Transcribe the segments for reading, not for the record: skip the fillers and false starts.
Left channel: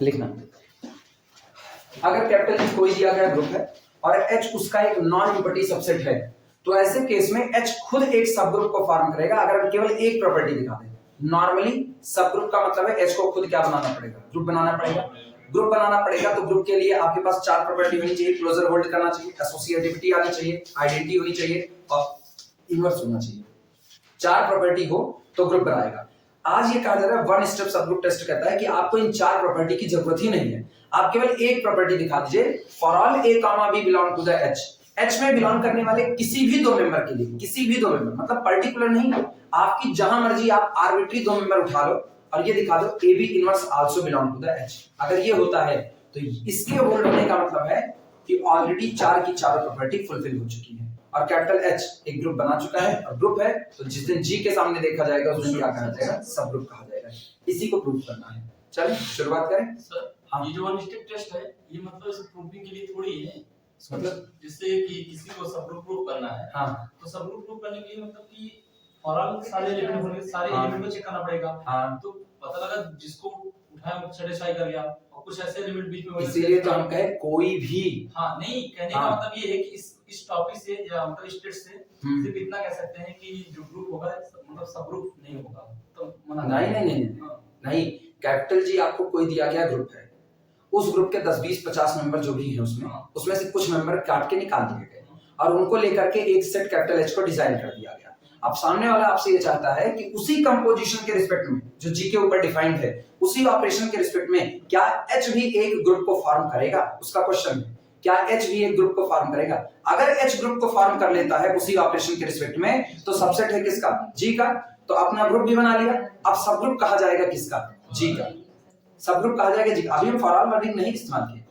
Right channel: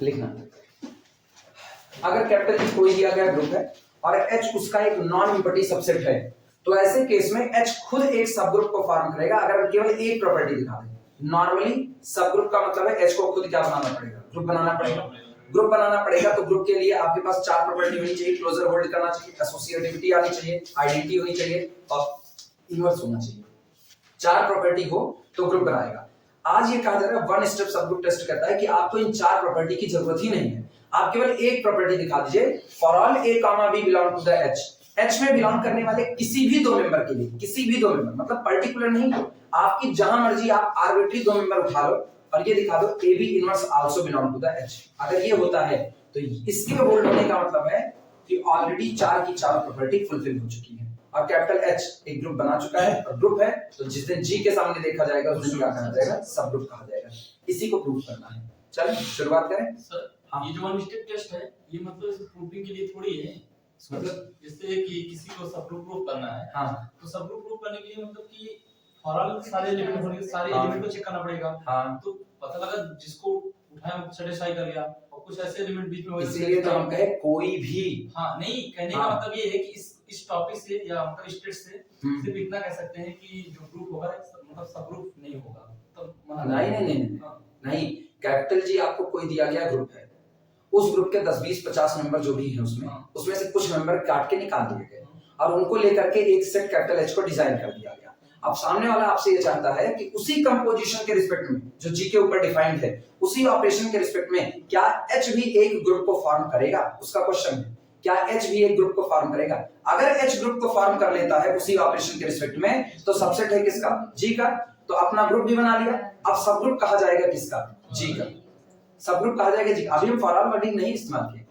लिखना, अगर capital H कोई दिया गया ग्रुप है और H उसका एक नॉन यूनिटी सबसेट है, तो ऐसे केस में H खुद एक सब ग्रुप को फॉर्म करेगा अगर केवल एक प्रॉपर्टी दिखा दे। नॉर्मली सब ग्रुप का मतलब है H को खुद क्या बनाना पड़ेगा, ग्रुप बनाना पड़ेगा। ग्रुप बनाना पड़ेगा तो ग्रुप के लिए आपके पास चार प्रॉपर्टी होनी चाहिए, क्लोजर होल्ड करना चाहिए, एसोसिएटिविटी आनी चाहिए, आइडेंटिटी होनी चाहिए और इनवर्स होना चाहिए। चार प्रॉपर्टी हो तो ग्रुप बनाएगा। आज ये कहा जा रहा है वन स्टेप सब ग्रुप टेस्ट कहता है कि आपको इन चार प्रॉपर्टी की जरूरत ही नहीं है, आप केवल एक प्रॉपर्टी दिखा दीजिए, for all A, B belong to the H में बिलोंग करने वाले किसी भी दो मेंबर के लिए, किसी भी दो मेंबर मतलब पर्टिकुलर नहीं, आपकी जहां मर्जी आप आर्बिट्री दो मेंबर उठा लो और ये दिखा दो AB inverse also belong to the H। अगर ये होता है तो इसके होल्ड होने का मतलब है कि ऑलरेडी चार की चारों प्रॉपर्टी फुलफिल हो चुकी है और कैपिटल H एक ग्रुप बना चुका है और ग्रुप है तो जिस दिन G के सामने देखा जाएगा उस दिन क्या कहा जाएगा, सब ग्रुप कहा जाएगा। इसी को प्रूव करना है। चलिए शुरुआत करें। सर हाँ। ये जो वन स्टेप टेस्ट है ये मतलब प्रूविंग के लिए थोड़ी है, मतलब जिससे कि किसी को सब ग्रुप प्रूव करना है। हाँ। तो सब ग्रुप प्रूव करने के लिए मतलब कि फॉरऑल सारे एलिमेंट होंगे, सारे एलिमेंट को चेक करना पड़ेगा। हाँ। तो पता लगा जिसको उठाया सेटिस्फाई कर गया और कुछ ऐसे एलिमेंट बीच में, इसीलिए तो हम कहे कोई भी। हाँ नहीं, कहने का मतलब ये है कि इस टॉपिक से या मतलब स्टेट से सिर्फ इतना कह सकते हैं कि जो ग्रुप होगा मतलब सब ग्रुप नहीं होगा, तो मना नहीं। कैपिटल G आपको कोई दिया गया ग्रुप है, उस ग्रुप के 10 20 50 मेंबर जो भी हैं उसमें से कुछ मेंबर काट के निकाल दिए गए और उनको लेकर के एक सेट कैपिटल H को डिजाइन कर दिया गया। अब सामने वाला आपसे ये चाहता है कि उसी कंपोजिशन के रिस्पेक्ट में जो G के ऊपर डिफाइंड है, उसी ऑपरेशन के रिस्पेक्ट में क्या H भी एक ग्रुप को फॉर्म करेगा, उसका क्वेश्चन है। क्या H भी एक ग्रुप को फॉर्म करेगा? अगर H ग्रुप को फॉर्म कर लेता है उसी ऑपरेशन के रिस्पेक्ट में तो सबसेट है किसका, G का, तो अपना ग्रुप भी बना लिया। अब सब ग्रुप कहा जाएगा किसका, G का, सब ग्रुप कहा जाएगा G। अभी हम फॉरऑल वर्डिंग नहीं इस्तेमाल किए।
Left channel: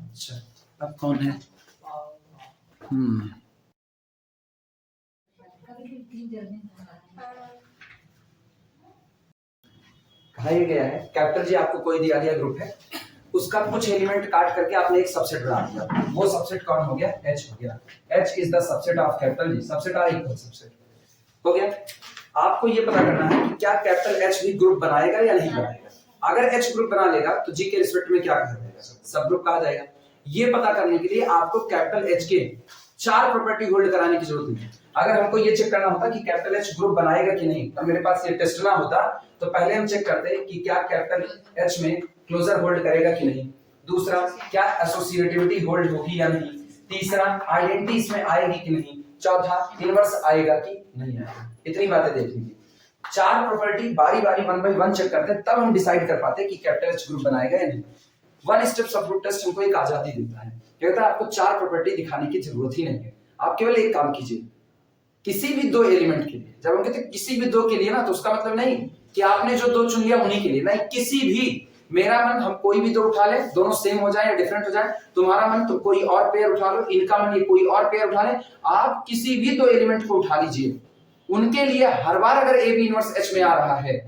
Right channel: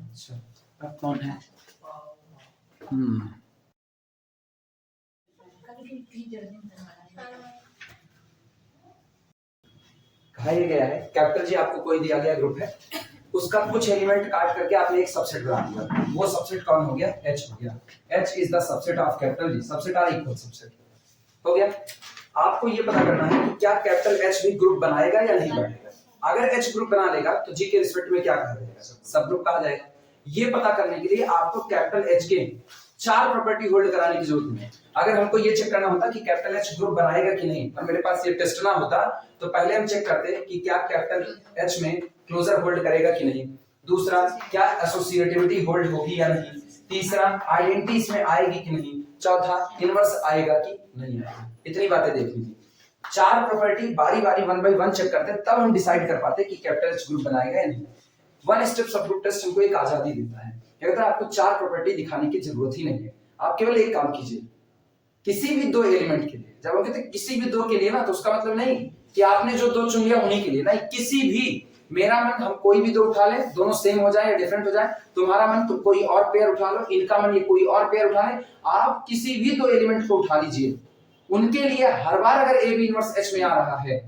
अच्छा अब कौन है? कहा यह गया है कैपिटल G आपको कोई दिया गया ग्रुप है, उसका कुछ एलिमेंट काट करके आपने एक सबसेट बना दिया, वो सबसेट कौन हो गया, H हो गया। H is the subset of capital G, subset or equal subset हो गया। आपको ये पता करना है कि क्या कैपिटल H भी ग्रुप बनाएगा या नहीं बनाएगा। अगर H ग्रुप बना लेगा तो G के रिस्पेक्ट में क्या कहा जाएगा, सब ग्रुप कहा जाएगा। ये पता करने के लिए आपको कैपिटल H के चार प्रॉपर्टी होल्ड कराने की जरूरत नहीं है। अगर हमको ये चेक करना होता कि कैपिटल H ग्रुप बनाएगा कि नहीं, तो मेरे पास ये टेस्ट ना होता, तो पहले हम चेक करते कि क्या कैपिटल H में क्लोजर होल्ड करेगा कि नहीं, दूसरा क्या एसोसिएटिविटी होल्ड होगी या नहीं, तीसरा आइडेंटिटी इसमें आएगी कि नहीं, चौथा इनवर्स आएगा कि नहीं आएगा। इतनी बातें देख लीजिए, चार प्रॉपर्टी बारी बारी वन बाय वन चेक करते हैं, तब हम डिसाइड कर पाते कि कैपिटल H ग्रुप बनाएगा या नहीं। वन स्टेप सब ग्रुप टेस्ट हमको एक आजादी देता है, कहता है आपको चार प्रॉपर्टी दिखाने की जरूरत ही नहीं है, आप केवल एक काम कीजिए, किसी भी दो एलिमेंट के लिए, जब हम कहते हैं किसी भी दो के लिए ना, तो उसका मतलब नहीं कि आपने जो दो चुन लिया उन्हीं के लिए, नहीं, किसी भी, मेरा मन हम कोई भी दो उठा ले, दोनों सेम हो जाए या डिफरेंट हो जाए, तुम्हारा मन तो कोई और पेयर उठा लो, इनका मन ये कोई और पेयर उठा ले, आप किसी भी दो एलिमेंट को उठा लीजिए, उनके लिए हर बार अगर AB इनवर्स H में आ रहा है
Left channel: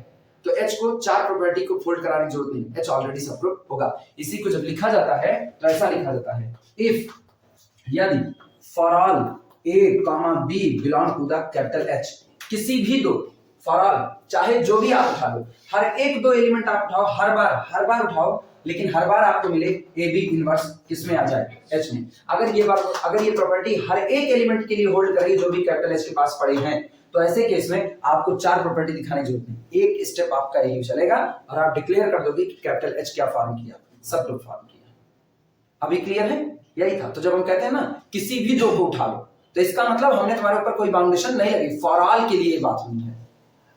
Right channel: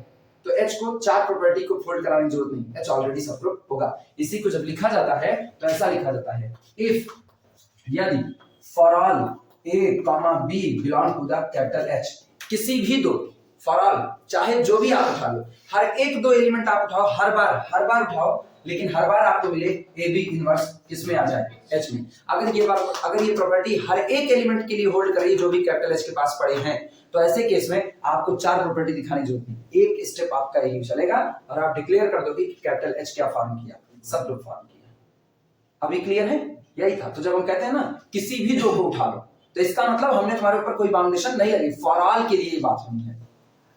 तो H को चार प्रॉपर्टी को फोल्ड कराने की जरूरत नहीं, H ऑलरेडी सब ग्रुप होगा। इसी को जब लिखा जाता है तो ऐसा लिखा जाता है, इफ यदि for all A, B belong to the capital H, किसी भी दो, फॉर ऑल चाहे जो भी आप उठा लो, हर एक दो एलिमेंट आप उठाओ, हर बार उठाओ, लेकिन हर बार आपको मिले AB इनवर्स किसमें आ जाए, H में। अगर ये प्रॉपर्टी हर एक एलिमेंट के लिए होल्ड करेगी जो भी कैपिटल H के पास पड़े हैं, तो ऐसे केस में आपको चार प्रॉपर्टी दिखाने की जरूरत नहीं, एक स्टेप आपका यही चलेगा और आप डिक्लेयर कर दोगे कि कैपिटल H क्या फॉर्म किया, सब ग्रुप फॉर्म किया। अभी क्लियर है? यही था। तो जब हम कहते हैं ना किसी भी दो को उठा लो, तो इसका मतलब हमने तुम्हारे ऊपर कोई बाउंडेशन नहीं लगी, फॉर ऑल के लिए बात हुई है।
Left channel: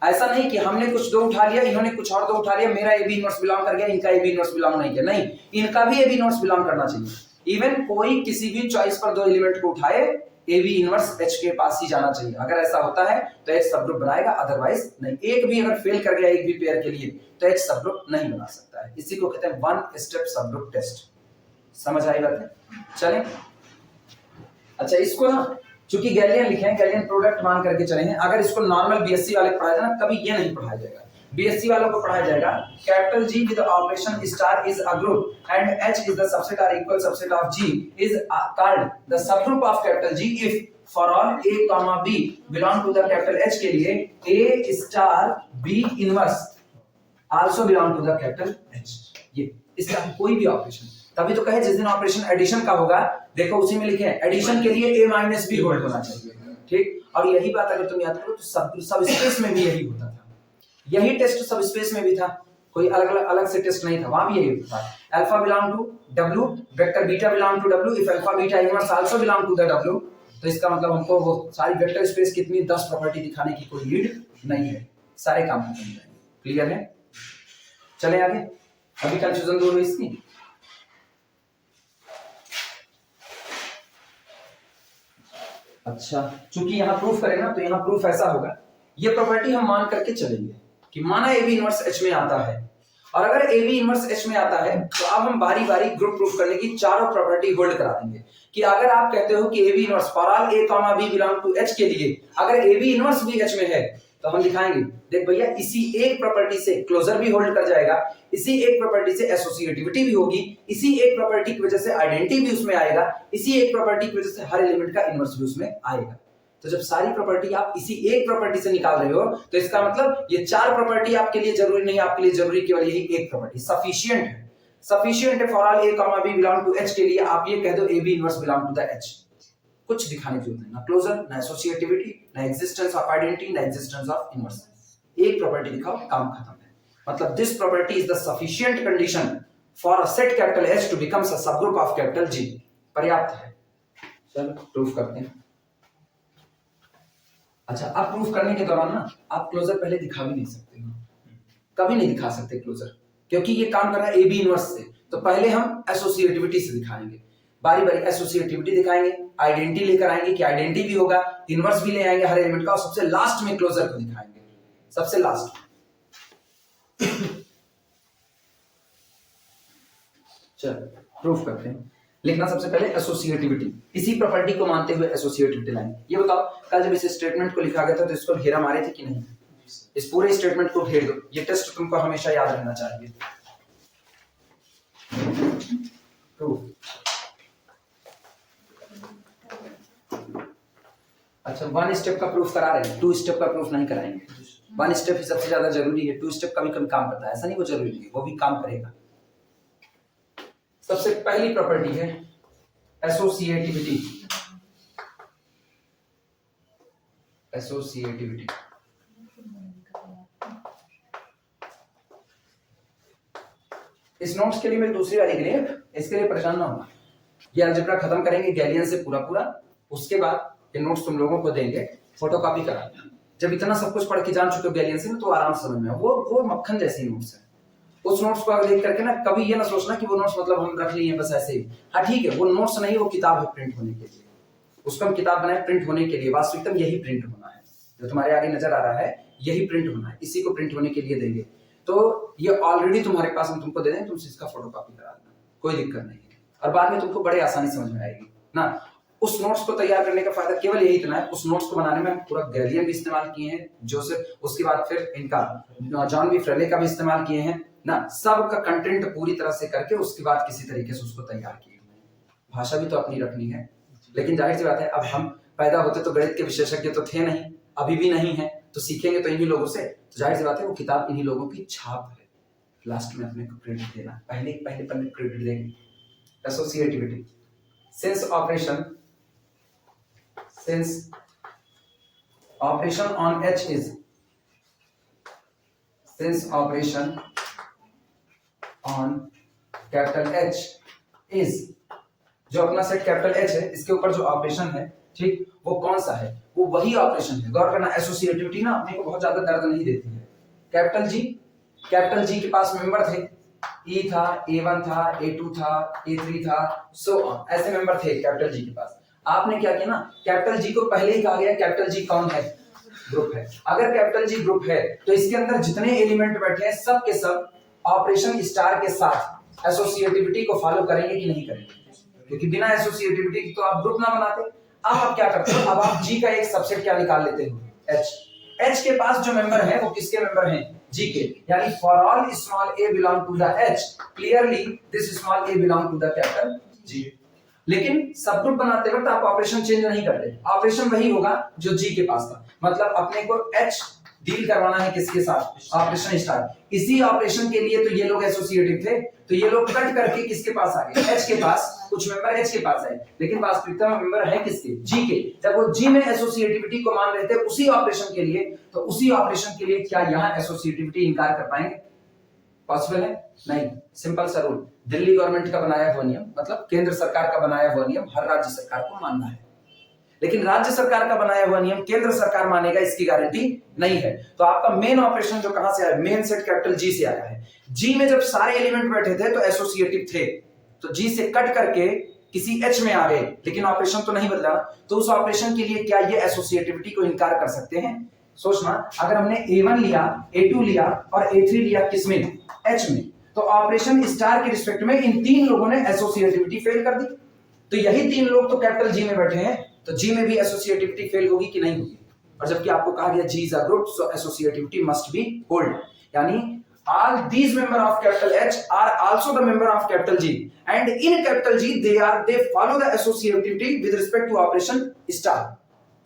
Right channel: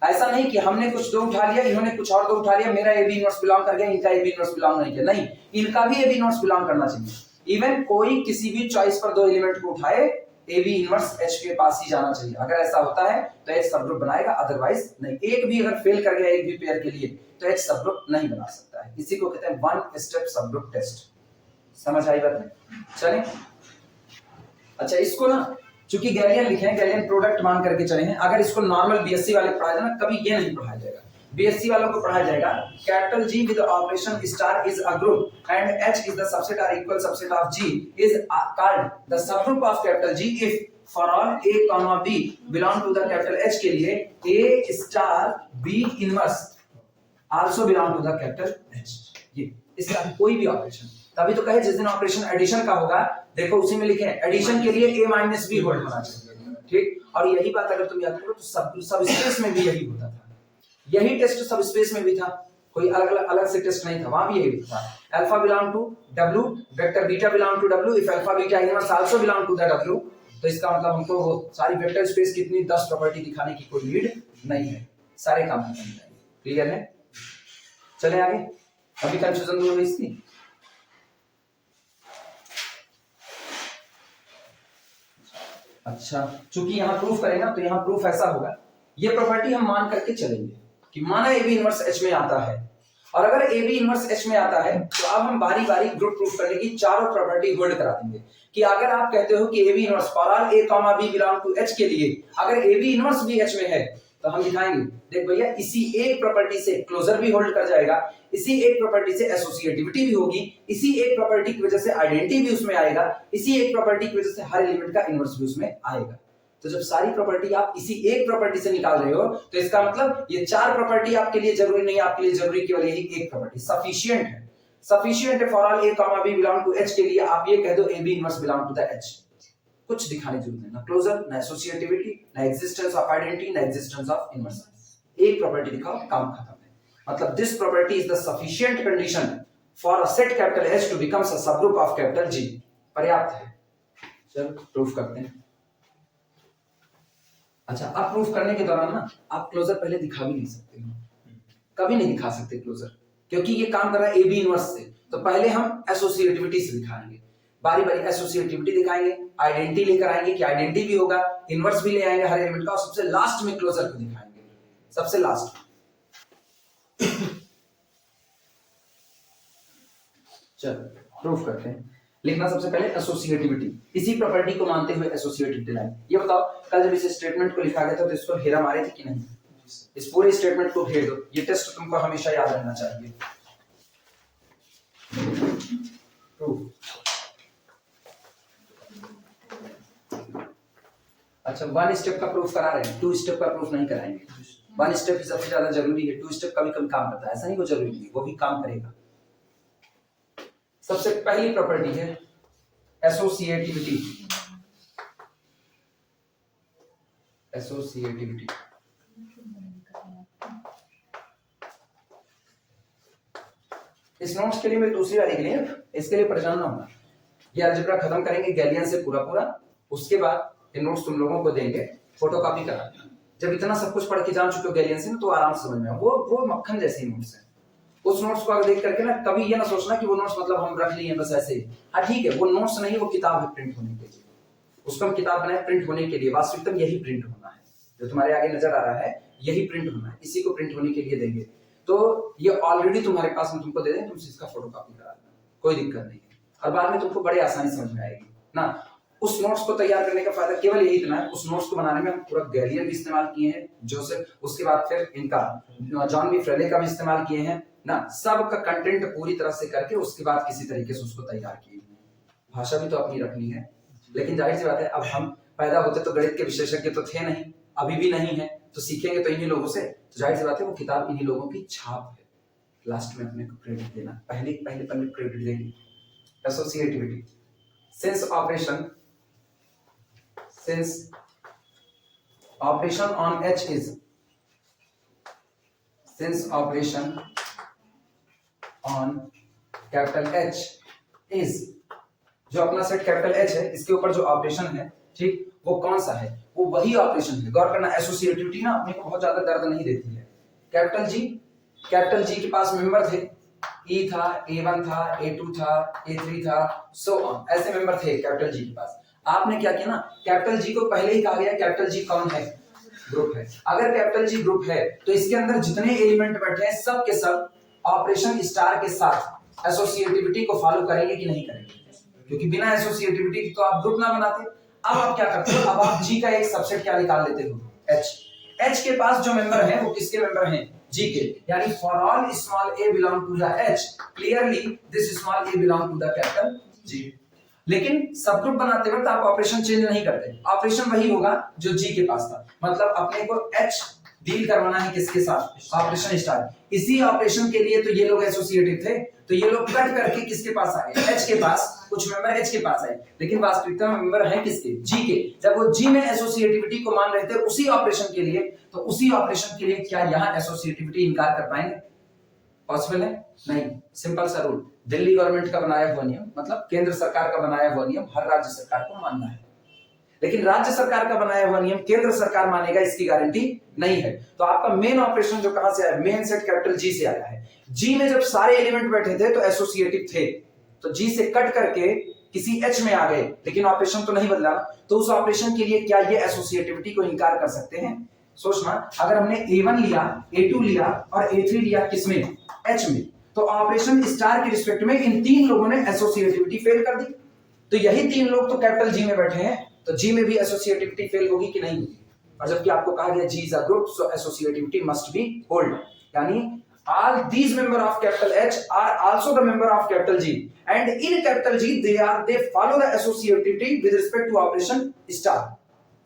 ऐसा नहीं कि हमने कुछ दो उठा लिया, इन्होंने कुछ और दो उठा लिया, मेरा AB इनवर्स बिलोंग कर गया, इनका AB इनवर्स बिलोंग नहीं किया, नहीं, इनका भी AB इनवर्स बिलोंग करना चाहिए। इवन कोई किसी भी चॉइस पर दो एलिमेंट को उठाए, AB इनवर्स H के पास ही जाना चाहिए। अगर ऐसा होता है तो H सब ग्रुप बनाएगा, अदरवाइज नहीं। एक भी अगर फेल कर गया एक भी पेयर के लिए तो H सब ग्रुप नहीं बना सकता है। इसी को कहते हैं वन स्टेप सब ग्रुप टेस्ट। समझ आई बात? चलें। अच्छा, इसको ना चूंकि गैलियन लिखे हैं, गैलियन प्रोडक्ट मान करके चले हैं, अगर इसको नॉर्मल BSc वाले पढ़ाया जाए ना, कभी ये नहीं पढ़ाया जाएगा। BSc वालों को पढ़ाया जाएगा capital G with operation star is a group and H is the subset or equal subset of G is called the subgroup of capital G if for all a comma b belong to the capital H के लिए a star b inverse also belong to the capital H। ये इसका कोई भी operation, तभी तो कहे जिस दिन ऑपरेशन एडिशन का होगा, देखो उसी में लिखे हैं एडिशन के लिए a माइनस b होल्ड होना चाहिए, ठीक। और यही बात अगर तुम याद करो तो सब स्पेस में भी यही होता था, यही टेस्ट सब स्पेस में भी था, कोई अलग से टेस्ट नहीं था, वहां भी यही होता था। Alpha belong to w vector beta belong to w if alpha beta inverse also belong to the w, तो इसका मतलब हमको वो सारी वेक्टर स्पेस कितनी 10 प्रॉपर्टी दिखाने की कोई नीड नहीं है, सारे काम खत्म हो जाएंगे। क्लियर है? चले आगे, अभी कंफ्यूजन दूर हुई इसकी। अच्छा, चूंकि यहां प्रूफ करें ना तो यहां प्रूफ ऐसा होगा, ये प्रॉपर्टी हम मान करके चलेंगे कि माना ए बी इनवर्स एच में आता है, और अगर ए बी इनवर्स एच में आता है तो अब हम बारी बारी ग्रुप प्रूफ करने की चारों प्रॉपर्टी होल्ड करा देंगे कि अगर आप कहते हो कि A B inverse for all A comma B belong to H के लिए अगर ए बी इनवर्स भी एच में है तो हम दिखाएंगे, देख भैया इसी एक प्रॉपर्टी से क्लोजर भी होल्ड कर जाएगा, इसी एक प्रॉपर्टी से एसोसिएटिविटी भी होगी, इसी एक प्रॉपर्टी की वजह से आइडेंटिटी भी उसमें आएगा, इसी एक प्रॉपर्टी की वजह से हर एलिमेंट का इनवर्स भी उसमें आएगा। तो जब सारी प्रॉपर्टी आप इसी एक प्रॉपर्टी से निकाल रहे हो तो इसका मतलब ये चार प्रॉपर्टी आपके लिए जरूरी नहीं, आपके लिए जरूरी केवल यही एक प्रॉपर्टी सफिशिएंट है। सफिशिएंट है for all A comma B belong to H के लिए आप ये कह दो A B inverse belong to the H, कुछ दिखाने की जरूरत नहीं, ना क्लोजर, ना एसोसिएटिविटी, ना एग्जिस्टेंस ऑफ आइडेंटिटी, ना एग्जिस्टेंस ऑफ इनवर्स, एक प्रॉपर्टी दिखाओ, काम खत्म है। मतलब this property is the sufficient condition for a set capital H to becomes a subgroup of capital जी, पर्याप्त है। चलो प्रूफ करते हैं। अच्छा, अब प्रूफ करने के दौरान ना आप क्लोजर पहले दिखा भी नहीं सकते, कभी नहीं दिखा सकते क्लोजर, क्योंकि ये काम कर रहा है ए बी इनवर्स से, तो पहले हम एसोसिएटिविटी से दिखाएंगे, बारी बारी एसोसिएटिविटी दिखाएंगे, आइडेंटिटी लेकर आएंगे कि आइडेंटिटी भी होगा, इनवर्स भी ले आएंगे हर एलिमेंट का, और सबसे लास्ट में क्लोजर को दिखाएंगे, सबसे लास्ट। चलो प्रूफ करते हैं। लिखना सबसे पहले एसोसिएटिविटी, इसी प्रॉपर्टी को मानते हुए एसोसिएटिविटी लाइन। ये बताओ कल जब इस स्टेटमेंट को लिखा गया था तो इसको हेरा मारे थे कि नहीं? इस पूरे स्टेटमेंट को हेर दो, ये टेस्ट तुमको हमेशा याद रहना चाहिए। प्रूफ। अच्छा, वन स्टेप का प्रूफ करा रहे हैं, टू स्टेप का प्रूफ नहीं कराएंगे। वन स्टेप ही सबसे ज्यादा जरूरी है, टू स्टेप का भी कम काम करता है, ऐसा नहीं वो जरूरी नहीं है, वो भी काम करेगा। सबसे पहली प्रॉपर्टी है एसोसिएटिविटी। एसोसिएटिविटी इस नोट्स के लिए मैं दूसरी वाली के लिए इसके लिए परेशान ना होना, ये अलजेब्रा खत्म करेंगे गैलियन से पूरा पूरा, उसके बाद ये नोट्स तुम लोगों को देंगे, फोटोकॉपी करा देना। जब इतना सब कुछ पढ़ के जान चुके हो गैलियन से तो आराम से समझ में, वो मक्खन जैसी नोट्स है। उस नोट्स को देख करके ना कभी ये ना सोचना कि वो नोट्स मतलब हम रख लिए बस ऐसे ही। हाँ ठीक है, वो नोट्स नहीं, वो किताब है प्रिंट होने के लिए, उसका हम किताब बनाए प्रिंट होने के लिए, वास्तविकता यही प्रिंट होना है, जो तुम्हारे आगे नजर आ रहा है यही प्रिंट होना है, इसी को प्रिंट होने के लिए देंगे। तो ये ऑलरेडी तुम्हारे पास हम तुमको दे दें, तुम इसका फोटोकॉपी करा देना, कोई दिक्कत नहीं है, और बाद में तुमको बड़े आसानी समझ में आएगी ना। उस नोट्स को तैयार करने का फायदा केवल यही इतना है, उस नोट्स को बनाने में हम पूरा गैलियन भी इस्तेमाल किए हैं, जोसेफ, उसके बाद फिर इनका जॉन बी फ्रेले का भी इस्तेमाल किए हैं ना, सब का कंटेंट पूरी तरह से करके उसके बाद किसी तरीके से उसको तैयार किए। भाषा भी तो अपनी रखनी है, लेकिन जाहिर सी बात है अब हम पैदा होते तो गणित के विशेषज्ञ तो थे नहीं, अभी भी नहीं है, तो सीखेंगे तो इन्हीं लोगों से, तो जाहिर सी बात है वो किताब इन्हीं लोगों की छाप है, लास्ट में अपने को क्रेडिट देना, पहले पन्ने क्रेडिट देंगे। Associativity, since operation on H is, since operation on capital H is, जो अपना सेट कैपिटल H है इसके ऊपर जो ऑपरेशन है, ठीक, वो कौन सा है? वो वही ऑपरेशन है। गौर करना, एसोसिएटिविटी ना अपने को बहुत ज्यादा दर्द नहीं देती है। कैपिटल जी के पास मेंबर थे, E था, A1 था, A2 था, A3 था, सो ऑन, ऐसे मेंबर थे कैपिटल जी के पास। आपने क्या किया ना, कैपिटल जी को पहले ही कहा गया कैपिटल जी कौन है? ग्रुप है। अगर कैपिटल जी ग्रुप है तो इसके अंदर जितने एलिमेंट बैठे हैं सब के सब ऑपरेशन स्टार के साथ एसोसिएटिविटी को फॉलो करेंगे कि नहीं करेंगे? क्योंकि बिना एसोसिएटिविटी की तो आप ग्रुप ना बनाते। अब आप क्या करते हो, अब आप जी का एक सबसेट क्या निकाल लेते हो? एच के पास जो मेंबर हैं वो किसके मेंबर हैं? जी के, यानी for all small a belong to the H, clearly this small a belong to the capital G. लेकिन सब ग्रुप बनाते वक्त आप ऑपरेशन चेंज नहीं करते, ऑपरेशन वही होगा जो जी के पास था। मतलब अपने को एच डील करवाना है किसके साथ, ऑपरेशन स्टार। इसी ऑपरेशन के लिए तो ये लोग एसोसिएटिव थे, तो ये लोग कट करके किसके पास आ गए, एच के पास। कुछ मेंबर एच के पास आए, लेकिन वास्तविकता में मेंबर है किसके, जी के। जब वो जी में एसोसिएटिविटी को मान रहे थे उसी ऑपरेशन के लिए, तो उसी ऑपरेशन के लिए क्या यहाँ एसोसिएटिविटी इनकार कर पाएंगे? पॉसिबल है? नहीं। सिंपल सा रूल, दिल्ली गवर्नमेंट का बनाया हुआ नियम, मतलब केंद्र सरकार का बनाया हुआ नियम हर राज्य सरकार को मानना है, लेकिन राज्य सरकार का बनाया हुआ नियम केंद्र सरकार मानेगा इसकी गारंटी नहीं है। तो आपका मेन ऑपरेशन जो कहां से आया, मेन सेट कैपिटल जी से आया है। जी में जब सारे एलिमेंट बैठे थे तो एसोसिएटिव थे, तो जी से कट करके किसी एच में आ गए, लेकिन ऑपरेशन तो नहीं बदला। तो उस ऑपरेशन के लिए क्या ये एसोसिएटिविटी को इनकार कर सकते हैं? सोचना, अगर हमने A1 लिया, A2 लिया और A3 लिया किसमें, एच में, तो ऑपरेशन स्टार के रिस्पेक्ट में इन तीन लोगों ने एसोसिएटिविटी फेल कर दी। तो यही तीन लोग तो कैपिटल जी में बैठे हैं, तो जी में भी एसोसिएटिविटी फेल होगी कि नहीं होगी? और जबकि आपको कहा गया G is a group, so associativity must be hold, यानी all these member of capital H are also the member of capital G, and in capital G they follow the associativity with respect to operation star,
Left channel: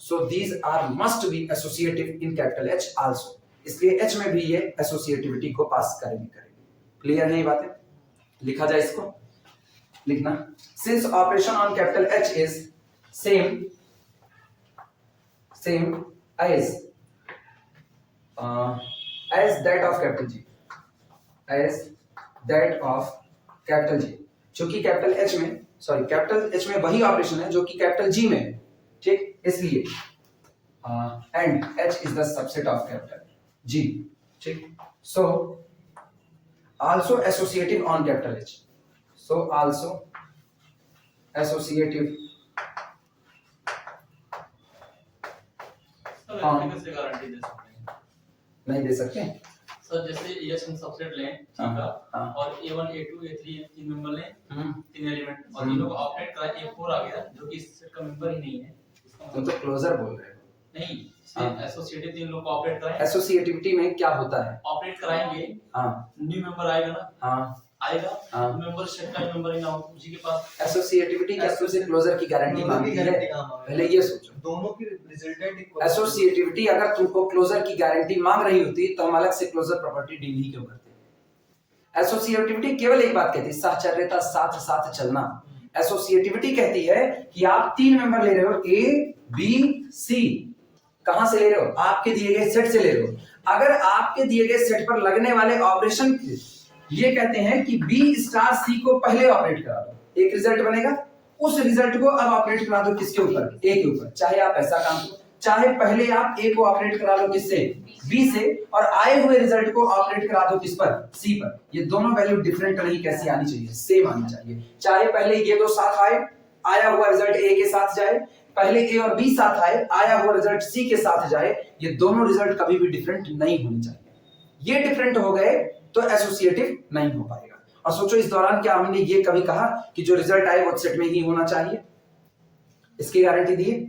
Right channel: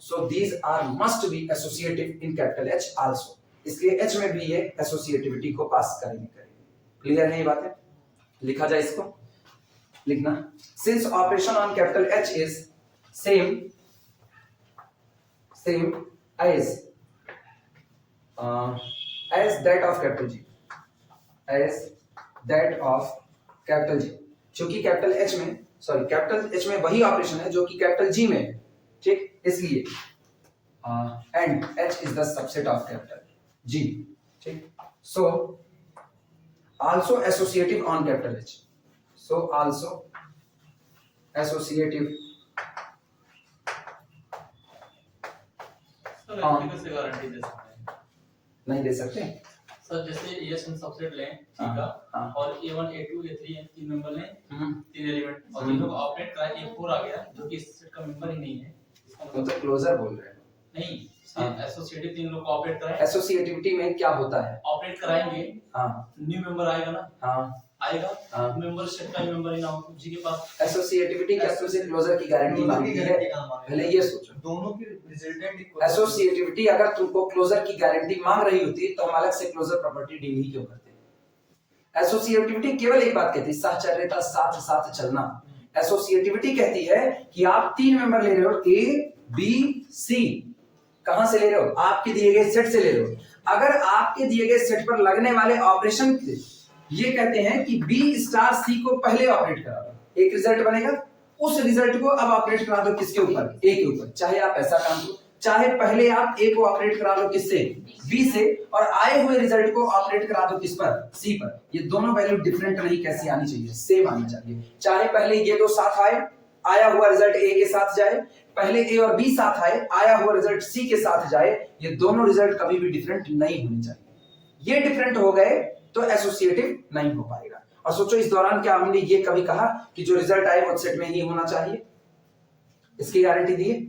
so these are must be associative in capital H also, इसलिए H में भी ये associativity को पास करेंगे। Clear है ये बातें? लिखा जाए इसको, लिखना, since operation on capital H is same as that of capital G, as that of capital G, क्योंकि कैपिटल H में, सॉरी कैपिटल H में वही ऑपरेशन है जो कि कैपिटल G में है, ठीक, इसलिए and H is the subset of capital G, ठीक। So also associative on capital H, so also associative कैसे गारंटी दे सकते हैं? नहीं दे सकते सर, जैसे ये हम सबसेट लें, ठीक है, और A1 A2 A3 तीन मेंबर लें, तीन एलिमेंट, और तीनों को ऑपरेट करा, A4 आ गया जो कि इस सेट का मेंबर ही नहीं है, इसका तुम तो क्लोजर बोल रहे हो। नहीं, सिर्फ एसोसिएटिव तीन लोग को ऑपरेट कराएं। एसोसिएटिविटी में क्या होता है, ऑपरेट कराएंगे, न्यू मेंबर आएगा ना, आएगा, मेंबर सेट का मेंबर ही ना हो जी के पास। एसोसिएटिविटी क्या तुमसे क्लोजर की गारंटी मांगती है? पहले ये सोचो, दोनों की रिजल्टेंट इक्वल। एसोसिएटिविटी अगर तुमको क्लोजर की गारंटी मांग रही होती तो हम अलग से क्लोजर प्रॉपर्टी डील ही क्यों करते? एसोसिएटिविटी केवल एक बात कहती है, साहचर्यता, साथ साथ चलना। एसोसिएटिविटी कहती है कि आप तीन मेंबर ले रहे हो, ए बी सी, कहां से ले रहे हो, आपके दिए गए सेट से ले रहे हो। अगर आपके दिए गए सेट पर लगने वाले ऑपरेशन ये कहते हैं कि बी स्टार सी को पहले ऑपरेट करा दो, एक रिजल्ट बनेगा, उस रिजल्ट को अब ऑपरेट करा दो किसके ऊपर, ए के ऊपर। चाहे आप ऐसा काम करो, चाहे पहले आप ए को ऑपरेट करा लो किससे, बी से, और आए हुए रिजल्ट को ऑपरेट करा दो किस पर, सी पर। ये दोनों वैल्यू डिफरेंट नहीं, कैसी आनी चाहिए, सेम आनी चाहिए। चाहे पहले ये दो साथ आए, आया हुआ रिजल्ट ए के साथ जाए, पहले ए और बी साथ आए, आया हुआ रिजल्ट सी के साथ जाए, ये दोनों रिजल्ट कभी भी डिफरेंट नहीं होने चाहिए। ये डिफरेंट हो गए तो एसोसिएटिव नहीं हो पाएगा। और सोचो इस दौरान क्या हमने ये कभी कहा कि जो रिजल्ट आए वो सेट में ही होना चाहिए, इसकी गारंटी दी है?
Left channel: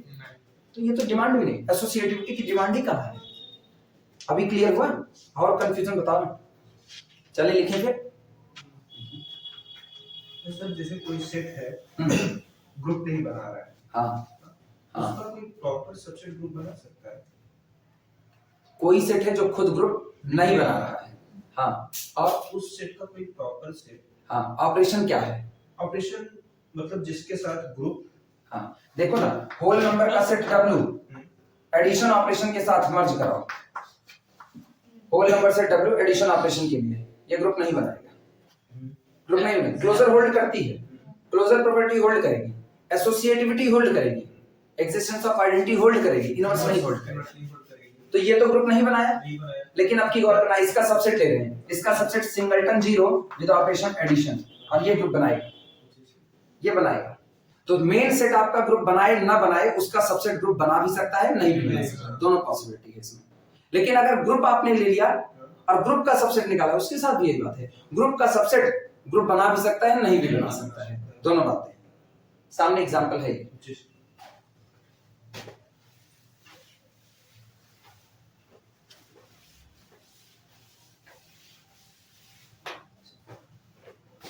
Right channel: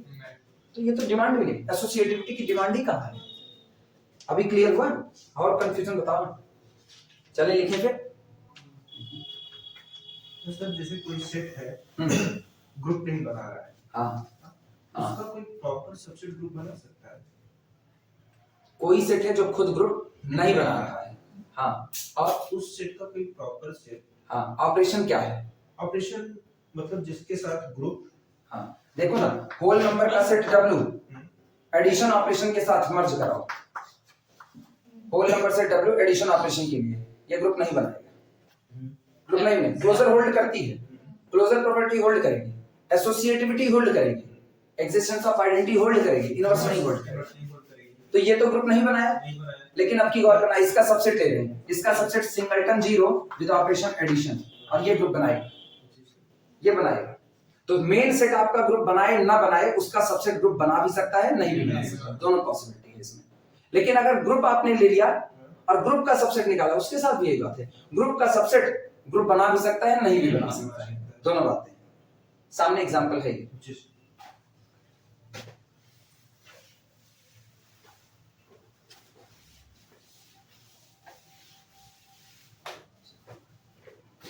तो ये तो डिमांड भी नहीं, एसोसिएटिविटी की डिमांड ही कहां है? अभी क्लियर हुआ और कंफ्यूजन बताओ, चले लिखेंगे। सर जैसे कोई सेट है, ग्रुप नहीं बना रहा है, उसका कोई प्रॉपर सबसेट ग्रुप बना सकता है? कोई सेट है जो खुद ग्रुप नहीं बना रहा है, और उस सेट का कोई प्रॉपर सेट, ऑपरेशन क्या है? ऑपरेशन मतलब जिसके साथ ग्रुप, देखो ना, होल नंबर का सेट W एडिशन ऑपरेशन के साथ मर्ज कराओ, होल नंबर से W एडिशन ऑपरेशन के लिए, ये ग्रुप नहीं बनाएगा, ग्रुप नहीं बनेगा। क्लोजर होल्ड करती है, क्लोजर प्रॉपर्टी होल्ड करेगी, एसोसिएटिविटी होल्ड करेगी, एग्जिस्टेंस ऑफ आइडेंटिटी होल्ड करेगी, इनवर्स नहीं होल्ड करेगी। तो ये तो ग्रुप नहीं बनाया, लेकिन अब की गौर करना, इसका सबसेट ले रहे हैं, इसका subset singleton zero with operation addition, और ये ग्रुप बनाएगा, ये बनाएगा। तो मेन सेट आपका ग्रुप बनाए ना बनाए, उसका सबसेट ग्रुप बना भी सकता है, नहीं भी बना सकता, दोनों पॉसिबिलिटी है इसमें। लेकिन अगर ग्रुप आपने ले लिया और ग्रुप का सबसेट निकाला, उसके साथ भी यही बात है, ग्रुप का सबसेट ग्रुप बना भी सकता है, नहीं भी बना सकता है, दोनों बातें। सामने एग्जांपल है,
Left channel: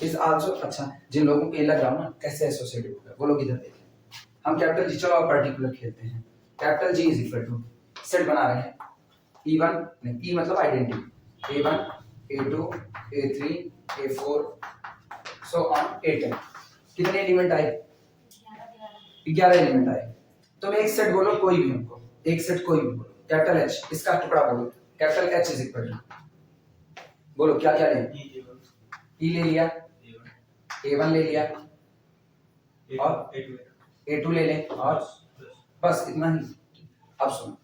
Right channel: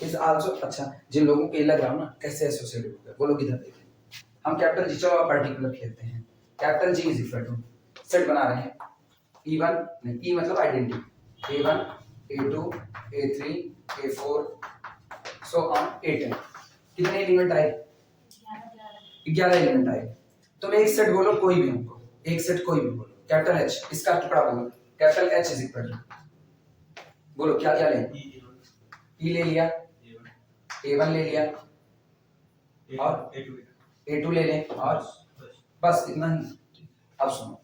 इज आल्सो, अच्छा जिन लोगों को ये लग रहा हो ना कैसे एसोसिएटिव होगा वो लोग इधर देखें। हम कैपिटल जी, चलो पर्टिकुलर खेलते हैं। Capital G is equal to set बना रहे हैं E1 नहीं, E मतलब identity, A1 A2 A3 A4 so on A10। कितने एलिमेंट आए? 11 एलिमेंट आए। तुम एक सेट बोलो कोई भी, हमको एक सेट कोई भी बोलो। कैपिटल H इसका टुकड़ा बोलो, capital H is equal to, बोलो क्या क्या लें? E ले लिया, A1 ले लिया और A2 ले लें और बस इतना ही। अब सुनो,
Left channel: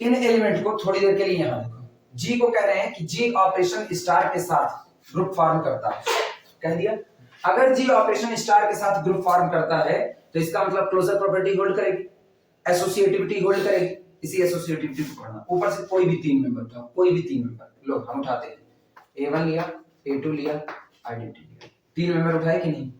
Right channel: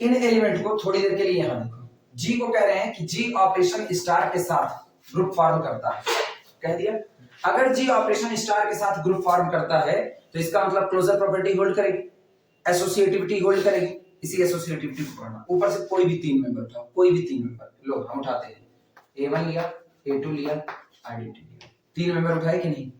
इन एलिमेंट को थोड़ी देर के लिए यहां देखो। G को कह रहे हैं कि G ऑपरेशन स्टार के साथ ग्रुप फॉर्म करता है, कह दिया। अगर G ऑपरेशन स्टार के साथ ग्रुप फॉर्म करता है तो इसका मतलब क्लोजर प्रॉपर्टी होल्ड करेगी, एसोसिएटिविटी होल्ड करेगी। इसी एसोसिएटिविटी को पढ़ना। ऊपर से कोई भी तीन मेंबर उठाओ, कोई भी तीन मेंबर लो, हम उठाते हैं। A1 लिया, A2 लिया, आइडेंटिटी लिया, तीन मेंबर उठाए कि नहीं?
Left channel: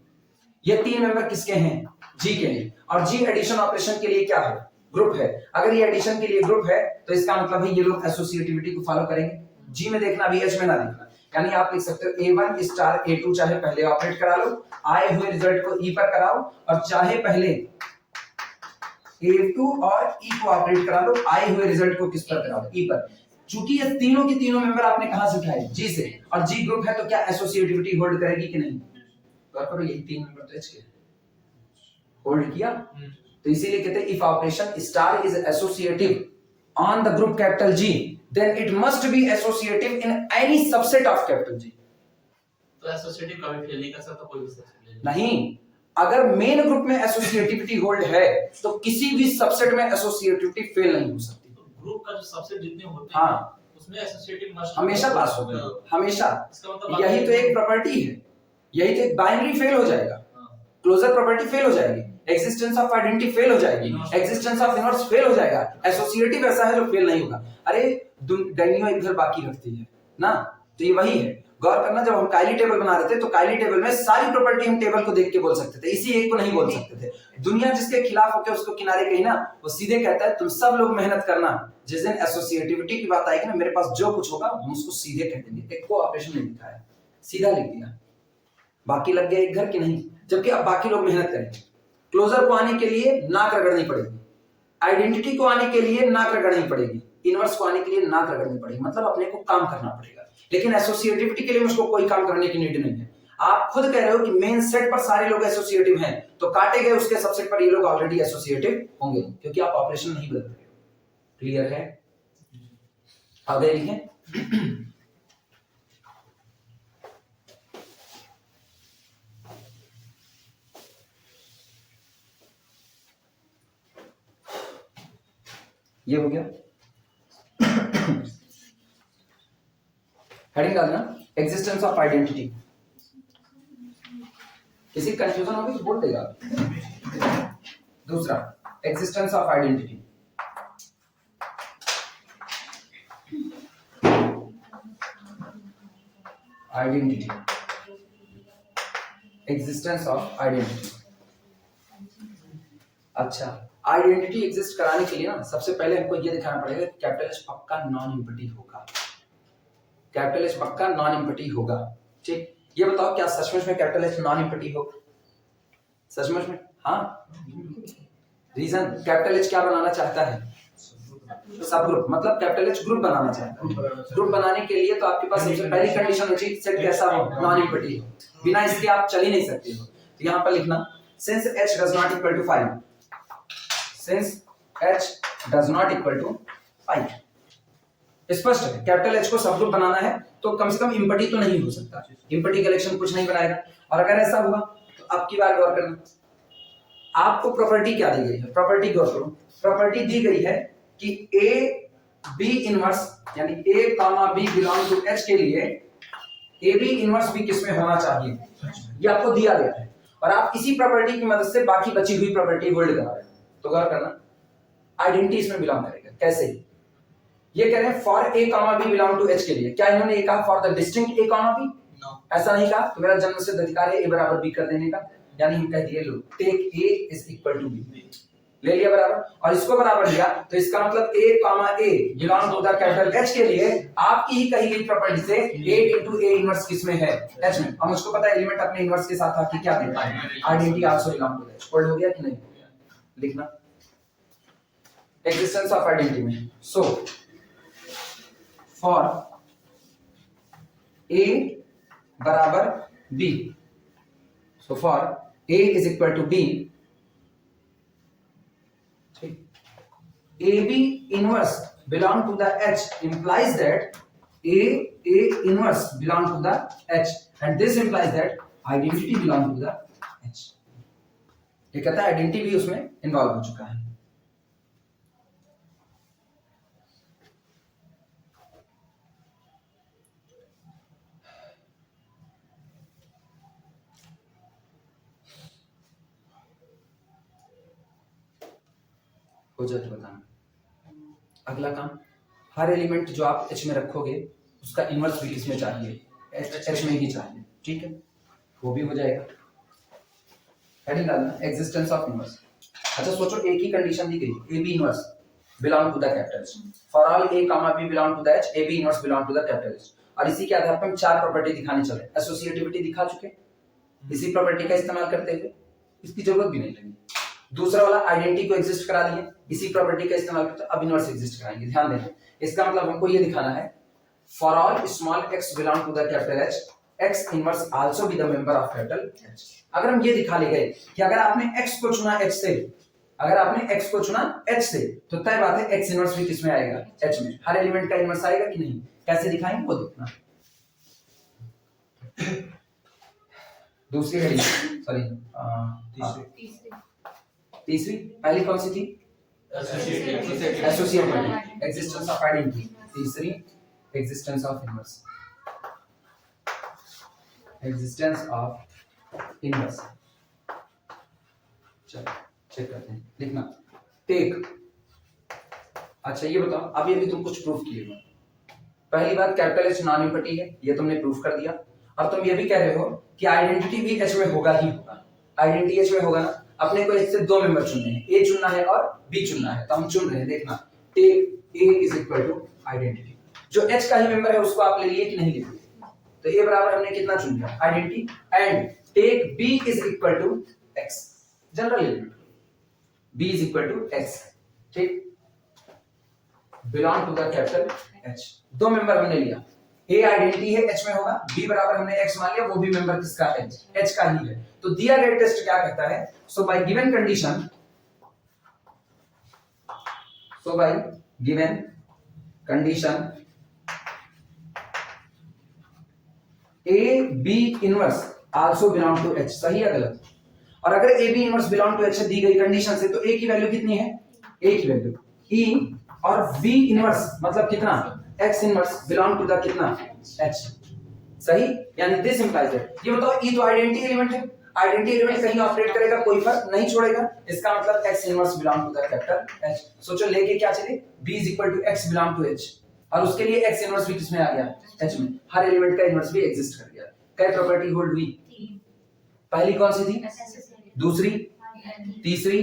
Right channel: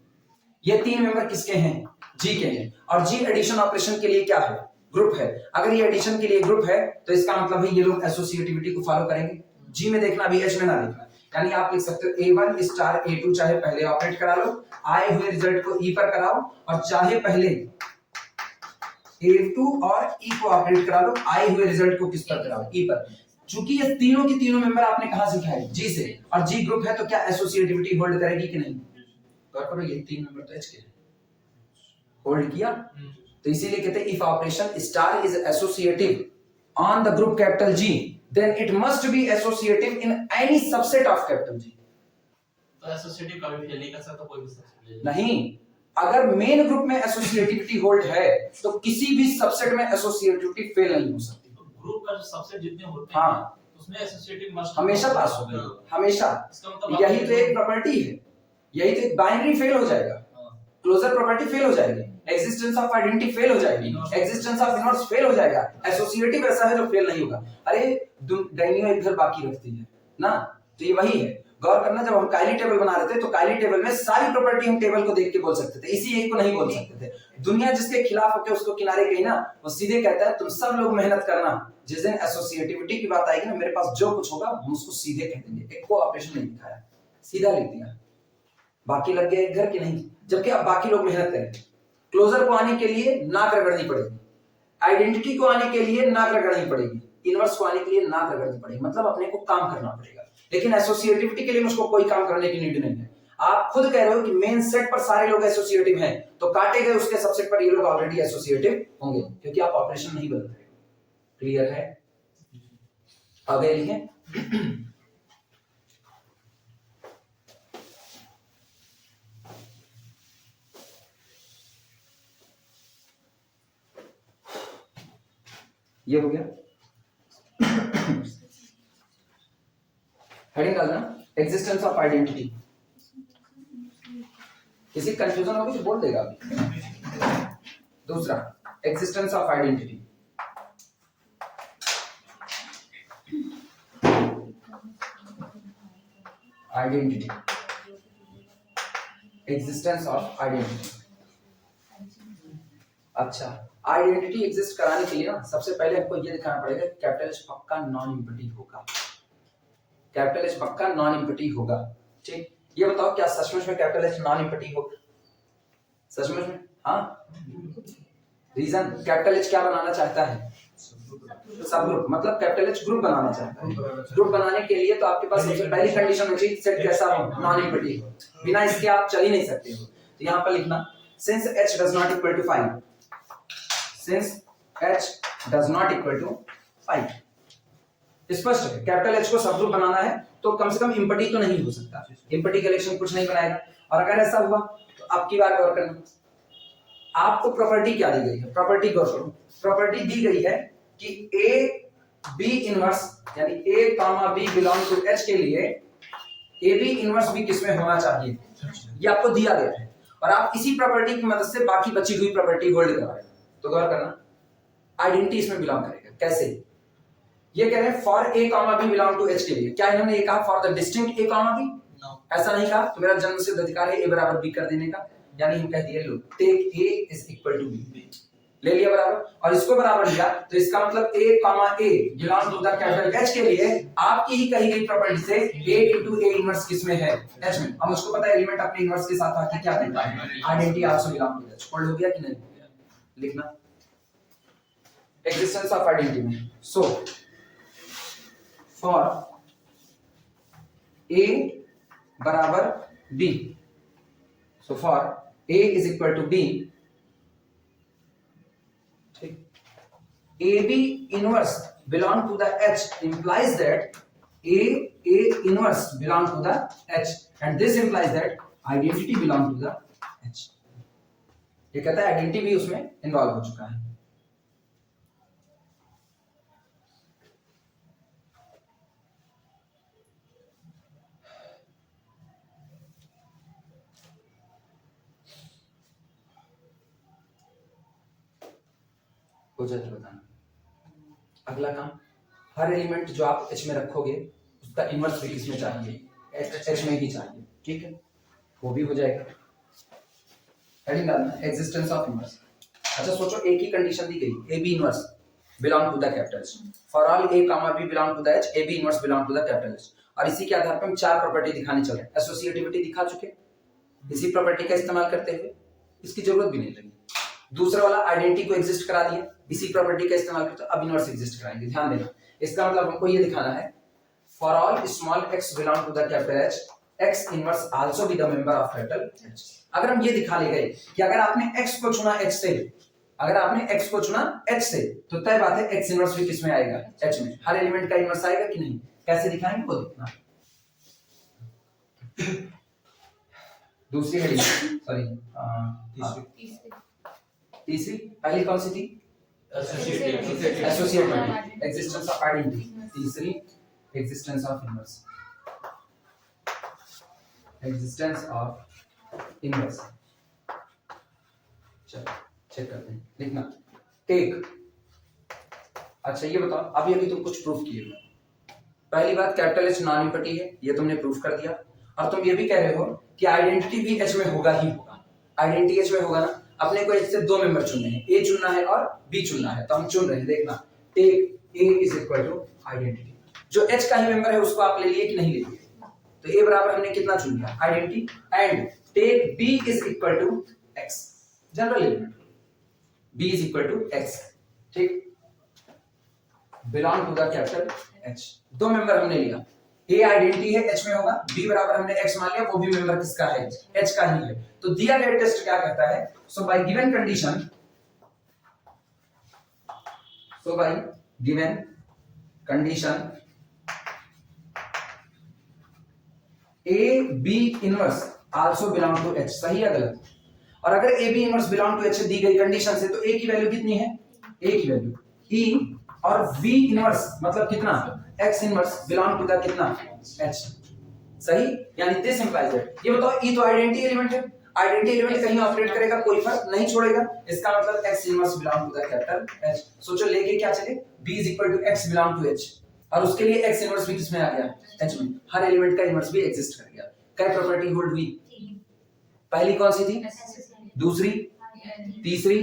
ये तीन मेंबर किसके हैं? G के हैं। और G एडिशन ऑपरेशन के लिए क्या है? ग्रुप है। अगर ये एडिशन के लिए ग्रुप है तो इसका मतलब है ये लोग एसोसिएटिविटी को फॉलो करेंगे। G में देखना, अभी H में ना देखना। यानी आप लिख सकते हो A1 स्टार A2 चाहे पहले ऑपरेट करा लो, आए हुए रिजल्ट को E पर कराओ, और चाहे पहले A2 और E को ऑपरेट करा लो, आए हुए रिजल्ट को किस पर कराओ? E पर। चूंकि ये तीनों की तीनों मेंबर आपने कहां से उठाए? G से, और G ग्रुप है तो क्या एसोसिएटिविटी होल्ड करेगी कि नहीं? गौर करो, ये तीन मेंबर तो H के होल्ड किया। तो इसीलिए कहते हैं if operation star is associative on the group capital G then it must be associative in any subset of capital G। तो एसोसिएटिव कभी फेल नहीं कर सकता कोई भी सबसेट नहीं, अगर मेन ग्रुप में एसोसिएटिविटी होल्ड है तो किसी भी सबसेट में एसोसिएटिविटी फेल नहीं हो सकती। तो ग्रुप का जो सबसेट जितने होते हैं हाँ, उसमें एसोसिएटिव मस्ट हमेशा पास होगा, हमेशा। इसका मतलब यही तो एक प्रॉपर्टी है, यही तो एक बाइनरी फेल हो जाएगा, क्लोजर प्रॉपर्टी फेल हो जाएगी, एग्जिस्टेंस ऑफ आइडेंटिटी फेल हो जाएगी, एग्जिस्टेंस ऑफ इनवर्स फेल हो जाएगा, एसोसिएटिव ऐसा है जो फेल नहीं होगा। अरे डायनियो एक घर बाकी रखती है ना, तो ये वही है। गौर करना, जब हम काइली टेबल बना रहे थे तो काइली टेबल में सारी प्रॉपर्टी हम टेबल को देख के बोल सकते थे, इसी एक को नहीं बोल सकते थे। दुनिया जिसके खिलाफ होकर उसको किनारे कही ना, वो सीधे कहता है तुम सब लोग मेहनत करना, जिस दिन एसोसिएटिविटी की बात आएगी ना, मेरे पास जो कुछ होगा हम उसको सीधे कह देंगे। एक को ऑपरेशन नहीं दिखाया, सीधा लिख दिया, बाकी लग गया एक घर की नहीं, जबकि अब बाकी लोग मेहनत करेंगे। क्लोजर को आने के लिए नाक रगड़नी पड़ेगी, आइडेंटिटी को आने के लिए नाक रगड़नी पड़ेगी, इनवर्स को आने के लिए नाक रगड़नी पड़ेगी, मतलब अपने को काम करना पड़ेगा। लेकिन एसोसिएटिविटी के लिए मुझको कोई काम करने की नीड नहीं है। आप खुद कह रहे हो कि मेन सेट पर सारे लोग एसोसिएटिव हैं, तो काटे गए उसके सबसेट पर ये लोग ऑलरेडी एसोसिएटिव होंगे, क्योंकि आप ऑपरेशन नहीं बदल रहे। क्लियर है? आगे लिखें। ये हो गया। हेडिंग डालना, एग्जिस्टेंस ऑफ आइडेंटिटी। किसी कंफ्यूजन होगी तो बोल देगा। दूसरा, existence of identity. Identity, existence of identity. अच्छा, आइडेंटिटी एग्जिस्ट कराने के लिए ना सबसे पहले हमको ये दिखाना पड़ेगा कैपिटल एच पक्का नॉन इंपटी होगा, कैपिटल एच पक्का नॉन इंपटी होगा। ठीक, ये बताओ क्या सचमुच में कैपिटल एच नॉन इंपटी होगा? सचमुच में? हाँ। रीजन, कैपिटल एच क्या बनाना चाहता है? सब ग्रुप, मतलब कैपिटल एच ग्रुप बनाना चाहता है। ग्रुप बनाने के लिए तो आपके पास सबसे पहली कंडीशन होनी चाहिए सेट कैसा हो? नॉन इंपटी हो। बिना इसके आप चल ही नहीं सकते हो। तो यहाँ पर लिखना since h does not equal to 5, since h does not equal to 5। स्पष्ट है, कैपिटल H को सब ग्रुप बनाना है तो कम से कम इंपटी तो नहीं हो सकता, इंपटी कलेक्शन कुछ नहीं बनाएगा। और अगर ऐसा हुआ तो अब की बार गौर करना, आपको प्रॉपर्टी क्या दी गई है? प्रॉपर्टी गौर करो, प्रॉपर्टी दी गई है कि A B इनवर्स यानी A comma B belong to H के लिए A B इनवर्स भी किसमें होना चाहिए, ये आपको दिया गया है। और आप इसी प्रॉपर्टी की मदद से बाकी बची हुई प्रॉपर्टी होल्ड करा रहे हैं। तो गौर करना, आइडेंटिटी इसमें बिलोंग करेगा। कैसे? ये कह रहे हैं for A comma B belong to H के लिए। क्या इन्होंने ये कहा for the distinct A comma B? ऐसा नहीं कहा। तो मेरा जन्मसिद्ध अधिकार है A बराबर B कर देने का, यानी हम कह दिए लो take A is equal to B। ले लिया बराबर, और इसको बराबर लिया तो इसका मतलब a comma a belong to the capital H के लिए आपकी ही कही गई प्रॉपर्टी से a into a इनवर्स किस में है, H में। अब मुझको पता है एलिमेंट अपने इनवर्स के साथ आके क्या देता है, identity also belong to H। पढ़ हो गया कि नहीं? लिखना एग्जिस्टेंस ऑफ आइडेंटिटी में। सो फॉर a बराबर b, so for a is equal to b, AB inverse belong to the H implies that A inverse belong to the H, and this implies that identity belong to the H। ये कहता है identity भी उसमें involve हो चुका है। हो जाए तो बताना। अगला काम, हर एलिमेंट जो आप H में रखोगे उसका इनवर्स भी किसमें चाहिए, H में ही चाहिए, ठीक है, वो भी हो जाएगा। हेडिंग डालना एग्जिस्टेंस ऑफ इनवर्स। अच्छा सोचो, एक ही कंडीशन दी गई, AB inverse belong to the capital H, for all A comma B belong to the H, AB inverse belong to the capital H, और इसी के आधार पर हम चार प्रॉपर्टी दिखाने चले। एसोसिएटिविटी दिखा चुके, इसी प्रॉपर्टी का इस्तेमाल करते हुए इसकी जरूरत भी नहीं लगी। दूसरा वाला आइडेंटिटी को एग्जिस्ट करा दिए, इसी प्रॉपर्टी का इस्तेमाल करते अब इनवर्स एग्जिस्ट कराएंगे। ध्यान देना, इसका मतलब हमको ये दिखाना है for all small x belong to the capital H, x inverse also be the member of capital H। अगर हम ये दिखा ले गए कि अगर आपने x को चुना H से, अगर आपने x को चुना H से, तो तय बात है x इनवर्स भी किसमें आएगा, H में। हर एलिमेंट का इनवर्स आएगा कि नहीं, कैसे दिखाएंगे वो देखना। दूसरी हेडिंग, सॉरी तीसरी, पहली कौन सी थी, एसोसिएटिविटी, एग्जिस्टेंस ऑफ आइडेंटिटी। तीसरी existence of inverse, existence of inverse. चलो चेक करते हैं, लिखना टेक। अच्छा ये बताओ, अभी अभी तुम कुछ प्रूफ किए हो। पहली बात, कैपिटल H नॉन इम्पटी है, ये तुमने प्रूफ कर दिया, और तुम ये भी कह रहे हो कि आइडेंटिटी भी H में होगा ही होगा। आइडेंटिटी H में होगा ना, अपने को H से दो मेंबर चुनने हैं, A चुनना है और B चुनना है, तो हम चुन रहे हैं। देखना take A is equal to identity, जो H का ही मेंबर है उसको आप ले लिए कि नहीं ले लिए, तो A बराबर हमने कितना चुन लिया, identity, and take B is equal to X, general element B is equal to X, ठीक, belong to the capital H। दो मेंबर हमने लिया, A आइडेंटिटी है, H में होगा, B बराबर हमने X मान लिया, वो भी मेंबर किसका है, H का ही है। तो दिया गया टेस्ट क्या कहता है, so by given condition, so by given condition A B inverse also belong to H, सही है गलत? और अगर A B inverse belong to H दी गई कंडीशन से, तो A की वैल्यू कितनी है, A की वैल्यू E, और B इनवर्स मतलब कितना, X inverse belong to the कितना, H, सही। यानी दिस इंप्लाइज दैट, ये बताओ E तो आइडेंटिटी एलिमेंट है, आइडेंटिटी एलिमेंट कहीं ऑपरेट करेगा, कोई फर्क नहीं छोड़ेगा, इसका मतलब X inverse belong to the capital H। सोचो लेके क्या चले, B is equal to X belong to H, और उसके लिए X इनवर्स भी किसमें आ गया, H में। हर एलिमेंट का इनवर्स भी एग्जिस्ट कर गया। क्या प्रॉपर्टी होल्ड हुई, पहली कौन सी थी, दूसरी, तीसरी,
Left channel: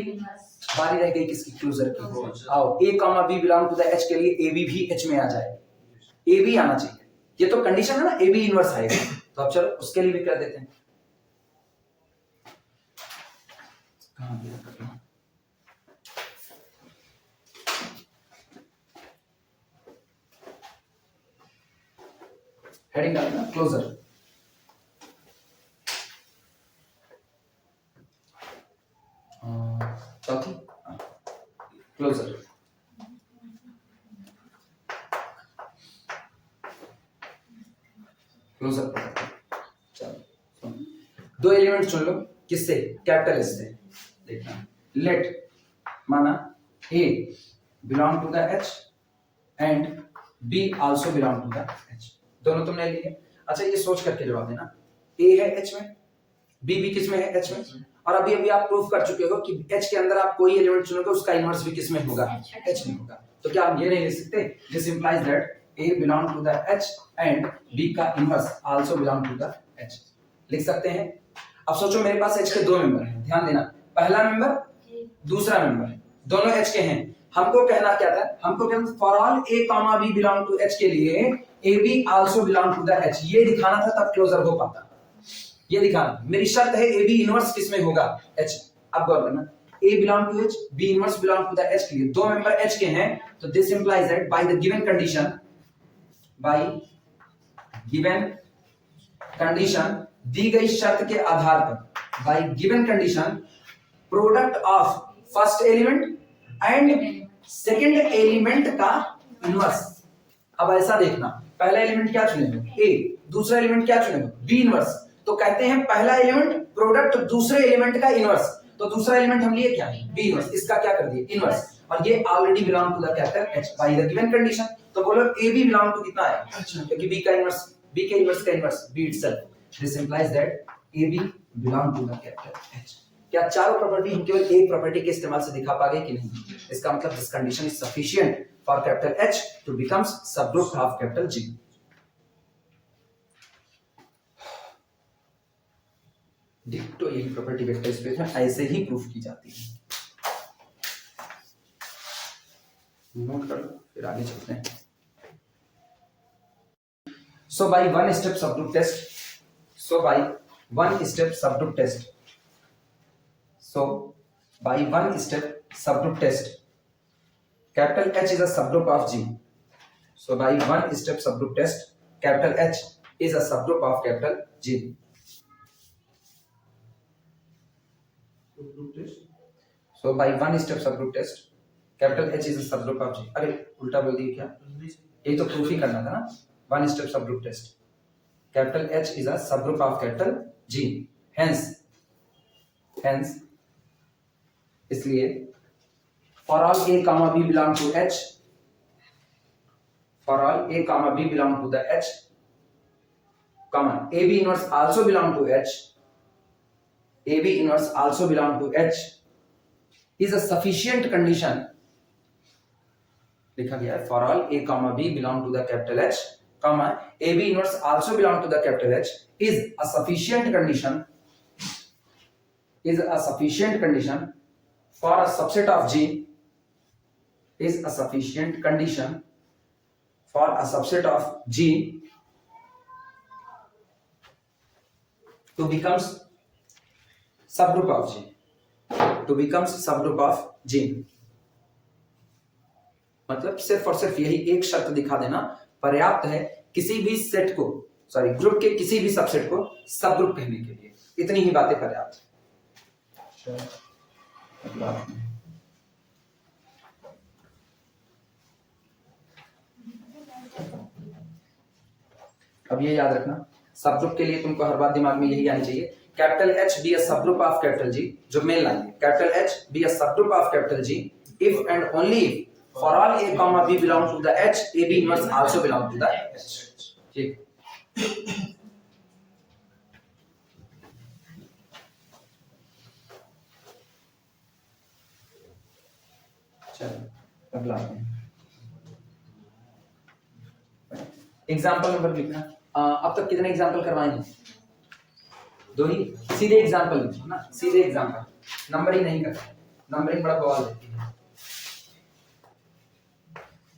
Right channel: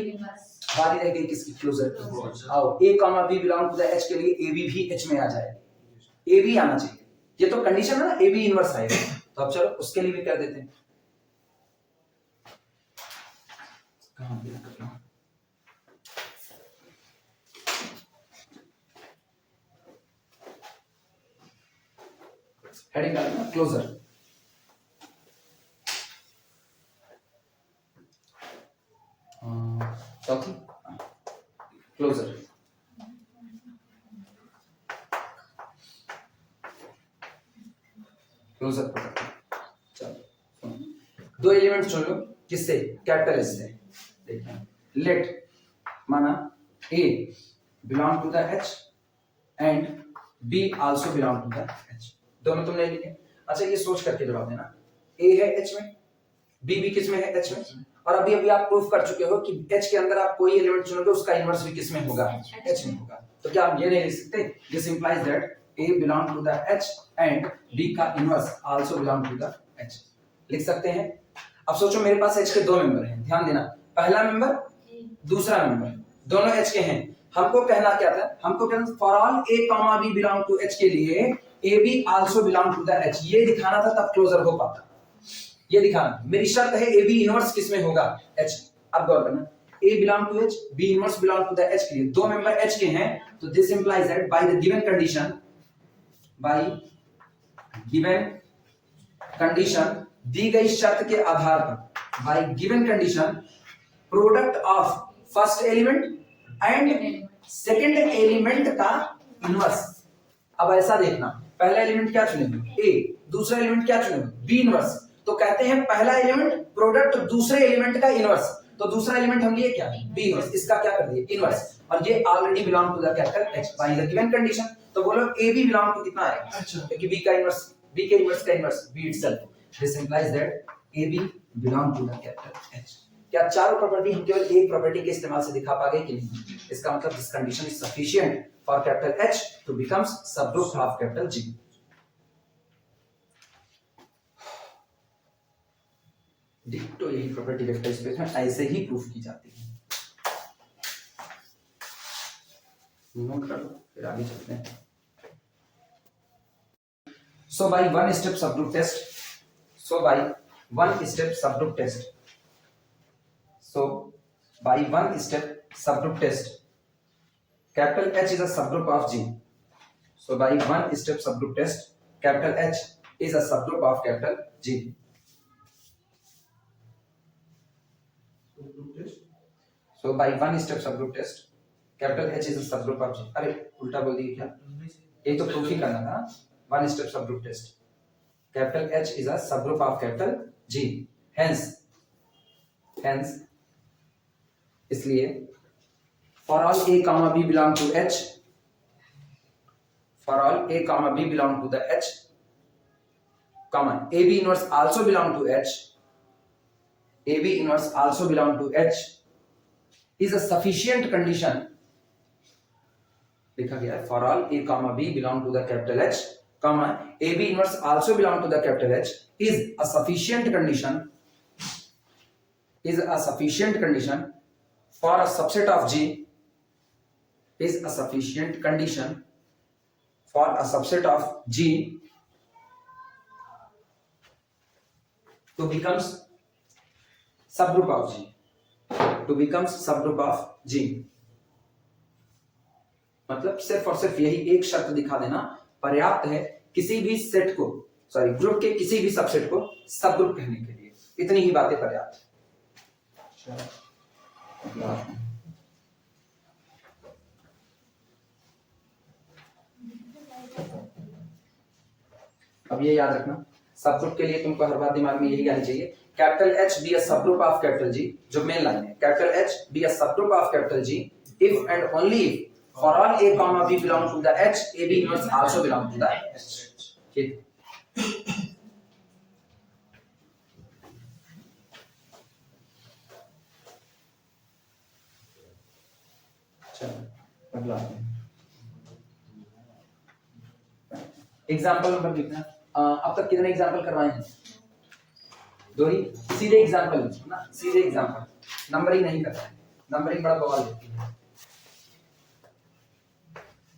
बारी रह गई किसकी, क्लोजर की। आओ A comma B belong to the H के लिए AB भी H में आ जाए, AB आना चाहिए, ये तो कंडीशन है ना, AB इनवर्स आएगा। तो अब चलो उसके लिए भी कर देते हैं। कहां पे करना, हेडिंग डालना क्लोजर, चौथी क्लोजर। क्लोजर चलो दो एलिमेंट चुन लो, किससे, कैपिटल एस से। देखना लेट माना A belong to the H and B also belong to the H, दोनों तुमने लिए। अच्छा ये सोच करके जवाब देना, A है H में, B भी किस में है, H में, और अभी अभी आप प्रूफ कर चुके हो कि H के अंदर आप कोई एलिमेंट चुनोगे उसका इनवर्स भी किस में होगा, H में होगा। तो क्या आप ये नहीं लिख सकते, this implies that A belong to the H and B का inverse also belong to the H, लिख सकते हैं। अब सोचो मेरे पास H के दो मेंबर हैं, ध्यान देना, पहला मेंबर दूसरा मेंबर, दोनों एच के हैं। हमको कहना क्या था, हमको कहना for all A comma B belong to H के लिए ए B also belong to the H, ये दिखाना था, तब क्लोजर हो पाता। ये दिखाना मेरी शर्त है, ए बी इनवर्स किस में होगा, एच। अब गौर करना, a belong to H, b inverse belong to the H के लिए दो मेंबर एच के हैं, तो this implies that by the given condition, by given condition, दी गई शर्त के आधार पर, by given condition, product of first element and second element का इनवर्स। अब ऐसा देखना, पहला एलिमेंट क्या चुनेंगे, ए, दूसरा एलिमेंट क्या चुनेंगे, बी इनवर्स। तो कहते हैं पहला एलिमेंट प्रोडक्ट दूसरे एलिमेंट का इनवर्स, तो दूसरा एलिमेंट हम लिए क्या है, बी इनवर्स, इसका क्या कर दिए, इनवर्स, और ये already belong to the capital H by the given condition. तो बोलो ए बी बिलोंग टू कितना है, अच्छा, क्योंकि बी का इनवर्स, बी के इनवर्स का inverse B itself, this implies that A B belong to the capital H. क्या चारों प्रॉपर्टी हम केवल एक प्रॉपर्टी के इस्तेमाल से दिखा पाएंगे कि नहीं, इसका मतलब this condition is sufficient for capital H to becomes subgroup of capital G. डिक्टो यही प्रॉपर्टी वेक्टर स्पेस में ऐसे ही प्रूफ की जाती है। नोट कर लो, फिर आगे चलते हैं। So by one step subgroup test, so by one step subgroup test, so by one step subgroup test, capital H is a subgroup of G. So by one step subgroup test, capital H is a subgroup of capital G. So by one step subgroup test, capital H is a subgroup of G. अरे उल्टा बोल दिया क्या, ये तो proof ही करना था ना। One step subgroup test, capital H is a subgroup of capital G, hence इसलिए for all a comma b belong to H, for all a comma b belong to the H, comma a b inverse also belong to H, a b inverse also belong to H is a sufficient condition, लिखा गया है for all a comma b belong to the capital H, comma a b inverse also belong to the capital H is a sufficient condition, is a sufficient condition for a subset of G, is a sufficient condition for a subset of G to becomes subgroup of G, to becomes subgroup of G। मतलब सिर्फ और सिर्फ यही एक शर्त दिखा देना पर्याप्त है किसी भी सेट को, सॉरी ग्रुप के किसी भी सबसेट को सबग्रुप कहने के लिए, इतनी ही बातें पर्याप्त है। अब ये याद रखना, सबग्रुप के लिए तुमको हर बात दिमाग में यही आनी चाहिए, capital H be a subgroup of capital G, जो मेन लाइन है, capital H be a subgroup of capital G if and only if for all a comma b belong to the H, a b inverse also belong to the H। ठीक, चलो अगला example number लिखना। अब तक कितने example करवाए हैं, दो ही, सीधे एग्जाम्पल ना, सीधे एग्जाम्पल, नंबरिंग नहीं करना है, नंबरिंग बड़ा बवाल देती है।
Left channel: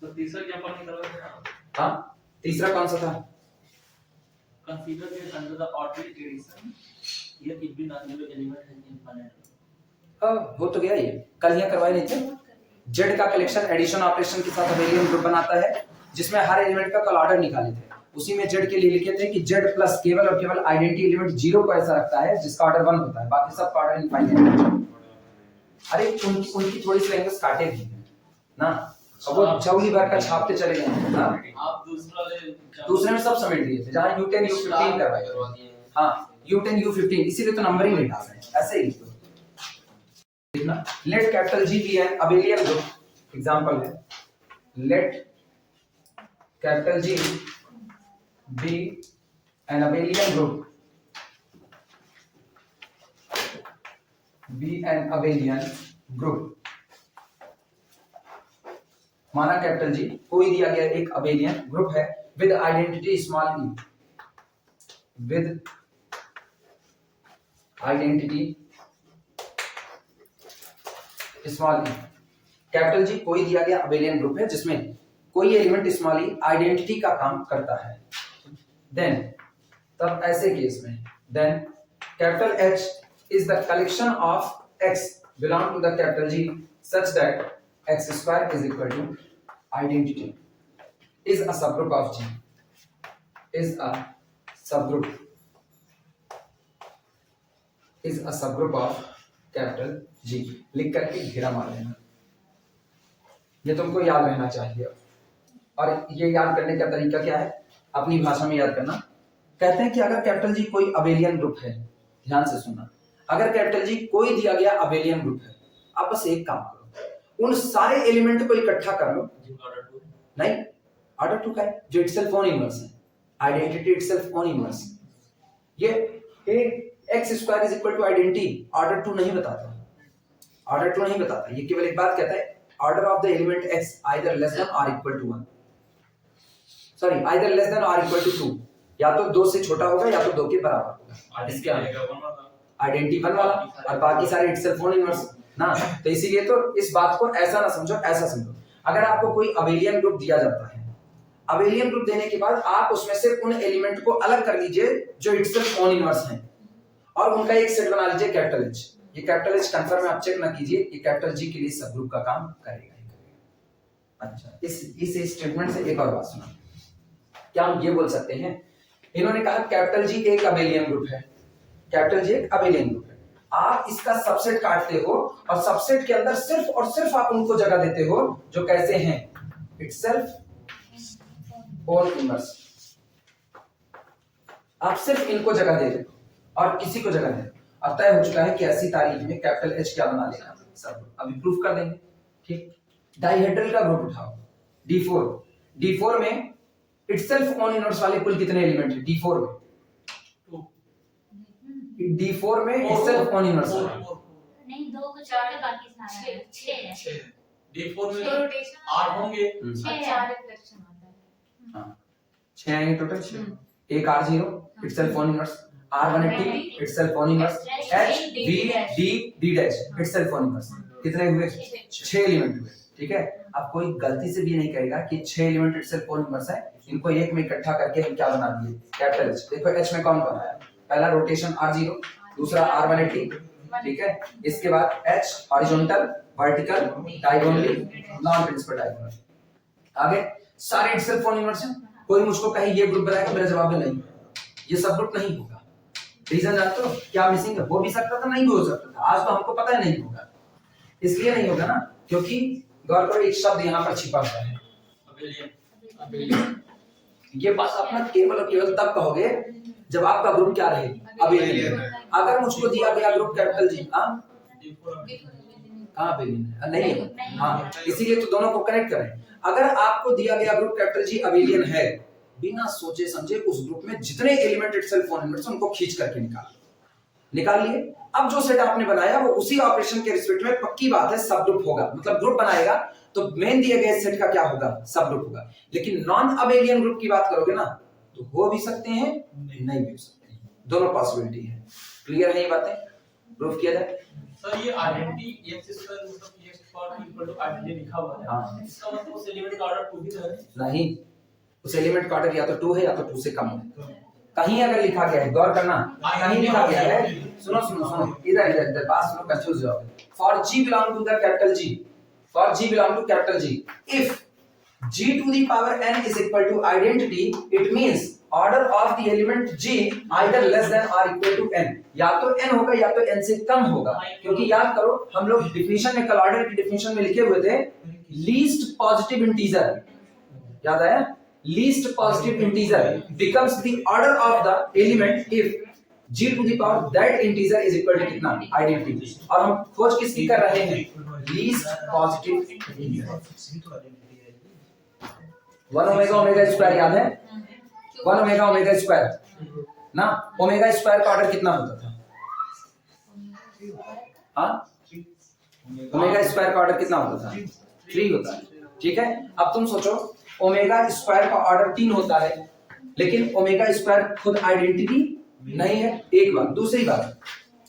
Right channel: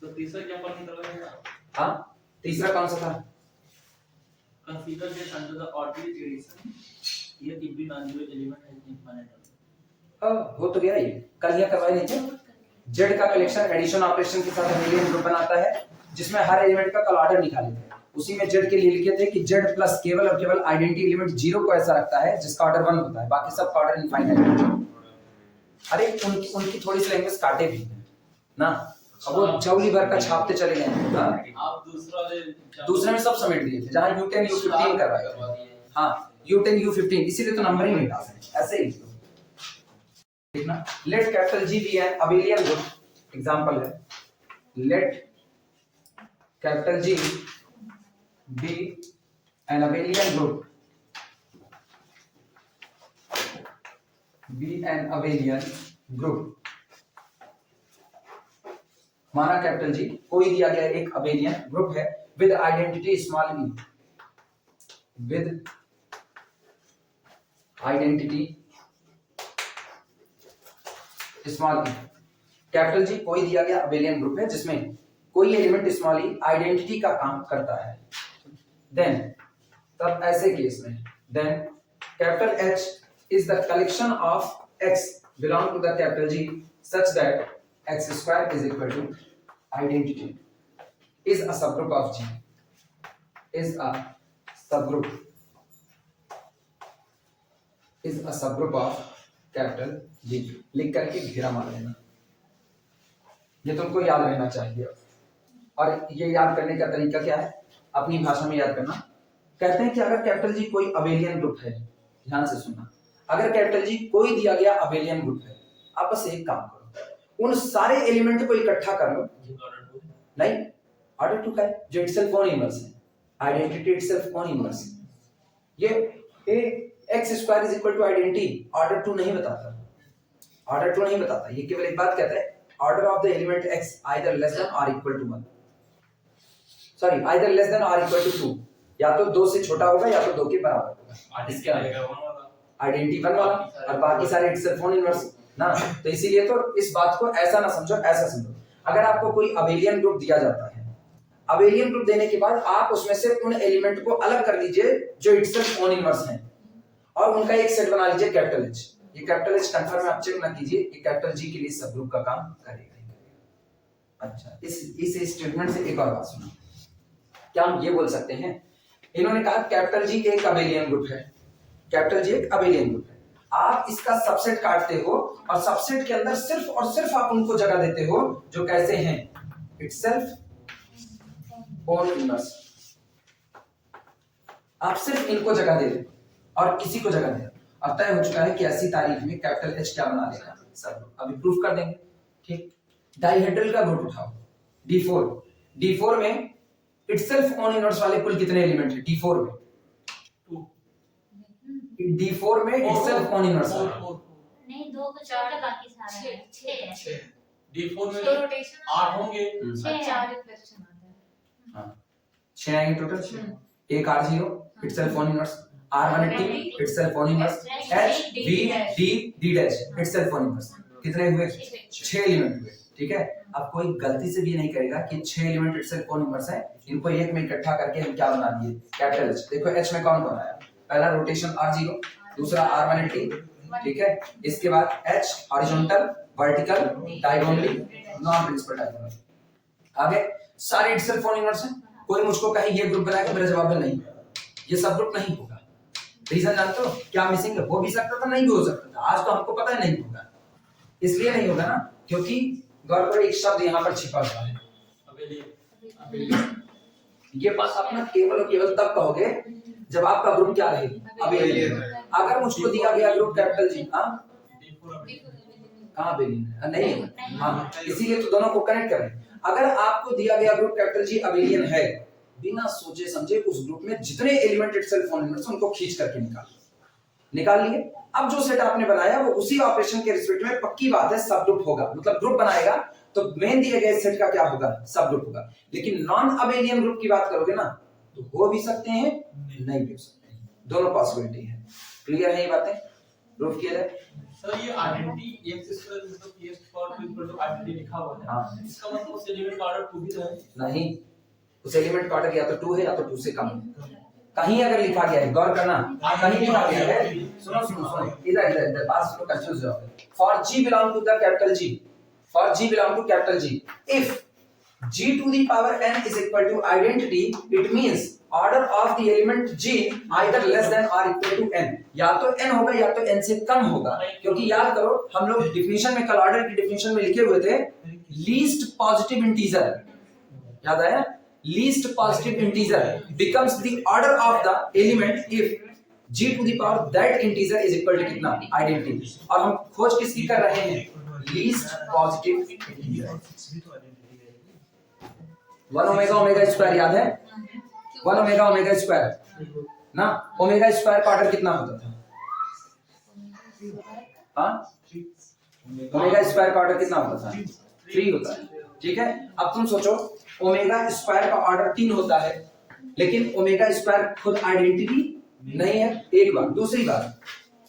तो तीसरा क्या पॉइंट निकला है? हाँ, तीसरा कौन सा था, consider that under the orderly addition here it be non-zero element has infinite। हाँ, हो तो गया ये, कल यहाँ करवाए नहीं थे। जेड का कलेक्शन एडिशन ऑपरेशन के साथ अबेलियन ग्रुप बनाता है, जिसमें हर एलिमेंट का कल ऑर्डर निकाले थे। उसी में जेड के लिए लिखे थे कि जेड प्लस केवल और केवल आइडेंटिटी एलिमेंट 0 को ऐसा रखता है जिसका ऑर्डर 1 होता है, बाकी सब का ऑर्डर इनफाइनाइट है। अरे उनकी थोड़ी सी लैंग्वेज काटे भी ना, अब वो चौली भर का छापते चले गए ना। आप दूसरे में सब समेट दिए थे, जहां U10 U15 करवाए। हाँ, U10 U15, इसीलिए तो नंबरिंग नहीं डाल रहे, ऐसे ही तो देखना। Let capital G be an abelian group, example है, let capital G be an abelian group, be an abelian group. माना कैपिटल G कोई दिया गया एक अबेलियन ग्रुप है with identity small e, with identity small e, capital G कोई दिया गया अबेलियन ग्रुप है जिसमें कोई एलिमेंट स्मॉल ई आइडेंटिटी का काम करता है, देन तब ऐसे केस में then capital H is the collection of X belong to the capital G such that X square is equal to identity is a subgroup of G is a subgroup of capital G। लिख करके घेरा मार लेना, ये तुमको याद रहना चाहिए। और ये याद करने का तरीका क्या है, अपनी भाषा में याद करना। कहते हैं कि अगर कैपिटल जी कोई अबेलियन ग्रुप है, ध्यान से सुनना, अगर कैपिटल जी कोई दिया गया अबेलियन ग्रुप है, आप बस एक काम करो, उन सारे एलिमेंट को इकट्ठा कर लो। नहीं, ऑर्डर टू का है जो इटसेल्फ ओन इनवर्स है, आइडेंटिटी इटसेल्फ ओन इनवर्स। ये x square is equal to identity order two नहीं बताता, ऑर्डर टू नहीं बताता, ये केवल एक बात कहता है order of the element x either less than और equal to 1, sorry either less than और इक्वल टू 2, या तो 2 से छोटा होगा या तो 2 के बराबर होगा। इसके आइडेंटिटी 1 वाला और बाकी सारे इटसेल्फ ओन इनवर्स ना। तो इसीलिए तो इस बात को ऐसा ना समझो, ऐसा समझो। अगर आपको कोई अबेलियन ग्रुप दिया जाता है, अबेलियन ग्रुप देने के बाद आप उसमें से उन एलिमेंट को अलग कर लीजिए जो इटसेल्फ ओन इनवर्स हैं और उनका एक सेट बना लीजिए कैपिटल H। ये कैपिटल H कंफर्म आप चेक ना कीजिए, ये कैपिटल G के लिए सब ग्रुप का काम करेगा। अच्छा, इस स्टेटमेंट से एक और बात सुनो, क्या हम ये बोल सकते हैं, इन्होंने कहा कैपिटल G एक अबेलियन ग्रुप है, कैपिटल G एक अबेलियन ग्रुप है, आप इसका सबसेट काटते हो और सबसेट के अंदर सिर्फ और सिर्फ आप उनको जगह देते हो जो कैसे हैं, इटसेल्फ ओन इनवर्स। आप सिर्फ इनको जगह दे रहे और किसी को जगह दे, अब तय हो चुका है कि ऐसी तारीख में कैपिटल H क्या बना लेगा, सब अभी प्रूफ कर देंगे। ठीक, डाइहेड्रल का ग्रुप उठाओ D4, D4 में इटसेल्फ ओन इनवर्स वाले कुल कितने एलिमेंट हैं D4 में? D4 में इटसेल्फ ओन इनवर्स नहीं, 2 को छोड़ के बाकी सारा है 6 है। D4 में 8 होंगे, 4 रिफ्लेक्शन आता है। हां 6 आएंगे टोटल, 6 एक R0 itself own inverse, R180 itself own inverse, H V D D dash itself own inverse, कितने हुए 6 एलिमेंट हुए। ठीक है, अब कोई गलती से भी नहीं करेगा कि 6 एलिमेंट इटसेल्फ ओन इनवर्स है, इनको एक में इकट्ठा करके हम क्या बना दिए कैपिटल H। देखो H में कौन कौन आया, पहला रोटेशन R0, दूसरा R180, ठीक है, इसके बाद H horizontal, vertical, diagonally, non principal diagonal, आगे सारे इटसेल्फ ओन इनवर्स हैं। कोई मुझको कहे ये ग्रुप बनाएगा, मेरा जवाब है नहीं, ये सब ग्रुप नहीं होगा। रीजन जानते हो क्या मिसिंग है, हो भी सकता था, नहीं भी हो सकता था, आज तो हमको पता है नहीं होगा, इसलिए नहीं होगा ना क्योंकि गौर करो एक शब्द यहाँ पर छिपा हुआ है अबेलियन। ये बात अपना केवल और केवल तब कहोगे जब आपका ग्रुप क्या रहे, अबेलियन। अगर मुझको दिया गया ग्रुप कैपिटल G, कहाँ अबेलियन नहीं, हाँ इसीलिए तो दोनों को कनेक्ट कर रहे हैं। अगर आपको दिया गया ग्रुप कैपिटल G अबेलियन है, बिना सोचे समझे उस ग्रुप में जितने एलिमेंट इटसेल्फ ओन इनवर्स उनको खींच करके निकाल लिए। अब जो सेट आपने बनाया वो उसी ऑपरेशन के रिस्पेक्ट में पक्की बात है सब ग्रुप होगा, मतलब ग्रुप बनाएगा तो मेन दिए गए सेट का क्या होगा, सब ग्रुप होगा। लेकिन नॉन अबेलियन ग्रुप की बात करोगे ना तो हो भी सकते हैं, नहीं भी हो सकते हैं, दोनों पॉसिबिलिटी है। क्लियर है ये बातें, प्रूफ किया जाए। सर ये आइडेंटिटी x स्क्वायर मतलब x power equal to identity लिखा हुआ है, हां इसका मतलब उस एलिमेंट का ऑर्डर 2 भी है नहीं, उस एलिमेंट का ऑर्डर या तो 2 है या तो 2 से कम है। कहीं अगर लिखा गया है, गौर करना, कहीं लिखा गया है, सुनो सुनो सुनो, इधर बात सुनो, कंफ्यूज हो जाओगे। For G belong to the capital G, for G belong to capital G, if G to the power n is equal to identity, it means order of the element G either less than और equal to n, या तो n होगा या तो n से कम होगा। क्योंकि याद करो हम लोग डिफिनेशन में, कल ऑर्डर की डिफिनेशन में लिखे हुए थे लीस्ट पॉजिटिव इंटीजर, याद आया, least positive integer becomes the order of the element if G to the power that integer is equal to कितना, identity। और हम खोज किसकी कर रहे हैं, least positive integer। 1 omega omega square याद है, 1 ओमेगा ओमेगा स्क्वायर ना, ओमेगा स्क्वायर का ऑर्डर कितना होता था, हाँ ओमेगा स्क्वायर का ऑर्डर कितना होता था, 3 होता है। ठीक है, अब तुम सोचो ओमेगा स्क्वायर का ऑर्डर 3 होता है, लेकिन ओमेगा स्क्वायर खुद आइडेंटिटी नहीं है, एक बात। दूसरी बात,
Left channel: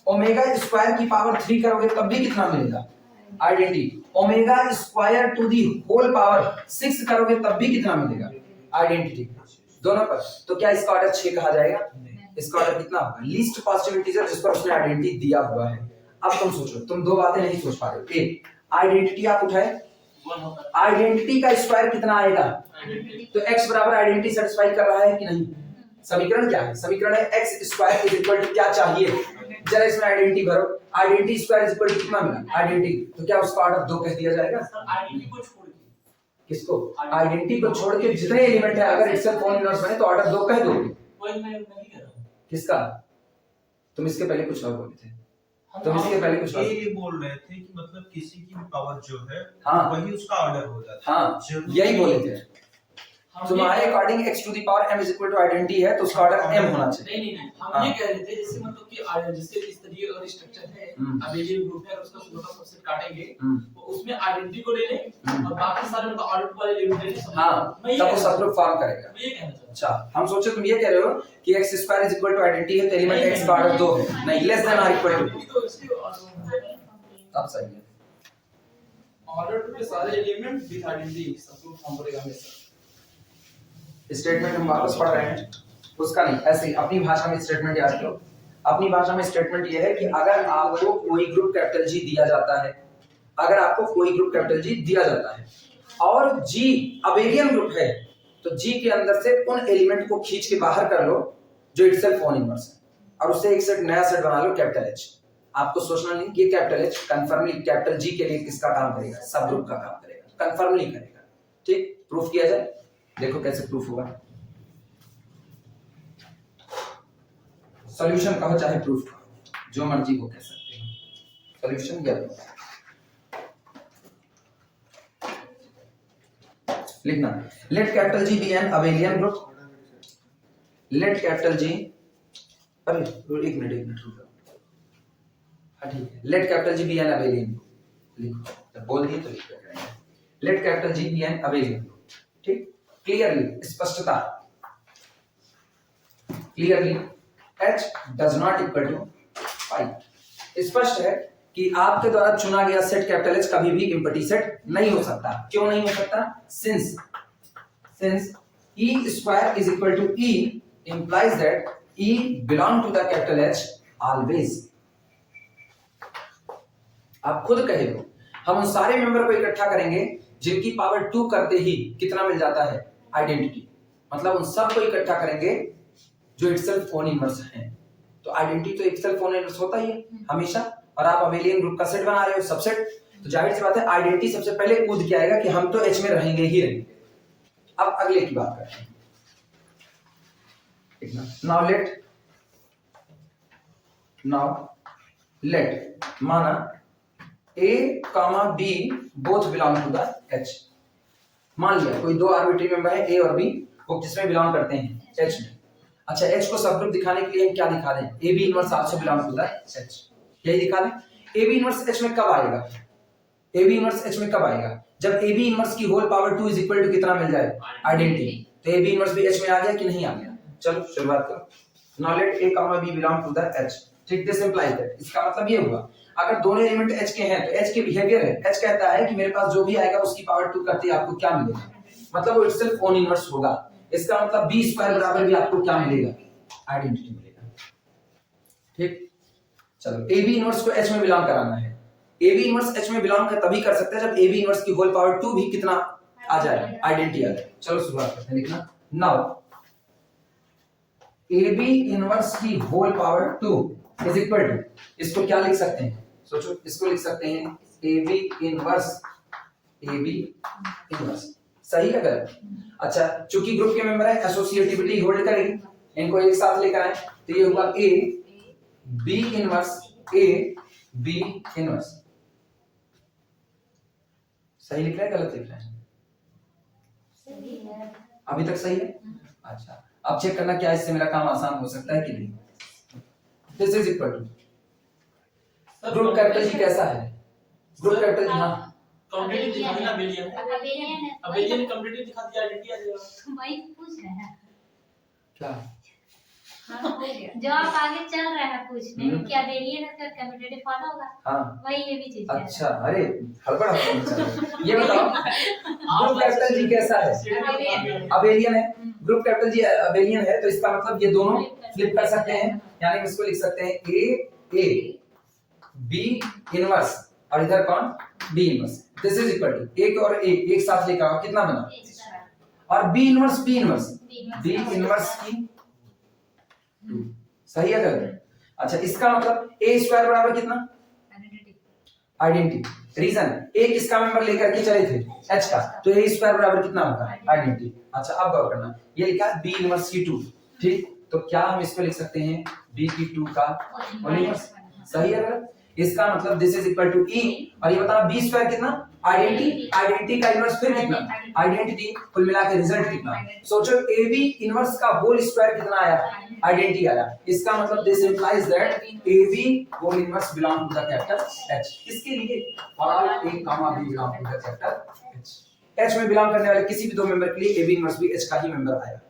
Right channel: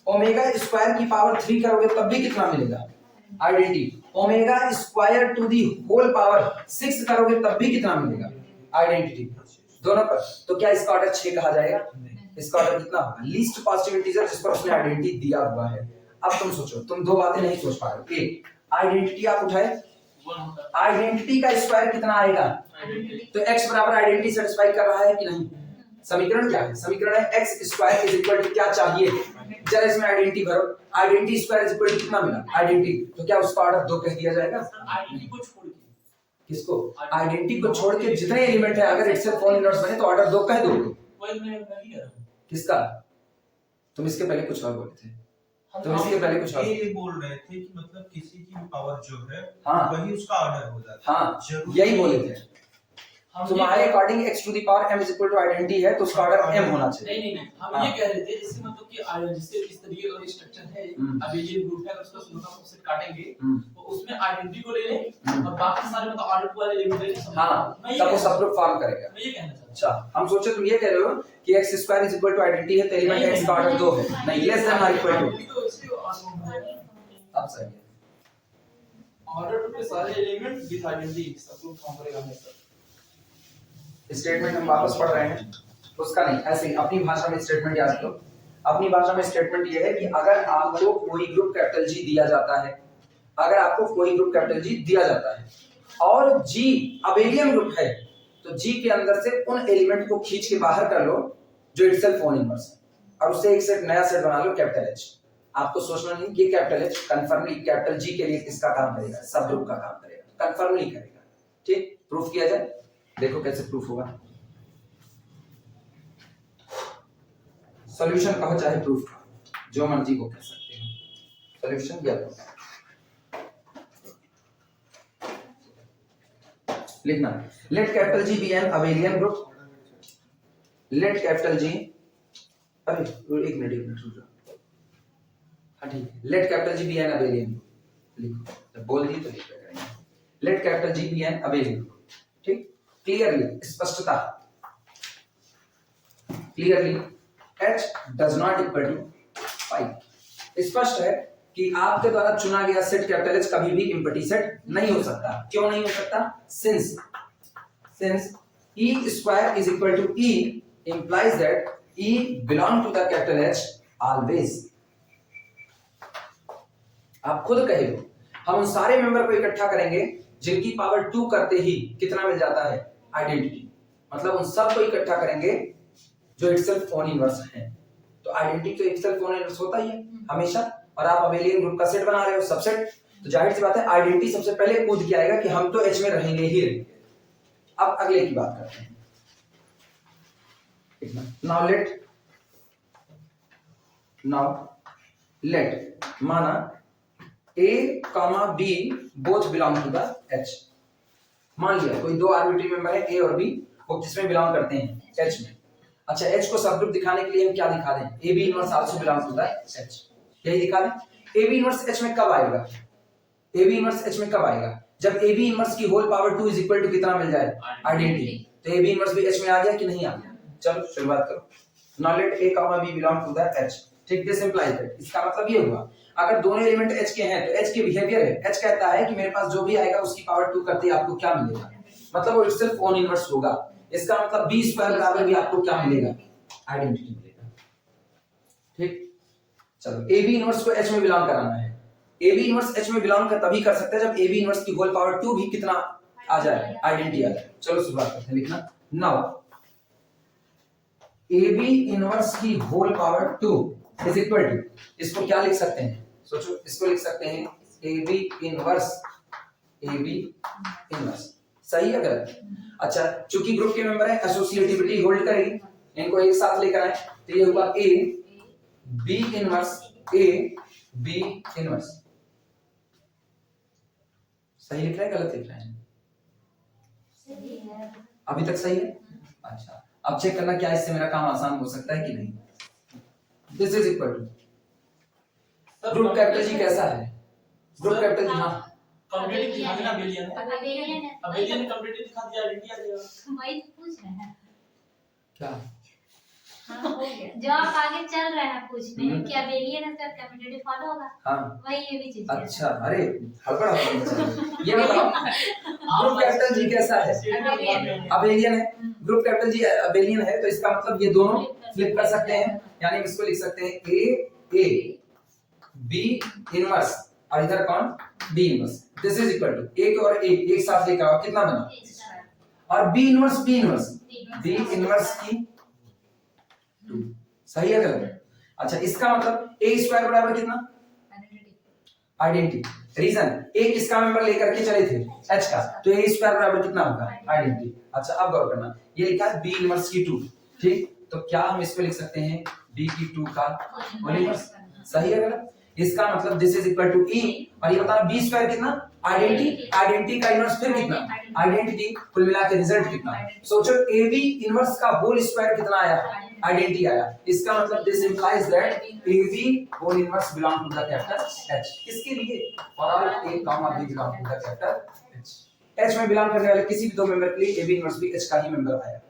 ओमेगा स्क्वायर की पावर 3 करोगे तब भी कितना मिलेगा, identity. Omega square to the whole power 6 करोगे तब भी कितना मिलेगा आइडेंटिटी दोनों पर। तो क्या इसका ऑर्डर 6 कहा जाएगा? इसका ऑर्डर कितना होगा? लीस्ट पॉजिटिव इंटीजर जिस पर उसने आइडेंटिटी दिया हुआ है। अब तुम सोचो, तुम दो बातें नहीं सोच पा रहे हो। एक, आइडेंटिटी आप उठाए, आइडेंटिटी का स्क्वायर कितना आएगा? तो x बराबर आइडेंटिटी सेटिस्फाई कर रहा है कि नहीं? समीकरण क्या है? समीकरण है x square is equal to क्या चाहिए? जरा इसमें आइडेंटिटी भरो, identity square is equal to कितना मिला? आइडेंटिटी। तो क्या उसका ऑर्डर 2 कह दिया जाएगा? आइडेंटिटी को छोड़ के। किसको? आइडेंटिटी को छोड़ के जितने एलिमेंट है अगर इटसेल्फ फोन इनवर्स बने तो ऑर्डर 2 कह दोगे। वही मैं नहीं कह रहा हूं। किसका? तुम इसके पहले कुछ और बोले थे। तुम इसके पहले कुछ और ये बोल रहे थे कि मतलब किसी की भी पावर जो है हाँ वही उसका ऑर्डर हो जाता है। हाँ जरूरी यही बोले थे। हम तुम्हारे ये- according x to the power m is equal to identity है तो उसका ऑर्डर m होना चाहिए। नहीं हम हाँ। ये कह रहे थे जैसे मतलब कि जैसे इस तरीके का स्ट्रक्चर है, अबेलियन ग्रुप है, उसका छोटा सबसेट काटेंगे तो उसमें आइडेंटिटी को ले लें और बाकी सारे मतलब ऑर्डर वाले एलिमेंट ले लें। हाँ मैं ये तब वो कहना सबग्रुप फॉर्म करेगा। मैं ये कहना चाहता हूं। अच्छा हम सोचे तुम ये कह रहे हो कि x square is equal to identity है तो एलिमेंट x का ऑर्डर 2 है। नहीं, लेस देन और इक्वल टू। तो इसके ऑर्डर तब सही है। ऑर्डर के सारे element with identity subgroup form करेगा हमेशा। स्टेटमेंट हम वापस पढ़ रहे हैं, उसका नहीं, ऐसे ही अपनी भाषा में स्टेटमेंट याद करो। अपनी भाषा में स्टेटमेंट ये है कि अगर आपको कोई ग्रुप कैपिटल G दिया जाता है, अगर आपको कोई ग्रुप कैपिटल G दिया जाता है और G अबेलियन ग्रुप है तो G के अंदर से उन एलिमेंट को खींच के बाहर कर लो जो इटसेल्फ फोन इनवर्स है और उससे एक सेट नया सेट बना लो कैपिटल H। आपको सोचना नहीं ये कैपिटल H कंफर्मली कैपिटल G के लिए किसका काम करेगा? सब ग्रुप का काम करेगा, कंफर्मली करेगा। ठीक, प्रूफ किया जाए, देखो कैसे प्रूफ होगा। सॉल्यूशन कहो चाहे प्रूफ कहो, जो मर्जी को कह सकते हो। सॉल्यूशन या लिखना, let capital G be an abelian group, let capital G, अरे एक मिनट रुक जाओ। हाँ ठीक है, let capital G be an abelian group लिखो, जब बोल दी तो लिख देंगे। Let capital G be an abelian group. ठीक, क्लियरली, स्पष्टता, clearly H does not equal to 5। स्पष्ट है कि आपके द्वारा चुना गया सेट कैपिटल H कभी भी इम्पटी सेट नहीं हो सकता। क्यों नहीं हो सकता? since E square is equal to E implies that E belong to the capital H always। आप खुद कहे हो, हम उन सारे मेंबर को इकट्ठा करेंगे जिनकी पावर 2 करते ही कितना मिल जाता है? आइडेंटिटी। मतलब उन सब को इकट्ठा करेंगे जो इटसेल्फ फोन इनवर्स है। तो आइडेंटिटी तो इटसेल्फ फोन इनवर्स होता ही है हमेशा। और आप अबेलियन ग्रुप का सेट बना रहे हो, सबसेट, तो जाहिर सी बात है आइडेंटिटी सबसे पहले कूद के आएगा कि हम तो H में रहेंगे ही रहेंगे। अब अगले की बात करते हैं। नाउ लेट माना A, B both belong to the H। मान लिया कोई दो आर्बिट्री मेंबर है A और B, वो किसमें बिलोंग करते हैं? H में। अच्छा, H को सबग्रुप दिखाने के लिए हम क्या दिखा दें? AB inverse also belong to the H, यही दिखा दें। AB इनवर्स H में कब आएगा? AB इनवर्स H में कब आएगा? जब AB इनवर्स की whole power 2 is equal to कितना मिल जाए? आइडेंटिटी। तो AB इनवर्स भी H में आ गया कि नहीं आ गया? चलो शुरुआत करो। Now let A, B belong to the H। ठीक, दिस इंप्लाइज दैट, इसका मतलब ये हुआ अगर दोनों एलिमेंट H के हैं तो H के बिहेवियर है, H कहता है कि मेरे पास जो भी आएगा उसकी पावर 2 करते ही आपको क्या मिलेगा? मतलब वो इटसेल्फ ओन इनवर्स होगा। इसका मतलब B स्क्वायर बराबर भी आपको क्या मिलेगा? आइडेंटिटी मिलेगा। ठीक, चलो AB इनवर्स को H में बिलोंग कराना है। AB इनवर्स H में बिलोंग कर तभी कर सकते हैं जब AB इनवर्स की होल पावर 2 भी कितना आ जाए? आइडेंटिटी आ जाए। चलो शुरुआत करते हैं लिखना। नाउ AB इनवर्स की whole power 2 is equal to, इसको क्या लिख सकते हैं? सोचो, इसको लिख सकते हैं AB इनवर्स, सही है गलत? अच्छा, चूंकि ग्रुप के मेंबर है एसोसिएटिविटी होल्ड करेगी, इनको एक साथ लेकर आए तो ये हुआ A B इनवर्स, सही लिख रहा है गलत लिख रहा है? सही है। अभी तक सही है? अच्छा, अब चेक करना क्या इससे मेरा काम आसान हो सकता है कि नहीं। This is equal to group capital G कैसा है? ग्रुप कैपिटल G, हाँ कंप्लीटली दिखा देना अबेलियन है। अबेलियन है। अबेलियन कंप्लीटली दिखा दिया, आइडेंटिटी आ जाएगा। वही पूछ रहे हैं। क्या? हाँ, हो गया। जो आप आगे चल रहे हैं पूछने कि अबेलियन का कम्यूटेटिव फॉलो होगा, हाँ वही ये भी चीज है। अच्छा, अरे हड़बड़ ये बताओ ग्रुप कैपिटल जी कैसा है? अबेलियन है। ग्रुप कैपिटल जी अबेलियन है, तो इसका मतलब ये दोनों फ्लिप कर सकते हैं, यानी इसको लिख सकते हैं ए बी इनवर्स और इधर कौन B inverse. This is equal to एक और एक साथ लेकर आओ, कितना बना? और बी इनवर्स बी इनवर्स की 2 सही है गलत? अच्छा, इसका मतलब ए स्क्वायर बराबर कितना? आइडेंटिटी। रीजन ए किसका मेंबर लेकर के चले थे? एच का, तो ए स्क्वायर बराबर कितना होगा? आइडेंटिटी। अच्छा, अब गौर करना, ये लिखा है बी इनवर्स की 2, ठीक, तो क्या हम इसको लिख सकते हैं बी की 2 का होल इनवर्स? सही है गलत? इसका मतलब this is equal to E, और ये बताना बी स्क्वायर कितना? आइडेंटिटी का इनवर्स फिर कितना? आइडेंटिटी, कुल मिला के रिजल्ट कितना? सोचो ए बी इनवर्स का होल स्क्वायर कितना आया? आइडेंटिटी आया। इसका मतलब this implies that A B whole inverse belong to the capital H. किसके लिए? For all A comma B belong to the capital H. H में बिलोंग करने वाले किसी भी दो मेंबर के लिए ए बी इनवर्स भी एच का ही मेंबर आया।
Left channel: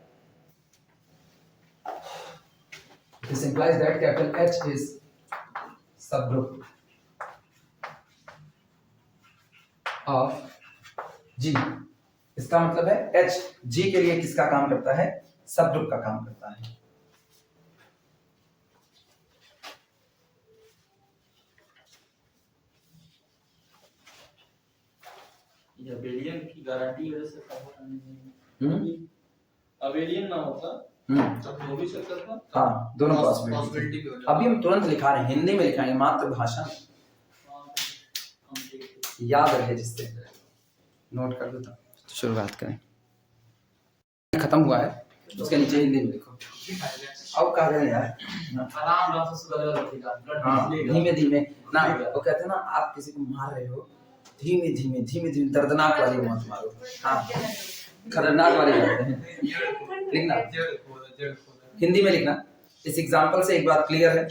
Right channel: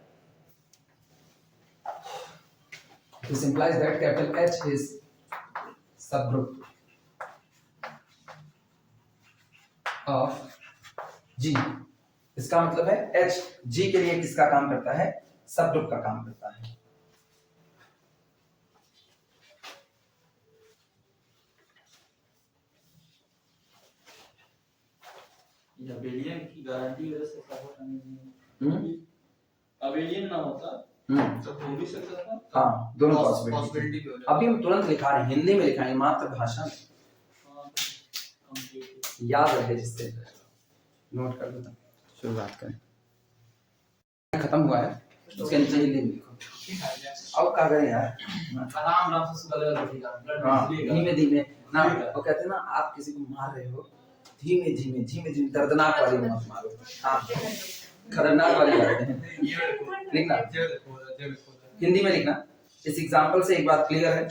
This implies that capital H is subgroup of G. इसका मतलब है एच जी के लिए किसका काम करता है? सबग्रुप का काम करता है। ये अबेलियन की गारंटी वजह से सब नहीं, अबेलियन ना होता तो हो भी सकता था। हाँ, दोनों पॉसिबिलिटी भी हो जाता। अभी हम तुरंत लिखा रहे हैं, हिंदी में लिखाएंगे, मातृभाषा याद रहे जिससे नोट कर दो। शुरुआत करें, खत्म हुआ है, उसके नीचे हिंदी में लिखो। अब कहा गया यार आराम से सुबह लिखेगा, हाँ, धीमे धीमे ना, वो कहते हैं ना, आप किसी को मार रहे हो, धीमे धीमे दर्दनाक वाली मत मारो, हाँ खतरनाक वाली करते हैं। लिखना हिंदी में लिखना। इस एग्जांपल से एक बात क्लियर है?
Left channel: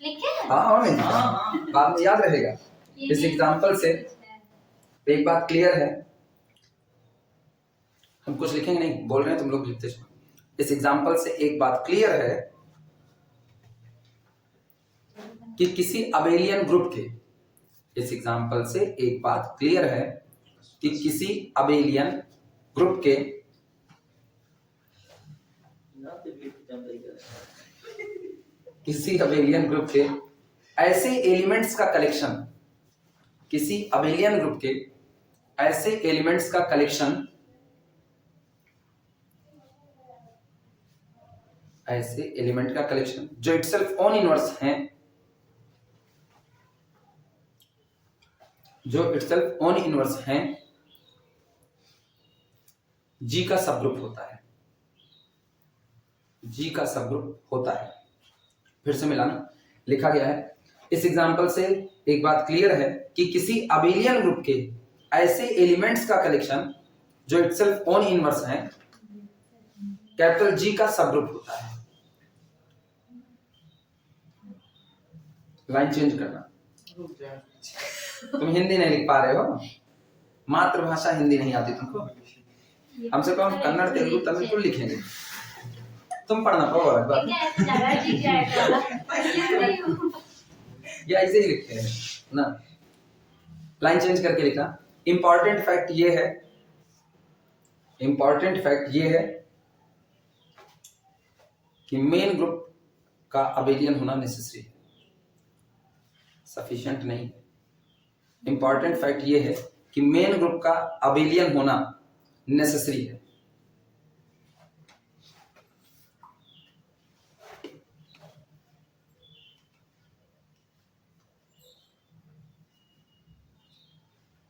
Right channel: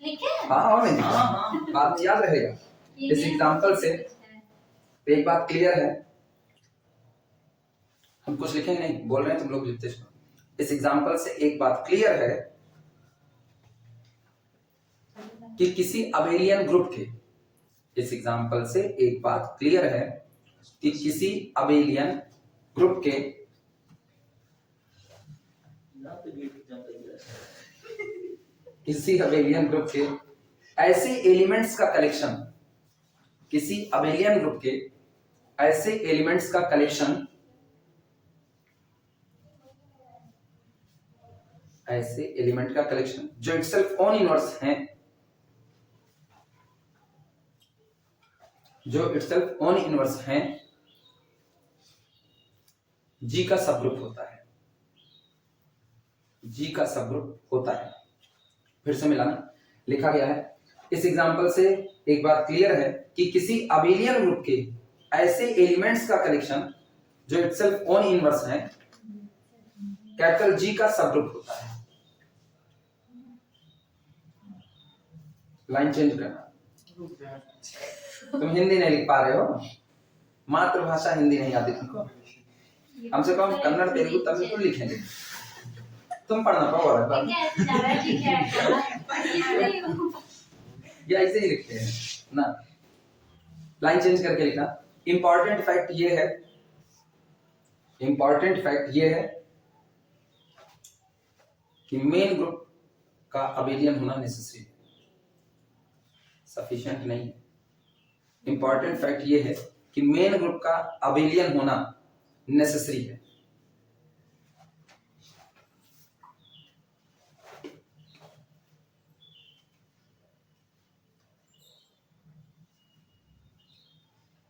लिखे? हाँ, और नहीं बाद में याद रहेगा। इस एग्जांपल से एक बात क्लियर है, हम कुछ लिखेंगे नहीं, बोल रहे हैं तुम लोग लिखते जाओ। इस एग्जांपल से एक बात क्लियर है कि किसी अबेलियन ग्रुप के, इस एग्जांपल से एक बात क्लियर है कि किसी अबेलियन ग्रुप के ऐसे एलिमेंट्स का कलेक्शन, किसी अबेलियन ग्रुप के ऐसे एलिमेंट्स का कलेक्शन, ऐसे एलिमेंट का कलेक्शन जो इटसेल्फ ओन इनवर्स हैं, जो इटसेल्फ ओन इनवर्स हैं, जी का सबग्रुप होता है। जी का सबग्रुप होता है। फिर से मिलाना, लिखा गया है इस एग्जांपल से एक बात क्लियर है कि किसी अबेलियन ग्रुप के ऐसे एलिमेंट्स का कलेक्शन जो इटसेल्फ ओन इनवर्स हैं, कैपिटल जी का सबग्रुप होता है। लाइन चेंज करना। तुम हिंदी नहीं लिख पा रहे हो, मातृभाषा हिंदी नहीं आती तुमको, हमसे कम कन्नड़ तेलुगु तमिल को लिखेंगे, तुम पढ़ना पाओ या ऐसे ही लिखते हैं ना। लाइन चेंज करके लिखना। इंपॉर्टेंट फैक्ट ये है, इंपॉर्टेंट फैक्ट ये है कि मेन ग्रुप का अबेलियन होना नेसेसरी है, सफिशिएंट नहीं। इंपॉर्टेंट फैक्ट ये है कि मेन ग्रुप का अबेलियन होना नेसेसरी है।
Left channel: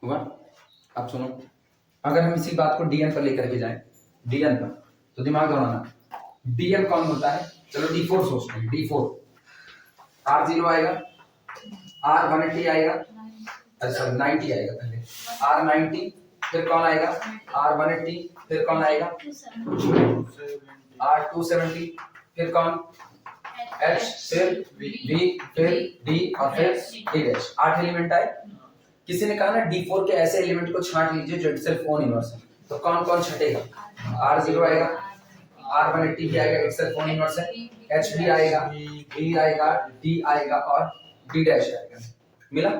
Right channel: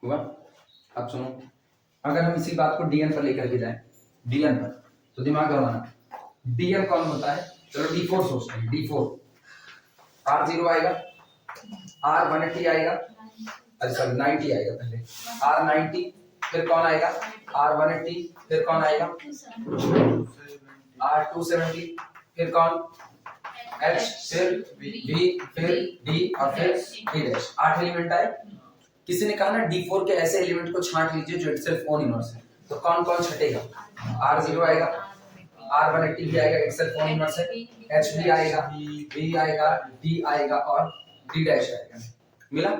हुआ? अब सुनो, अगर हम इसी बात को डीएन पर लेकर के जाएं, डीएन पर, तो दिमाग लगाना, डीएन कौन होता है? चलो D4 सोचते हैं। D4 R0 आएगा, R180 आएगा, अच्छा 90 आएगा पहले, R90, फिर कौन आएगा? R180, फिर कौन आएगा? R270, फिर कौन? H, फिर V, फिर D और फिर D'। 8 एलिमेंट आए। किसी ने कहा ना D4 के ऐसे एलिमेंट को छांट लीजिए जो इटसेल्फ ओन इनवर्स है, तो कौन कौन छटेगा? R0 आएगा, R180 भी आएगा, इटसेल्फ ओन इनवर्स है, H भी आएगा, B आएगा, D आएगा और D डैश आएगा। मिला?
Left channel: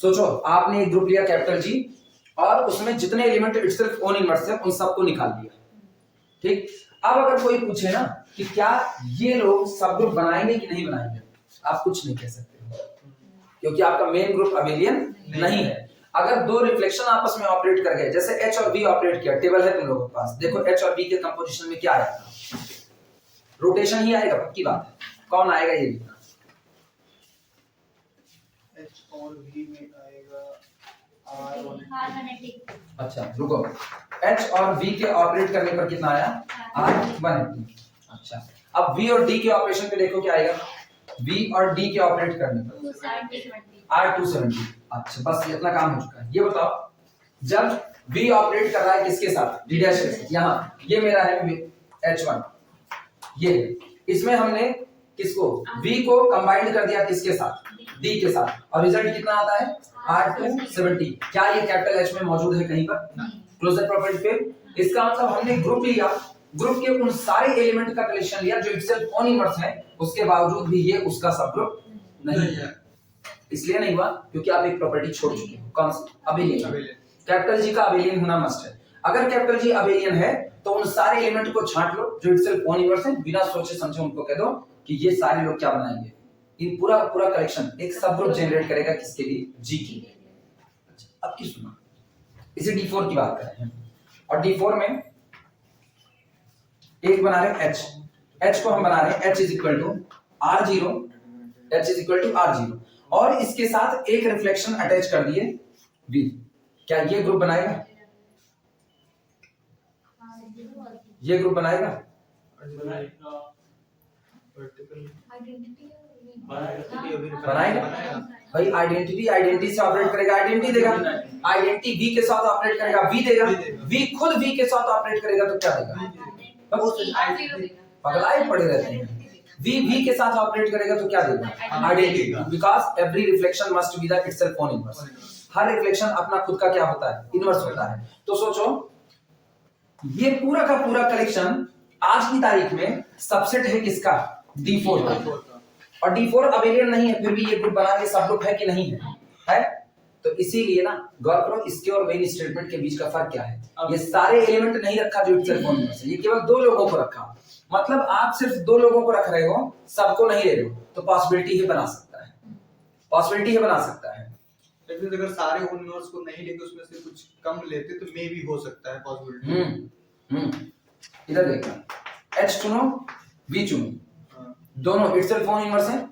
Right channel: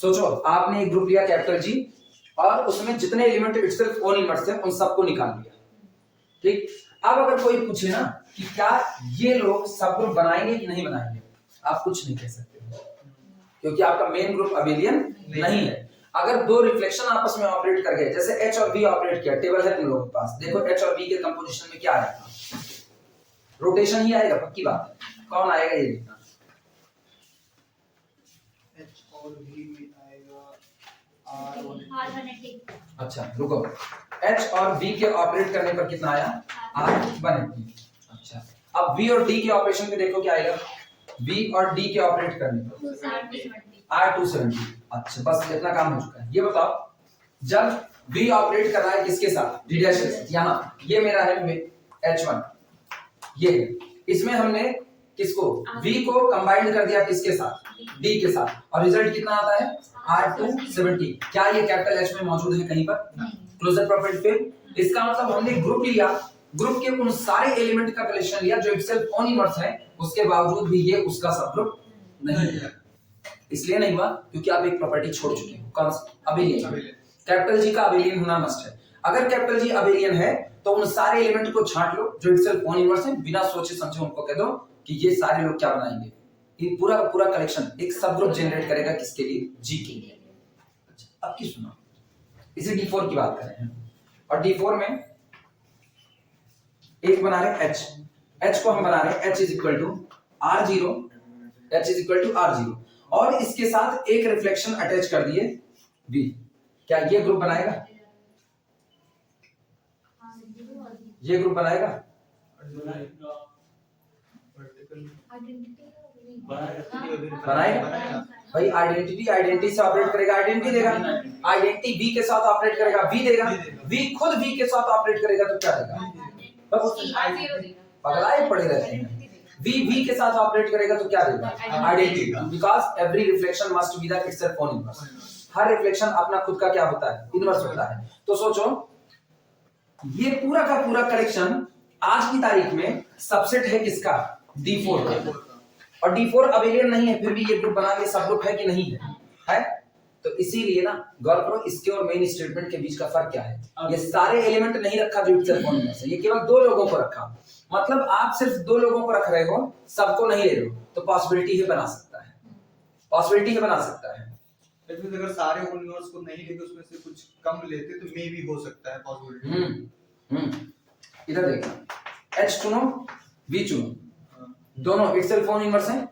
सोचो आपने एक ग्रुप लिया कैपिटल G और उसमें जितने एलिमेंट इटसेल्फ ओन इनवर्स है उन सबको निकाल दिया। ठीक, अब अगर कोई पूछे ना कि क्या ये लोग सब ग्रुप बनाएंगे कि नहीं बनाएंगे, आप कुछ नहीं कह सकते क्योंकि आपका मेन ग्रुप अबेलियन नहीं है। अगर दो रिफ्लेक्शन आपस में ऑपरेट कर गए, जैसे H और B ऑपरेट किया, टेबल है तुम लोगों के पास, देखो H और B के कंपोजिशन में क्या आएगा, रोटेशन ही आएगा, पक्की बात है। कौन आएगा ये लिखना, H और V में आएगा R180। अच्छा रुको, H और V के ऑपरेट करने पर कितना आया, R180। अच्छा अब V और D के ऑपरेशन पे देखो क्या आएगा, V और D के ऑपरेट करने पर 270। R270। अच्छा बस इतना काम हो चुका है। ये बताओ जब V ऑपरेट कर रहा है किसके साथ, D डैश के साथ, यहाँ ये मेरा है H1, ये इसमें हमने किसको V को कंबाइंड कर दिया किसके साथ, D के साथ, और रिजल्ट कितना आता है R270। क्या ये कैपिटल H में मौजूद है कहीं पर, क्लोजर प्रॉपर्टी पे। इसका मतलब हमने ग्रुप लिया, ग्रुप के उन सारे एलिमेंट का कलेक्शन लिया जो इटसेल्फ ओन इनवर्स है, उसके बावजूद भी ये उसका सब ग्रुप नहीं है। इसलिए नहीं हुआ क्योंकि आप एक प्रॉपर्टी छोड़ चुके हो, कौन सी, अबेलियन। कैपिटल जी का अबेलियन होना मस्ट है। अगर कैपिटल जी अबेलियन है तो उन सारे एलिमेंट को छांट लो जो इटसेल्फ ओन इनवर्स है, बिना सोचे समझे उनको कह दो कि ये सारे लोग क्या बनाएंगे, ये पूरा पूरा कलेक्शन एक सब ग्रुप जनरेट करेगा किसके लिए, जी के लिए। अच्छा अब की सुनो, इसे D4 की बात कर रहे हैं और D4 में एक बना रहे H, H को हम बना रहे H is equal to R0, H is equal to R0 और इसके साथ एक रिफ्लेक्शन अटैच कर दिए V। क्या ये ग्रुप बनाएगा, ये ग्रुप बनाएगा, बनाएगा भाई। आइडेंटिटी से ऑपरेट करेगा, आइडेंटिटी देगा, आइडेंटिटी V के साथ ऑपरेट करेगा, V देगा, V खुद V के साथ ऑपरेट करेगा तो क्या देगा, पगलाए पड़े रहते हैं। V के साथ ऑपरेट करेगा तो क्या देगा, identity, because every reflection must be the itself own inverse. Her reflection अपना खुद का क्या होता है, इनवर्स होता है। तो सोचो ये पूरा का पूरा कलेक्शन आज की तारीख में सबसेट है किसका, D4 का, और D4 अबेलियन नहीं है, फिर भी ये ग्रुप बना के सब ग्रुप है कि नहीं है? तो इसीलिए ना गौर करो इसके और मेन स्टेटमेंट के बीच का फर्क क्या है। ये सारे एलिमेंट नहीं रखा जो इटसेल्फ ओन इनवर्स है, ये केवल दो लोगों को रखा। मतलब आप सिर्फ दो लोगों को रख रहे हो, सबको नहीं ले रहे हो, तो पॉसिबिलिटी ही बना सकता है, पॉसिबिलिटी ही बना सकता है। लेकिन अगर सारे ओन इनवर्स को नहीं लेते, उसमें से कुछ कम लेते तो मे भी हो सकता है पॉसिबिलिटी। इधर देखना, H चुनो V चुनो, दोनों इटसेल्फ ओन इनवर्स हैं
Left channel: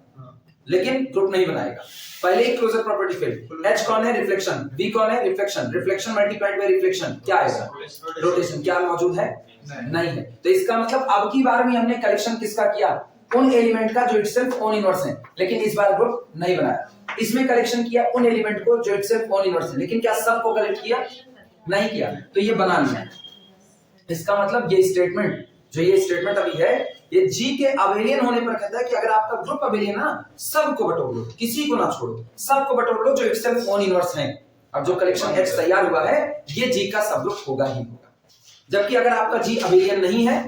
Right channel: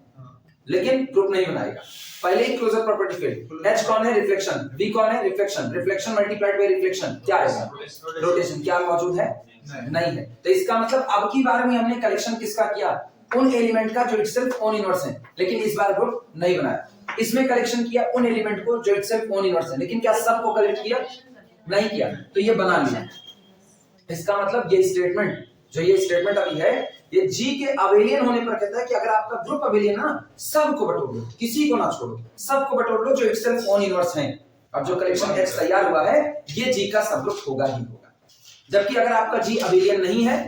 लेकिन ग्रुप नहीं बनाएगा। पहले ही क्लोजर प्रॉपर्टी फेल। H कौन है, रिफ्लेक्शन, V कौन है, reflection, reflection multiplied by reflection क्या आएगा, रोटेशन। क्या मौजूद है, नहीं है। तो इसका मतलब अब की बार में हमने कलेक्शन किसका किया, उन एलिमेंट का जो इटसेल्फ ओन इनवर्स है, लेकिन इस बार ग्रुप नहीं बनाया। इसमें कलेक्शन किया उन एलिमेंट को जो इटसेल्फ ओन इनवर्स है, लेकिन क्या सबको कलेक्ट किया, नहीं किया, तो ये बना लिया। इसका मतलब ये स्टेटमेंट, जो ये स्टेटमेंट अभी है, ये जी के अबेलियन होने पर कहता है कि अगर आपका ग्रुप अबेलियन है ना, सबको बटोर लो, किसी को ना छोड़ो, सबको बटोर लो जो इटसेल्फ ओन इनवर्स है, और जो कलेक्शन X तैयार हुआ है ये जी का सब ग्रुप होगा ही होगा। जबकि अगर आपका जी अबेलियन नहीं है,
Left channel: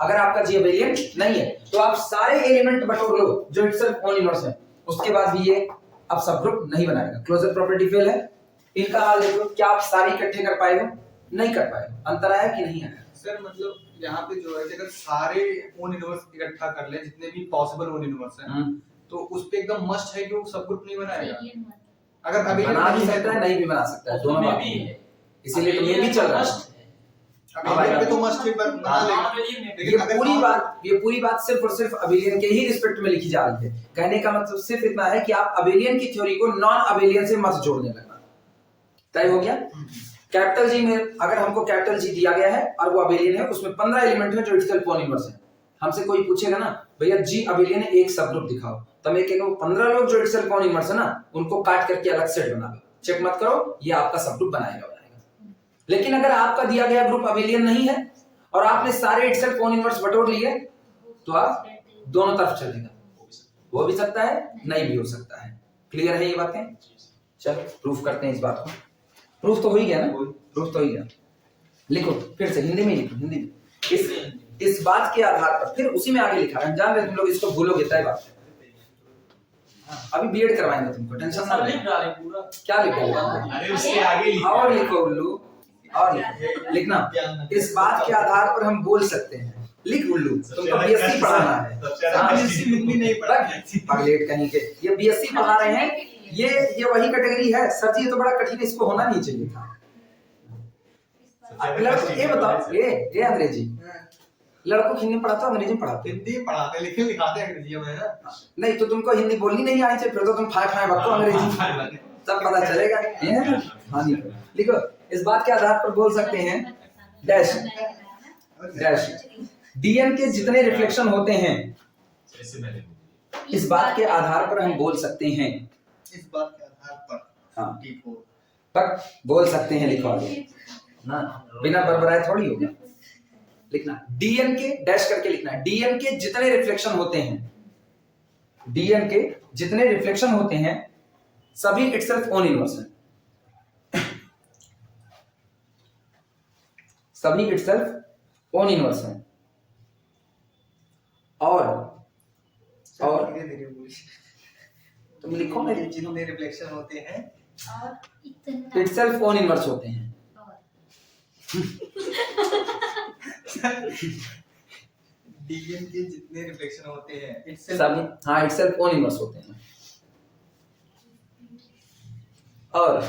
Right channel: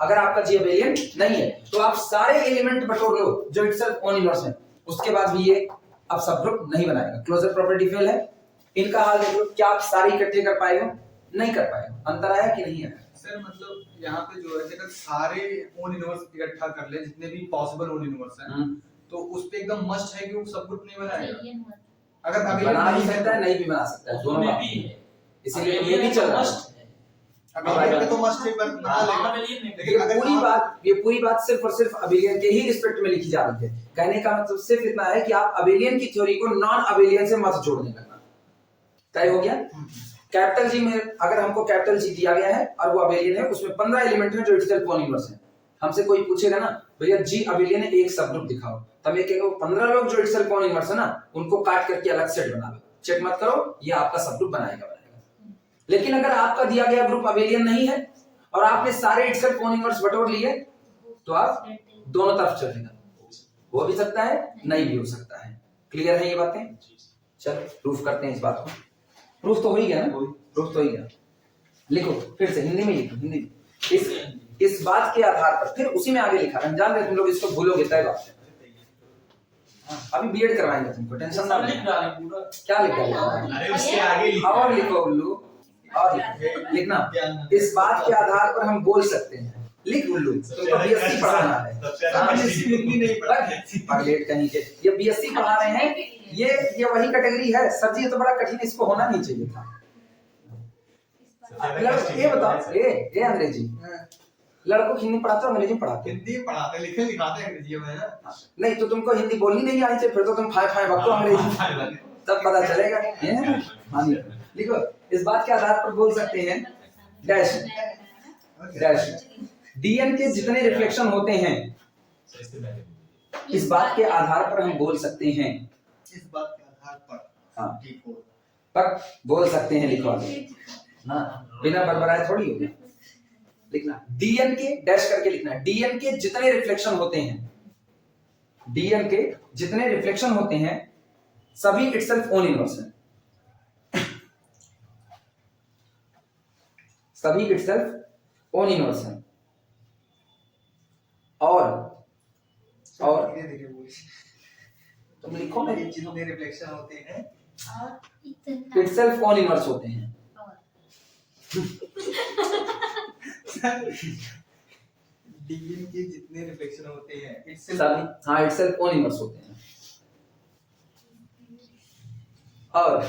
अगर आपका जी अबेलियन नहीं है तो आप सारे एलिमेंट बटोर लो जो इटसेल्फ ओन इनवर्स है, उसके बाद भी ये अब सब ग्रुप नहीं बनाएगा। क्लोजर प्रॉपर्टी फेल है। इनका हाल देखो, क्या आप सारे इकट्ठे कर पाएगा, नहीं कर पाएगा। अंतर आया कि नहीं आया सर? मतलब यहाँ पे जो है कि अगर सारे ओन इनवर्स इकट्ठा कर ले, जितने भी पॉसिबल ओन इनवर्स हैं, तो उस पे एकदम मस्ट है कि वो सब ग्रुप नहीं बनाएगा। अगर अबेलियन बना भी सकता है, नहीं भी बना सकता है, दोनों बात है। इसीलिए ये भी चल रहा है। अबेलियन पे तो मस्ट है, बना लेगा। लेकिन अगर ये पूरी बात सिर्फ और सिर्फ अबेलियन के ही रिस्पेक्ट में लिखी जा रही है। कहने का मतलब सिर्फ इतना है कि आप अबेलियन की थ्योरी को नॉन अबेलियन से मत जोड़ने लगना। तय हो गया। कैपिटल जी में अगर हमको कैपिटल जी दिया गया है और वो अबेलियन है, उसमें 15 एलिमेंट है जो इटसेल्फ ओन इनवर्स है। हमसे कोई पूछेगा ना भैया जी अबेलियन है, एक सब ग्रुप दिखाओ, तब मैं कहेगा वो 15 लोग जो इटसेल्फ ओन इनवर्स है ना, उनको काट करके अलग सेट बना लो, चेक मत करो, ये आपका सब ग्रुप बनाएगा। लेकिन अगर आपका दिया गया ग्रुप अबेलियन नहीं है और आपने सारे इटसेल्फ ओन इनवर्स बटोर लिए, तो आप दोनों तरफ चलेगा, हो भी सकता है, नहीं भी हो सकता है। क्लियर है ये बातें? चल प्रूफ करते हैं इस बात को। प्रूफ तो हो ही गया ना, प्रूफ तो हो ही गया। लिखो फिर से हिंदी में लिखो, हिंदी में। इस बात के आधार पर, फिर उसी में आगे लिखा है, हम जान रहे तुम लोग इसको भूलोगे, तय बात है। अभी बीएड करवाएंगे तुमको, टेंशन ना लिख लो। डाले पूरा। क्या लिखा अरे उसके आगे लिखा और लिखो उल्लू, और लिखना, इस बात के आधार पर हम बोल सकते हैं। लिख उल्लू, तुमको बीएससी पढ़ाना है, नहीं पढ़ा पगलेट कहीं के, ये बीएससी पढ़ा रहे हैं, ये वही कैटेगरी है सर जी, ये तो बड़ा कठिन, इसको होना नहीं चाहिए था। ये बताओ, ये अंग्रेजी लड़कों को हिंदी पढ़ाते हो अंग्रेजी पढ़ाते हो? हिंदी पढ़ाते लिखे लिखाते अंग्रेजी में ना। नहीं तो तुमको हिंदी बोलनी नहीं आनी चाहिए, फिर तो तुम फाय फाय बको अंग्रेजी, तब पता चलेगा। ये है ना, हाँ लिखो, लिखो, इस बात के आधार पर बोल सकते हैं डैश डैश डीएन के जितने रिफ्लेक्शन होते हैं, इस बात के आधार पर हम बोल सकते हैं, इस बात के आधार पर हाँ T4 पर बोल सकते हैं, लिखो आगे ना, बिना बरबराए थोड़ी होगा। लिखना डीएन के डैश करके लिखना है, डीएन के जितने रिफ्लेक्शन होते हैं, डीएन के जितने रिफ्लेक्शन होते हैं सभी इटसेल्फ ओन इनवर्स है, सभी इटसेल्फ ओन इनवर्स है। और धीरे धीरे बोलिए। तुम लिखो ना, जितने रिफ्लेक्शन होते हैं और इतना इटसेल्फ ओन इनवर्स होते हैं। डीएन के जितने रिफ्लेक्शन होते हैं सभी, हाँ इटसेल्फ ओन इनवर्स होते हैं। और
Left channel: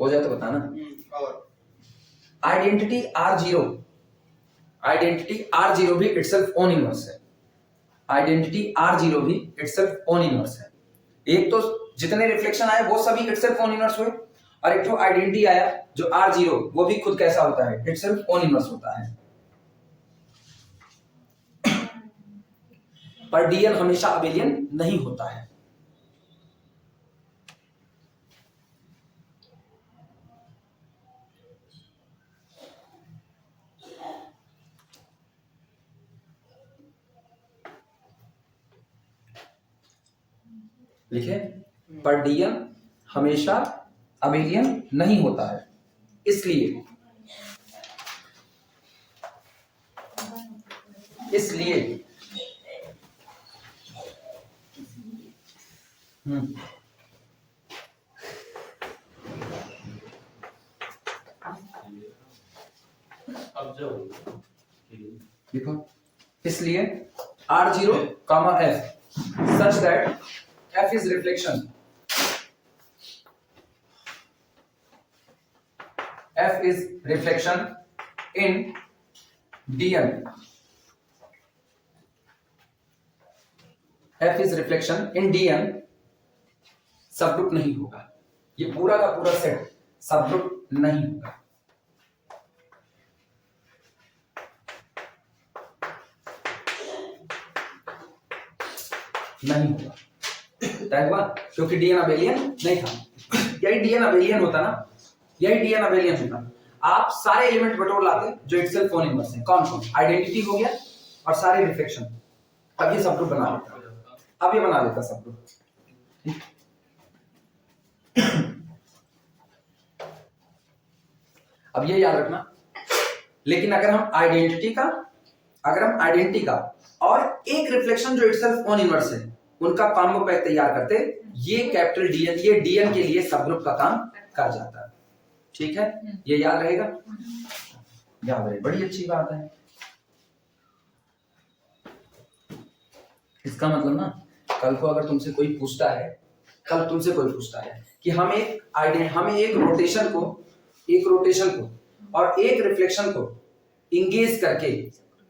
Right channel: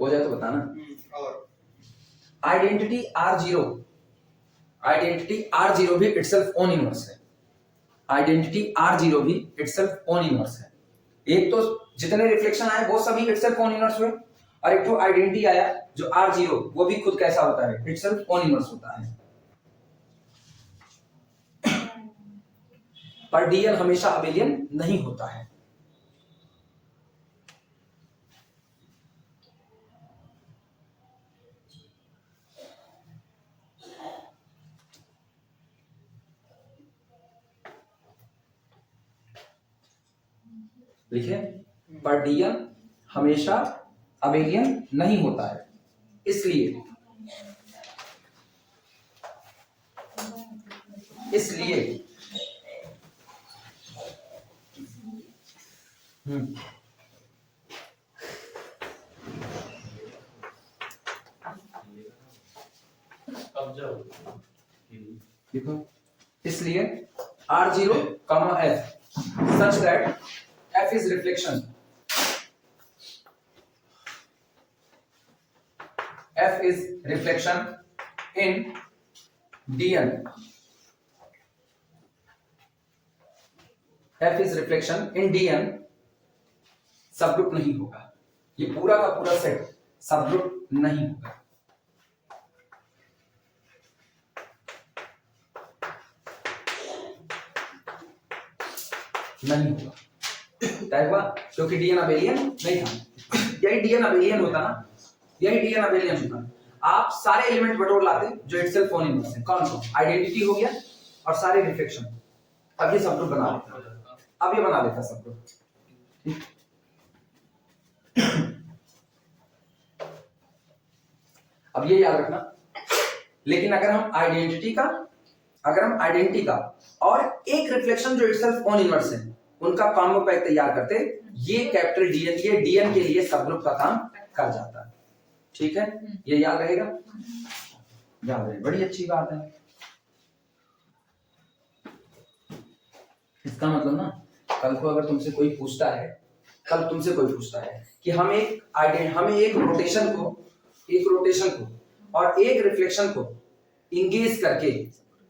हो जाए तो बताना। और आइडेंटिटी R0, आइडेंटिटी R0 भी इटसेल्फ ओन इनवर्स है, आइडेंटिटी R0 भी इटसेल्फ ओन इनवर्स है। एक तो जितने रिफ्लेक्शन आए वो सभी इटसेल्फ ओन इनवर्स हुए, और एक तो आइडेंटिटी आया जो R0, वो भी खुद कैसा होता है, इटसेल्फ ओन इनवर्स होता है। पर डीएन हमेशा अबेलियन नहीं होता है। लिखे, पर डीएन हमेशा अबेलियन नहीं होता है, इसलिए इसलिए अब जब देखो, इसलिए R0, F such that F is reflection, F is reflection in DN, F is reflection in DN subgroup नहीं होगा, ये पूरा का पूरा सेट सबग्रुप नहीं होगा। नहीं होगा, तय हुआ, क्योंकि डीएन अबेलियन नहीं था। यही डीएन अबेलियन होता ना, यही डीएन अबेलियन होता, आप सारे एलिमेंट बटोर लाते जो इटसेल्फ ओन इनवर्स है। कौन कौन? आइडेंटिटी हो गया और सारे रिफ्लेक्शन, अब ये सबग्रुप बना लेता, अब ये बना लेता सबग्रुप। अब ये याद रखना, लेकिन अगर हम आइडेंटिटी का और एक रिफ्लेक्शन जो इटसेल्फ ओन इनवर्स है उनका कॉम्बो पैक तैयार करते, ये कैपिटल डीएन, ये डीएन के लिए सबग्रुप का काम कर जाता है। ठीक है, ये याद रहेगा, याद रहे, बड़ी अच्छी बात है। इसका मतलब ना, कल को अगर तुमसे कोई पूछता है, कि हमें एक रोटेशन को और एक रिफ्लेक्शन को इंगेज करके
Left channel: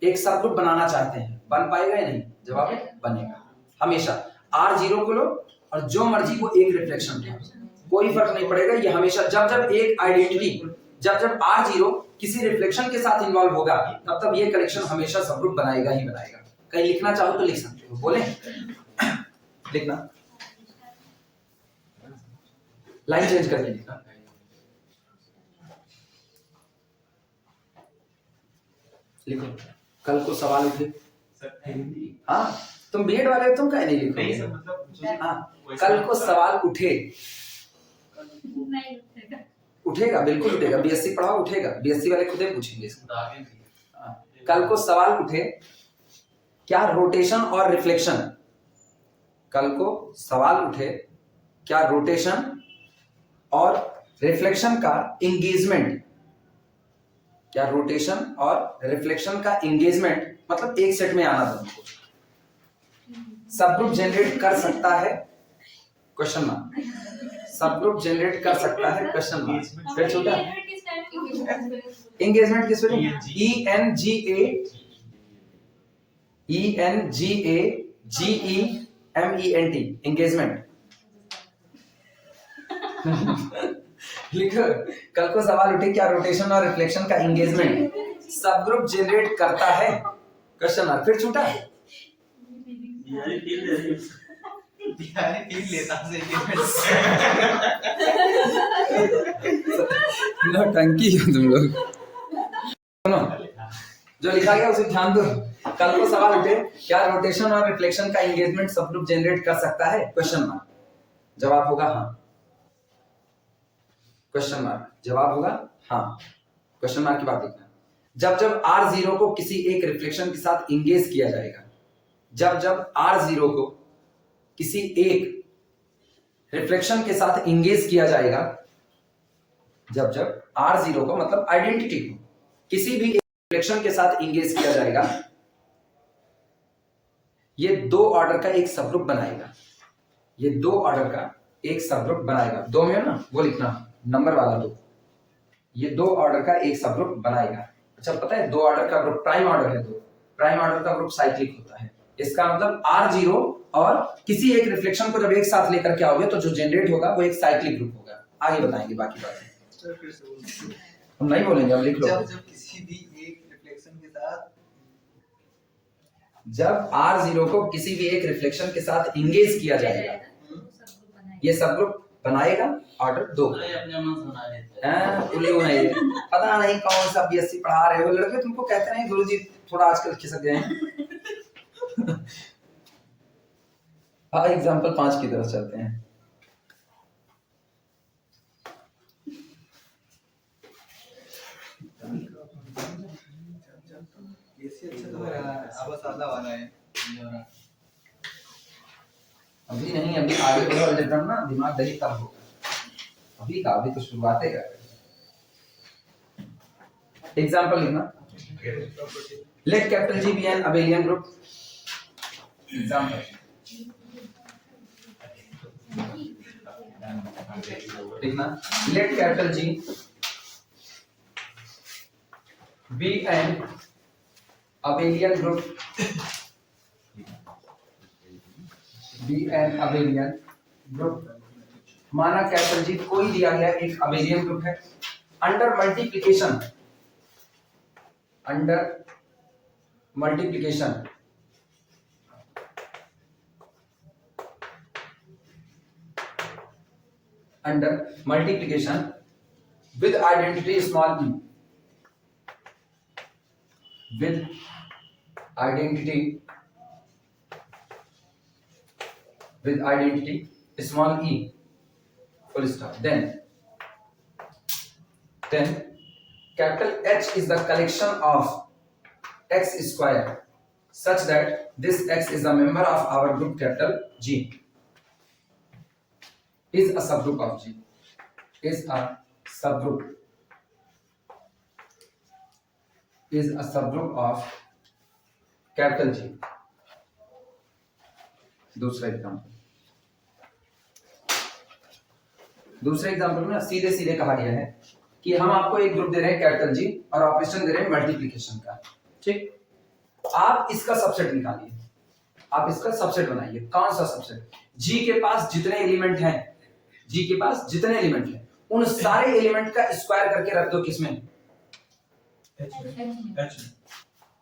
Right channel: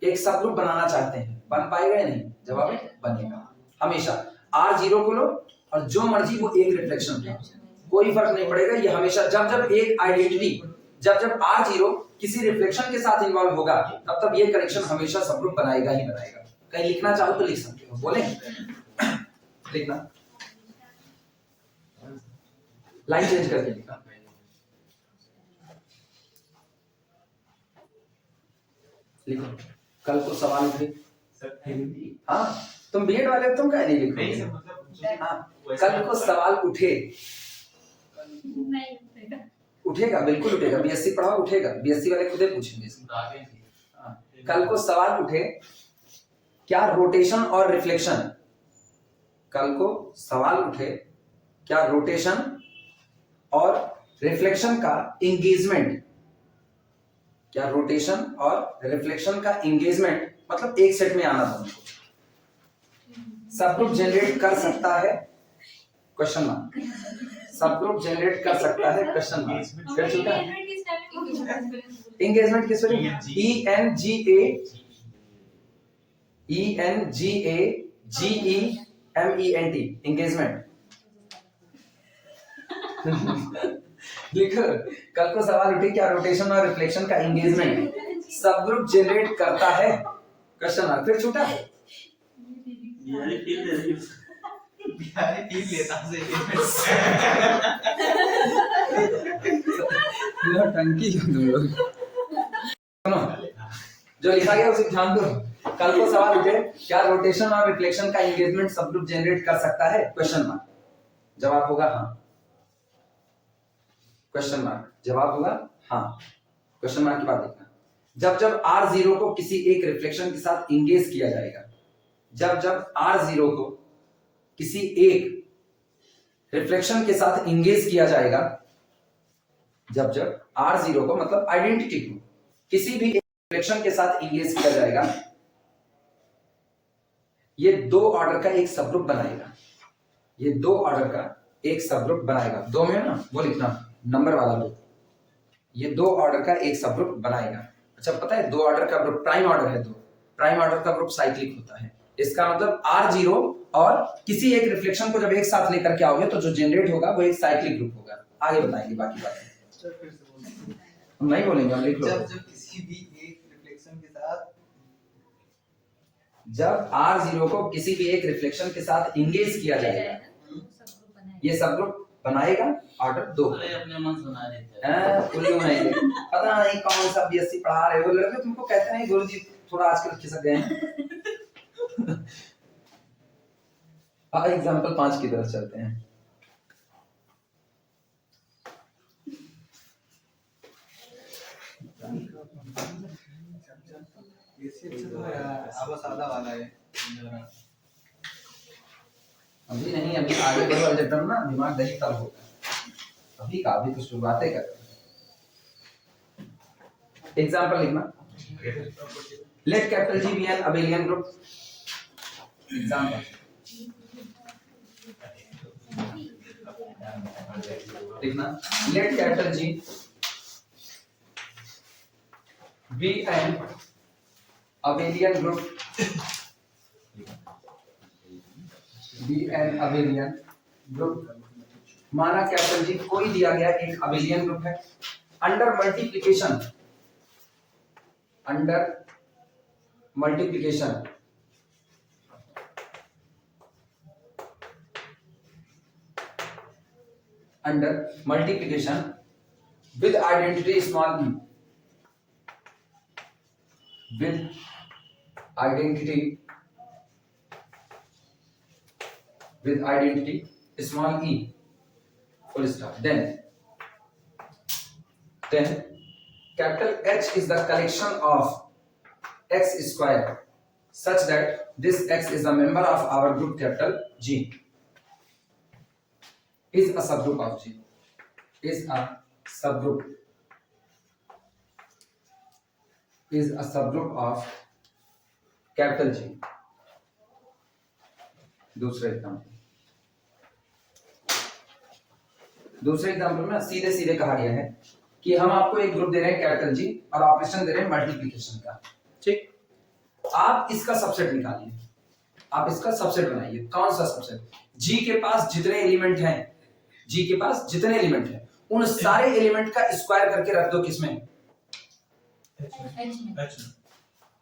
एक सबग्रुप बनाना चाहते हैं, बन पाएगा या नहीं? जवाब है बनेगा। हमेशा R0 को लो और जो मर्जी वो एक रिफ्लेक्शन लो, कोई फर्क नहीं पड़ेगा। ये हमेशा जब एक आइडेंटिटी, जब R0 किसी रिफ्लेक्शन के साथ इन्वॉल्व होगा, तब ये कनेक्शन हमेशा सबग्रुप बनाएगा ही बनाएगा। कहीं लिखना चाहो तो लिख सकते हो, बोले लिखना, लाइन चेंज करके लिखना। लिखो, कल को सवाल उठे, हाँ तुम बीएड वाले, तुम क्या नहीं लिखो? नहीं सर, मतलब हाँ, कल को सवाल उठे, नहीं उठेगा। उठेगा, बिल्कुल उठेगा। बीएससी पढ़ा उठेगा, बीएससी वाले खुद ही पूछेंगे इसको। आगे भी। कल को सवाल उठे क्या रोटेशन और रिफ्लेक्शन, कल को सवाल उठे क्या रोटेशन और रिफ्लेक्शन का एंगेजमेंट, क्या रोटेशन और रिफ्लेक्शन का एंगेजमेंट मतलब एक सेट में आना दोनों को सब ग्रुप जनरेट कर सकता है, क्वेश्चन मार्क। सब ग्रुप जनरेट कर सकता है, क्वेश्चन मार्क। फिर छोटा एंगेजमेंट किस पे? ENGAGEMENT engagement. लिखो कल को सवाल उठे क्या रोटेशन और रिफ्लेक्शन का एंगेजमेंट सब ग्रुप जनरेट करता है, क्वेश्चन मार्क। फिर छूटा टंकी हो तुम लोग। सुनो जो लिखा गया उसे ध्यान दो। कल को सवाल उठे क्या रोटेशन और रिफ्लेक्शन का एंगेजमेंट सब ग्रुप जनरेट कर सकता है, क्वेश्चन मार्क। जवाब होगा हाँ, क्वेश्चन मार्क। जवाब होगा हाँ, क्वेश्चन मार्क की बात देखना। जब जब R0 को किसी एक रिफ्लेक्शन के साथ इंगेज किया जाएगा, जब जब R0 को किसी एक रिफ्लेक्शन के साथ इंगेज किया जाएगा, जब जब R0 को मतलब आइडेंटिटी को किसी भी रिफ्लेक्शन के साथ इंगेज किया जाएगा, ये दो ऑर्डर का एक सबग्रुप बनाएगा। ये दो ऑर्डर का एक सबग्रुप बनाएगा। दो में ना वो लिखना नंबर वाला दो, ये दो ऑर्डर का एक सबग्रुप बनाएगा। अच्छा पता है दो ऑर्डर का ग्रुप प्राइम ऑर्डर है, दो प्राइम ऑर्डर का ग्रुप साइक्लिक होता है। इसका मतलब R0 और किसी एक रिफ्लेक्शन को जब एक साथ लेकर के आओगे तो जो जनरेट होगा वो एक साइक्लिक ग्रुप होगा। आगे बताएंगे बाकी बातें, हम नहीं बोलेंगे, हम लिख लो। जब किसी भी एक रिफ्लेक्शन के साथ, जब R0 को किसी भी एक रिफ्लेक्शन के साथ इंगेज किया जाएगा, ये सबग्रुप बनाएगा ऑर्डर दो। अपने मन सुना देते हैं। उल्लू नहीं, पता नहीं कौन सा बीएससी पढ़ा रहे हो लड़के, तुमको कहते हैं गुरुजी थोड़ा आजकल खिसक गए हैं। एग्जाम्पल 5 की तरफ चलते हैं। अभी नहीं, अभी आगे बढ़ो अलजेब्रा ना दिमाग दही तब होगा। अभी का अभी तो शुरुआतें कर रहे हैं। एग्जांपल लिखना, let capital G be an abelian group. Example लिखना, let capital G be an abelian group, be an abelian group. माना कैपिटल G कोई दिया गया एक अबेलियन ग्रुप है। Under multiplication, under multiplication under multiplication with identity small e, with identity, with identity small e, full stop. Then capital H is the collection of x square such that this x is a member of our group capital G, is a subgroup of G, is a subgroup, is a subgroup of capital G. दूसरा example में सीधे सीधे कहा गया है कि हम आपको एक ग्रुप दे रहे हैं कैपिटल G और ऑपरेशन दे रहे हैं मल्टीप्लिकेशन का। ठीक, आप इसका सबसेट निकालिए, आप इसका सबसेट बनाइए। कौन सा सबसेट? G के पास जितने एलिमेंट हैं, G के पास जितने एलिमेंट हैं उन सारे एलिमेंट का स्क्वायर करके रख दो किसमें?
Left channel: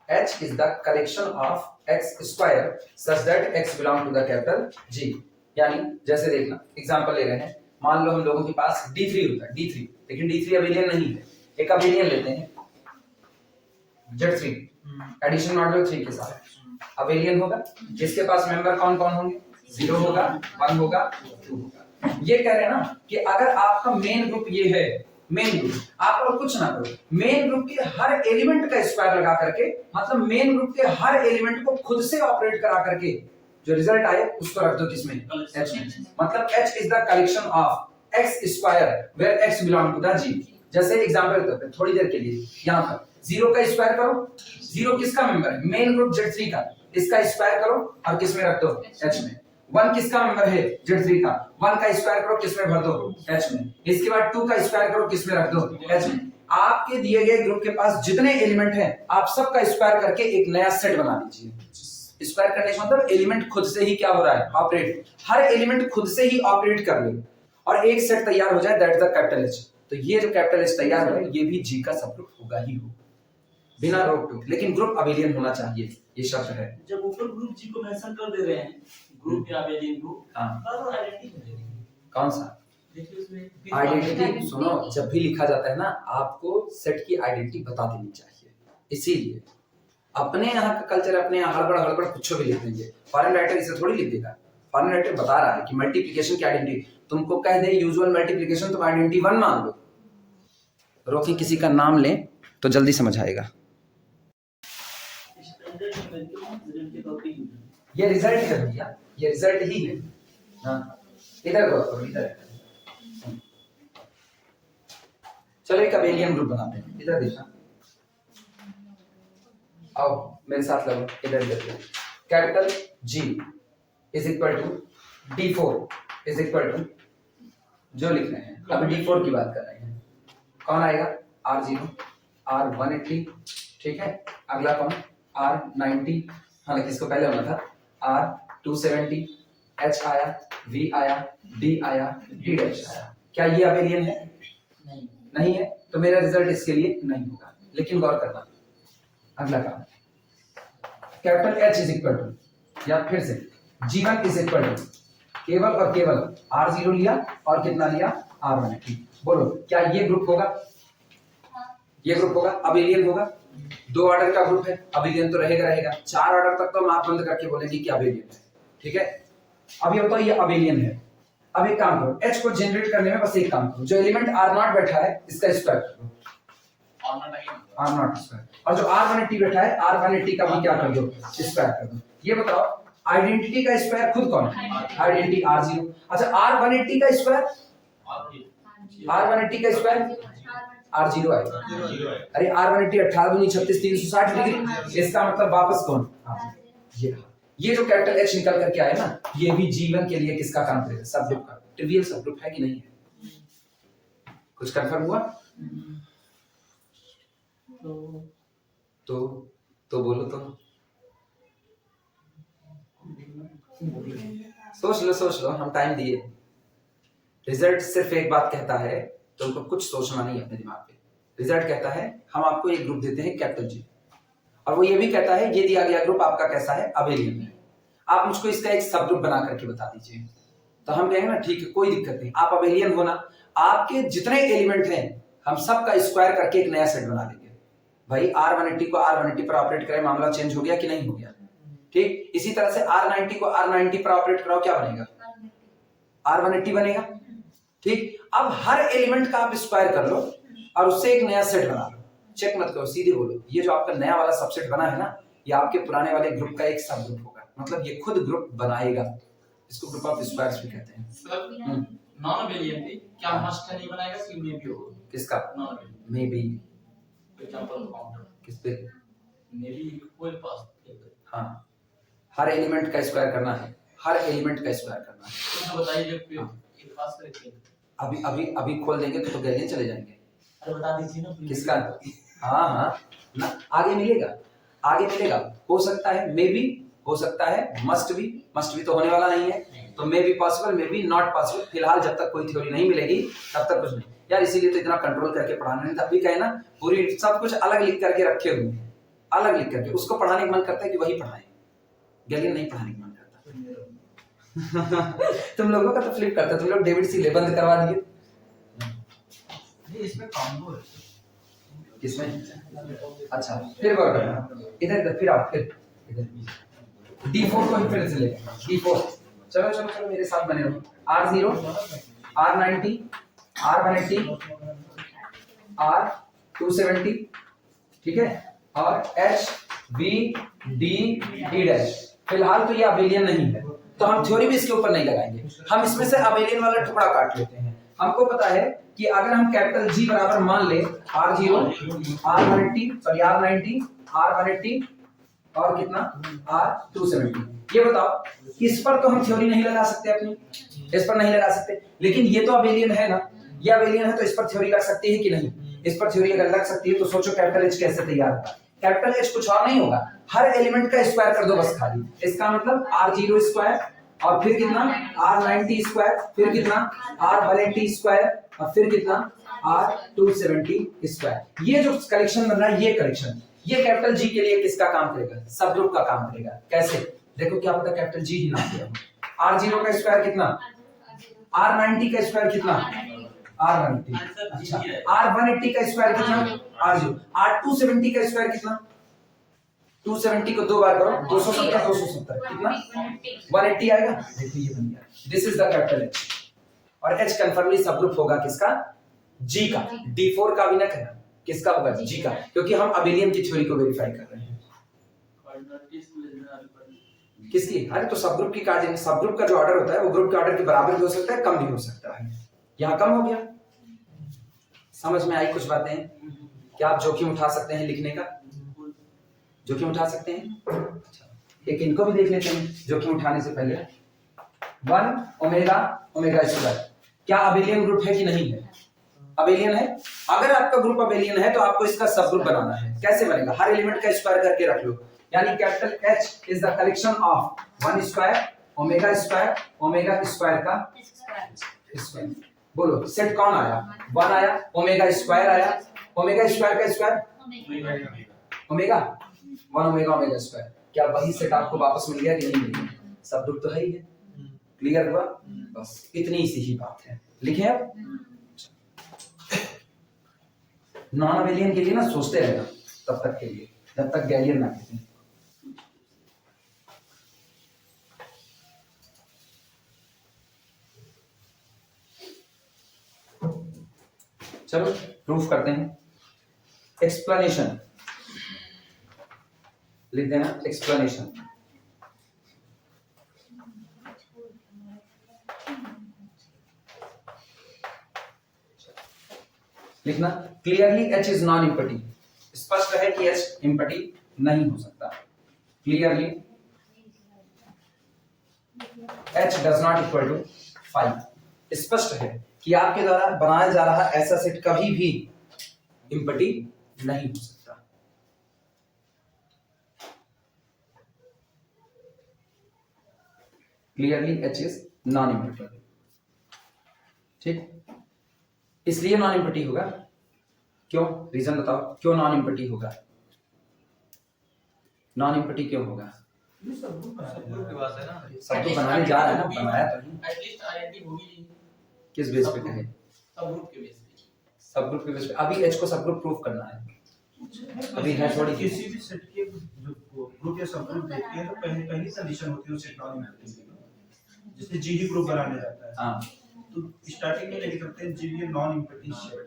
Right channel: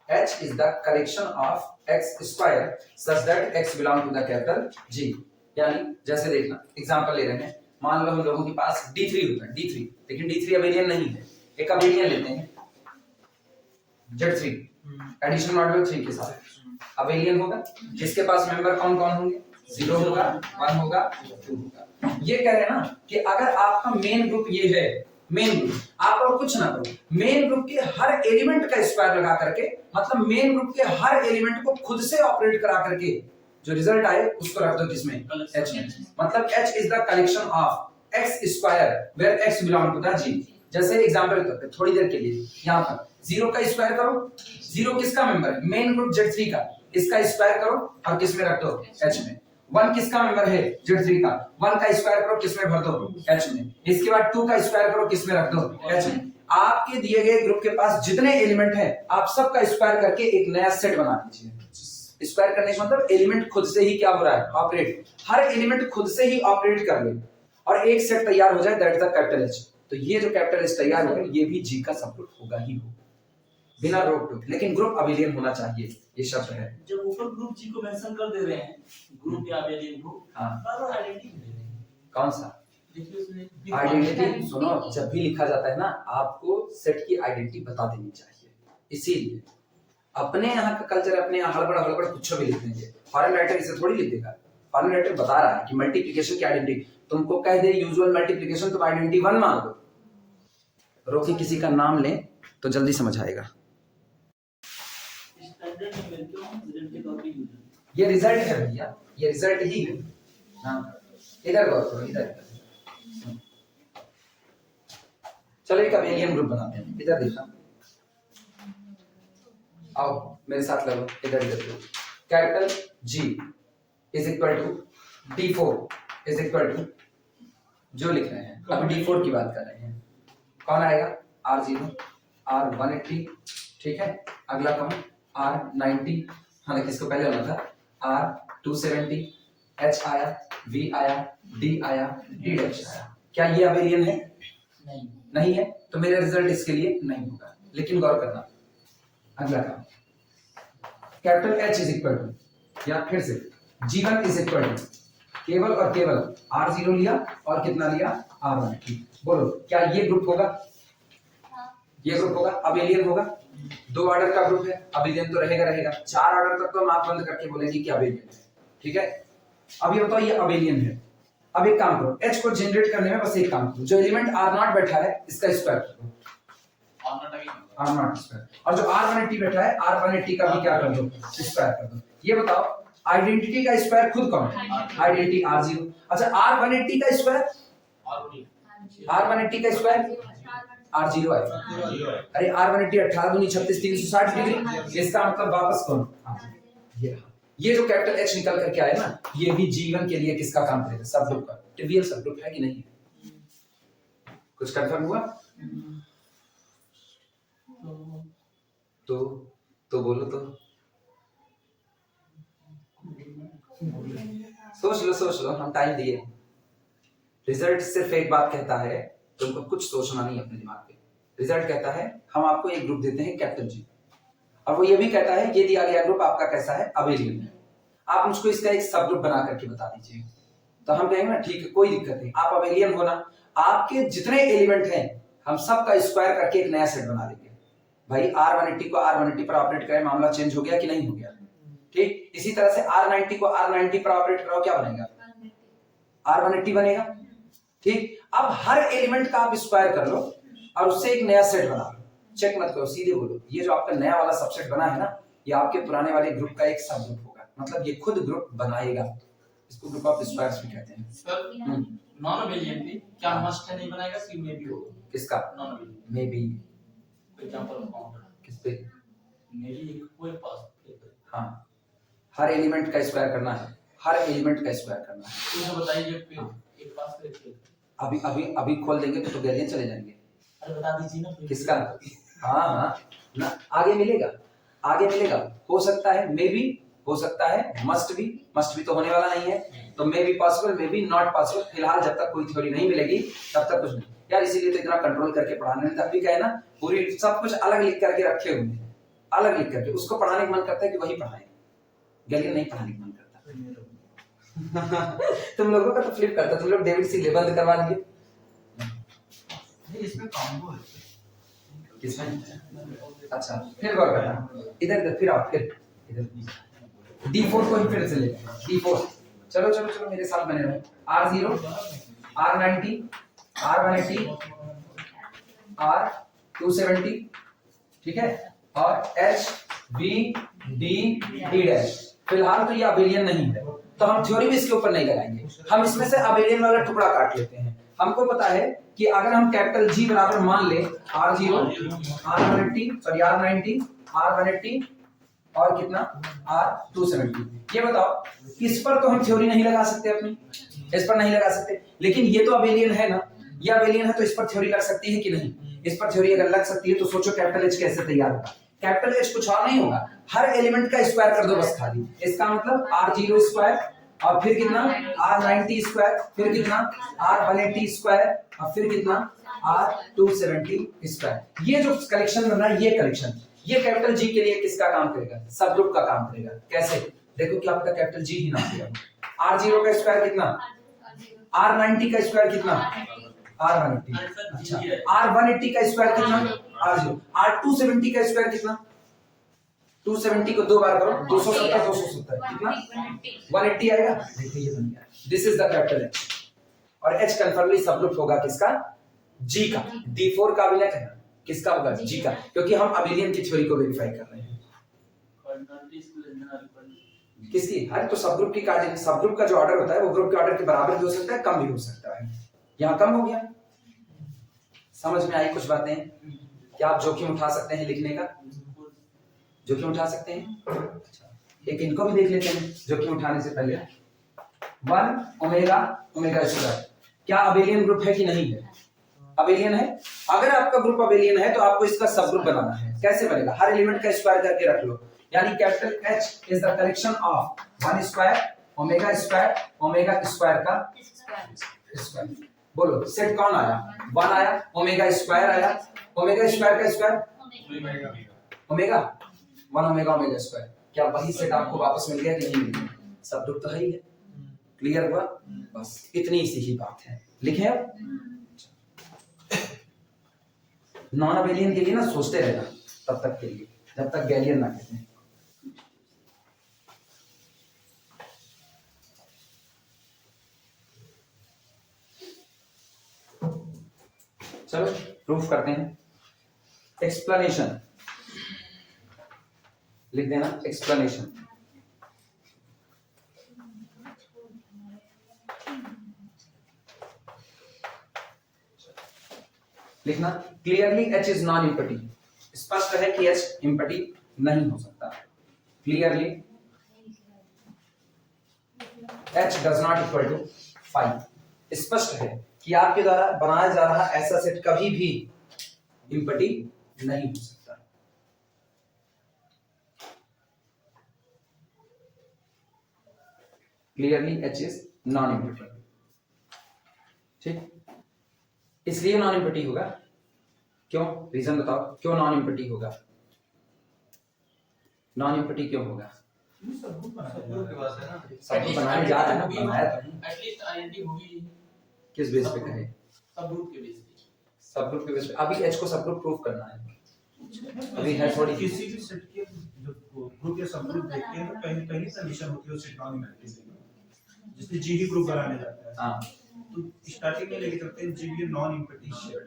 H is the collection of x square such that x belong to the capital G। यानी जैसे देखना एग्जांपल ले रहे हैं, मान लो हम लोगों के पास D3 होता है, D3, लेकिन D3 अबेलियन नहीं है। एक अबेलियन लेते हैं Z3 एडिशन मॉड्यूलो 3 के साथ अबेलियन होगा। जिसके पास मेंबर कौन कौन होंगे? 0 होगा, 1 होगा, 2 होगा। ये कह रहे हैं ना कि अगर आपका मेन ग्रुप ये है, मेन ग्रुप, आप और कुछ ना करो, मेन ग्रुप के हर एलिमेंट का स्क्वायर लगा करके, मतलब मेन ग्रुप के हर एलिमेंट को खुद से ऑपरेट करा करके जो रिजल्ट आए उसको रख दो किसमें, H में। मतलब H is the collection of x square where x belong to the G। जैसे एग्जांपल करते हैं थोड़ी देर के लिए, यहां पर 0 का स्क्वायर करो, 0 किसका मेंबर है, मेन ग्रुप Z3 का, इसका स्क्वायर करो और किसमें रख दो, H में। 1 किसका मेंबर है, Z3 का, 1 का स्क्वायर करो किसमें भर दो, H में। इसके बाद 2 का स्क्वायर करो किसमें रख दो, H में। आपके दिए गए ग्रुप के पास जितने एलिमेंट हैं आप सबका स्क्वायर करके एक नया सेट बना लीजिए। स्क्वायर करने का मतलब एलिमेंट खुद से ही क्या हो रहा है, ऑपरेट, हर एलिमेंट खुद से ही ऑपरेट कर ले और एक सेट तैयार हो जाए, that is the capital H। तो ये जो कैपिटल H तैयार हुआ ये भी G का सब ग्रुप होगा ही हो, बिना रोक टोक, लेकिन ग्रुप अबेलियन होना चाहिए, ये शब्द है। जब ऊपर ग्रुप जी को मेंशन कर दे रहे हैं, ग्रुप या अबेलियन ग्रुप, हाँ, तो आइडेंटिटी देंगे कौन सा देखिए उसमें आइडेंटिटी, सुनो जब भी लिखा जाता है ना आपको सेट की आइडेंटिटी बता देनी चाहिए। इसीलिए अपने यहाँ का कल्चर, अपने यहाँ हड़बड़ हड़बड़ कुछ भी लिख देंगे, फॉरेन राइटर इसे थोड़ी लिख देगा। फॉरेन राइटर बता रहा है कि मल्टीप्लिकेशन की आइडेंटिटी, तुमको कह दे यूजुअल मल्टीप्लिकेशन तुम आइडेंटिटी 1 मान लो, रोकी किसी का नाम ले तो जल्दी समझ आएगा। ये रिजल्ट है भैया, ये रिजल्ट ही है। हाँ इधर गौर करो, इधर चलो एक अबेलियन ग्रुप बनाते हैं, इधर देखना, आओ मेरे साथ लगो, इधर इधर capital G is equal to D4 is equal to, जो लिख रहे हैं अभी D4 की बात कर रहे हैं, कौन आएगा R0 R180, ठीक है। अगला कौन R90, हाँ लेकिन इसको पहले होना था R270, H आया, V आया, D आया, D डैश आया। क्या ये अबेलियन है? नहीं है, तो मेरा रिजल्ट इसके लिए नहीं होगा। लेकिन गौर करना, अगला काम capital H is equal to, या फिर से G1 इज इक्वल टू, केवल और केवल R0 लिया और कितना लिया R180। बोलो क्या ये ग्रुप होगा? ये ग्रुप होगा, अबेलियन होगा। 2 ऑर्डर का ग्रुप है, अबेलियन तो रहेगा। 4 ऑर्डर तक तो हम आप बंद करके बोलेंगे कि अबेलियन है, ठीक है। अब ये बताओ ये अबेलियन है। अब एक काम करो, H को जनरेट करने में बस एक काम करो, जो एलिमेंट R0 बैठा है इसका स्क्वायर कर दो, R0 स्क्वायर, और जो R180 बैठा है R180 का भी क्या कर दो, स्क्वायर कर दो। ये बताओ आइडेंटिटी का स्क्वायर खुद कौन है? Identity R0। अच्छा R180 का स्क्वायर, R180 का स्क्वायर R0 आएगा। अरे R180 18 दूनी 36 360 डिग्री, इसका मतलब वापस कौन? ये जो कैपिटल H निकल करके आया ना, ये भी G1 के लिए किसका काम करेगा? सब ग्रुप का। ट्रिवियल सब ग्रुप है कि नहीं है? कुछ कंफर्म हुआ? तो बोलो तो, सोच लो, हम टाइम दिए। रिजल्ट सिर्फ एक बात कहता है, तुमको कुछ सोचना नहीं है अपने दिमाग पे। रिजल्ट कहता है हम आपको एक ग्रुप देते हैं कैपिटल G, और वो ये भी कहता है ये दिया गया ग्रुप आपका कैसा है? अबेलियन है। आप मुझको इसका एक सब ग्रुप बना करके बता दीजिए, तो हम कहेंगे ना ठीक है कोई दिक्कत नहीं, आप अबेलियन हो ना, आपके जितने एलिमेंट हैं हम सब का स्क्वायर करके एक नया सेट बना देंगे। भाई R180 को R180 पर ऑपरेट करें, मामला चेंज हो गया कि नहीं हो गया? ठीक, इसी तरह से R90 को R90 पर ऑपरेट कराओ, क्या बनेगा? R180 बनेगा। ठीक, अब हर एलिमेंट का आप स्क्वायर कर लो और उससे एक नया सेट बना लो। चेक मत करो, सीधे बोलो ये जो आपका नया वाला सबसेट बना है ना, ये आपके पुराने वाले ग्रुप का एक सब ग्रुप होगा, मतलब ये खुद ग्रुप बनाएगा। इसको ग्रुप ऑफ स्क्वायर्स भी कहते हैं। सर नॉन अबेलियन भी क्या मस्ट है नहीं बनाएगा, सी में भी होगा? किसका? Non abelian may be. Example counter किस पे? मे बी कोई पास। हाँ, हर एलिमेंट का स्क्वायर करना है, हर एलिमेंट का स्क्वायर करना है। तो बताइए एक पास करके अभी खोल देंगे तो गैलियन चले जाएंगे। अरे बता दीजिए ना किसका? हाँ ना, आगे मिलेगा। हो सकता है, मे बी हो सकता है, मस्ट भी तो होने वाला नहीं है, तो may be possible, may be not possible. फिलहाल जब तक कोई थ्योरी नहीं मिलेगी तब तक कुछ नहीं यार, इसीलिए तो इतना कंट्रोल करके पढ़ाना है। तब भी कहे ना पूरी सब कुछ अलग लिख करके रखे हुए हैं, अलग लिख करके, उसको पढ़ाने का मन करता है कि वही पढ़ाएं, गैलियन नहीं पढ़ाने का मन करता। तुम लोगों का तो फ्लिप करता, तुम लोग डेविड सी ले बंद करवा दिए। इसमें कॉम्बो है। किसमें? अच्छा फिर गौर करना, इधर फिर आओ, फिर इधर D4 को ही फिर से ले, D4 चलो मेरे साथ बने रहो। R0, R90, R180, R270, ठीक है, और H, V, D, D dash. फिलहाल तो ये अबेलियन नहीं है, तो हम थ्योरी भी इसके ऊपर नहीं लगाएंगे, हम इसमें से अबेलियन वाला टुकड़ा काट लेते हैं। हमको पता है कि अगर हम कैपिटल G बराबर मान ले R0, R180, sorry R90, R180 और कितना R270, ये बताओ इस पर तो हम थ्योरी नहीं लगा सकते अपनी, इस पर नहीं लगा सकते, लेकिन ये तो अबेलियन है ना, ये अबेलियन है तो इस पर थ्योरी लग सकती है कि नहीं? इस पर थ्योरी अगर लग सकती है तो सोचो कैपिटल H कैसे तैयार होगा। कैपिटल H कुछ और नहीं होगा, हर एलिमेंट का स्क्वायर कर दो बस खाली। इसका मतलब R0 स्क्वायर और फिर कितना R90 स्क्वायर, फिर कितना R180 स्क्वायर और फिर कितना R270 स्क्वायर। ये जो कलेक्शन बन रहा है, ये कलेक्शन, ये कैपिटल G के लिए किसका काम करेगा? सब ग्रुप का काम करेगा। कैसे? देखो क्या पता कैपिटल G ही ना किया। R0 का स्क्वायर कितना, R90 का स्क्वायर कितना, R180, अच्छा R180 का स्क्वायर कितना, R0, R270 का स्क्वायर कितना, 270 को दो बार करो, 270 270 कितना 180 आएगा। देखिए ये बन गया, this is the capital H। और H कन्फर्मली सब ग्रुप होगा किसका? G का। D4 का भी ना कहना, किसका होगा? G का, क्योंकि हम अबेलियन की थ्योरी को वेरीफाई कर रहे हैं। किसकी? अरे तो सब ग्रुप की कार्डिनल, सब ग्रुप का जो ऑर्डर होता है वो ग्रुप के ऑर्डर के बराबर भी हो सकता है, कम भी हो सकता है। यहाँ कम हो गया, समझ में आई कुछ बातें? क्या आप जोखिम उठा सकते हैं लिखने का? जोखिम उठा सकते हैं? अच्छा, एक इनको भी देख लेते हैं जोखिम उठाने से पहले। 1 ओमेगा ओमेगा स्क्वायर क्या अबेलियन ग्रुप है कि नहीं है? अबेलियन है। अगर आपका ग्रुप अबेलियन है तो आपको इसका सब ग्रुप बनाना है। कैसे बनेगा? हर एलिमेंट का स्क्वायर करके रख लो, यानी capital H is the collection of 1 square omega square का स्क्वायर। बोलो सेट कौन आया? 1 आया, ओमेगा स्क्वायर आया, ओमेगा स्क्वायर का स्क्वायर ओमेगा 1 ओमेगा स्क्वायर। क्या वही सेट आपको वापस मिल गया कि नहीं मिल गया? सब ग्रुप तो है ही है। क्लियर हुआ? बस इतनी सी ही बात है। लिखें अब। नॉन अबेलियन के लिए ना सोचते रहना तब तक के लिए, जब तक गैलियन ना कहते हैं। चलो प्रूफ करते हैं। एक्सप्लेनेशन लिख देना, एक्सप्लेनेशन। लिखना clearly H is non empty. स्पष्ट है कि H इम्पटी नहीं हो सकता। Clearly H does not equal to 5। स्पष्ट है कि आपके द्वारा बनाया जा रहा ऐसा सेट कभी भी इम्पटी नहीं हो सकता। Clearly H is non empty. ठीक, इसलिए नॉन इम्पटी होगा। क्यों? रीजन बताओ, क्यों नॉन इम्पटी होगा? नॉन इम्पटी क्यों होगा? सब ग्रुप के पास है ना, सब ग्रुप बनाने जा रहे हैं ना, बनाया तो नहीं। एटलीस्ट आइडेंटिटी होगी। किस बेस पे कहे? सब ग्रुप के बेस पे। सब ग्रुप के बेस पे। अभी H को सब ग्रुप प्रूफ करना है। अभी है थोड़ी किसी भी सेट के जो ग्रुप या सब ग्रुप देखते हैं तो पहली कंडीशन होती है सेट नॉन इम्पटी की, जिससे G ही ग्रुप बनाने जाता है। हाँ, तो स्टार्टिंग में लेके चलते हैं G ये नॉन इम्पटी सेट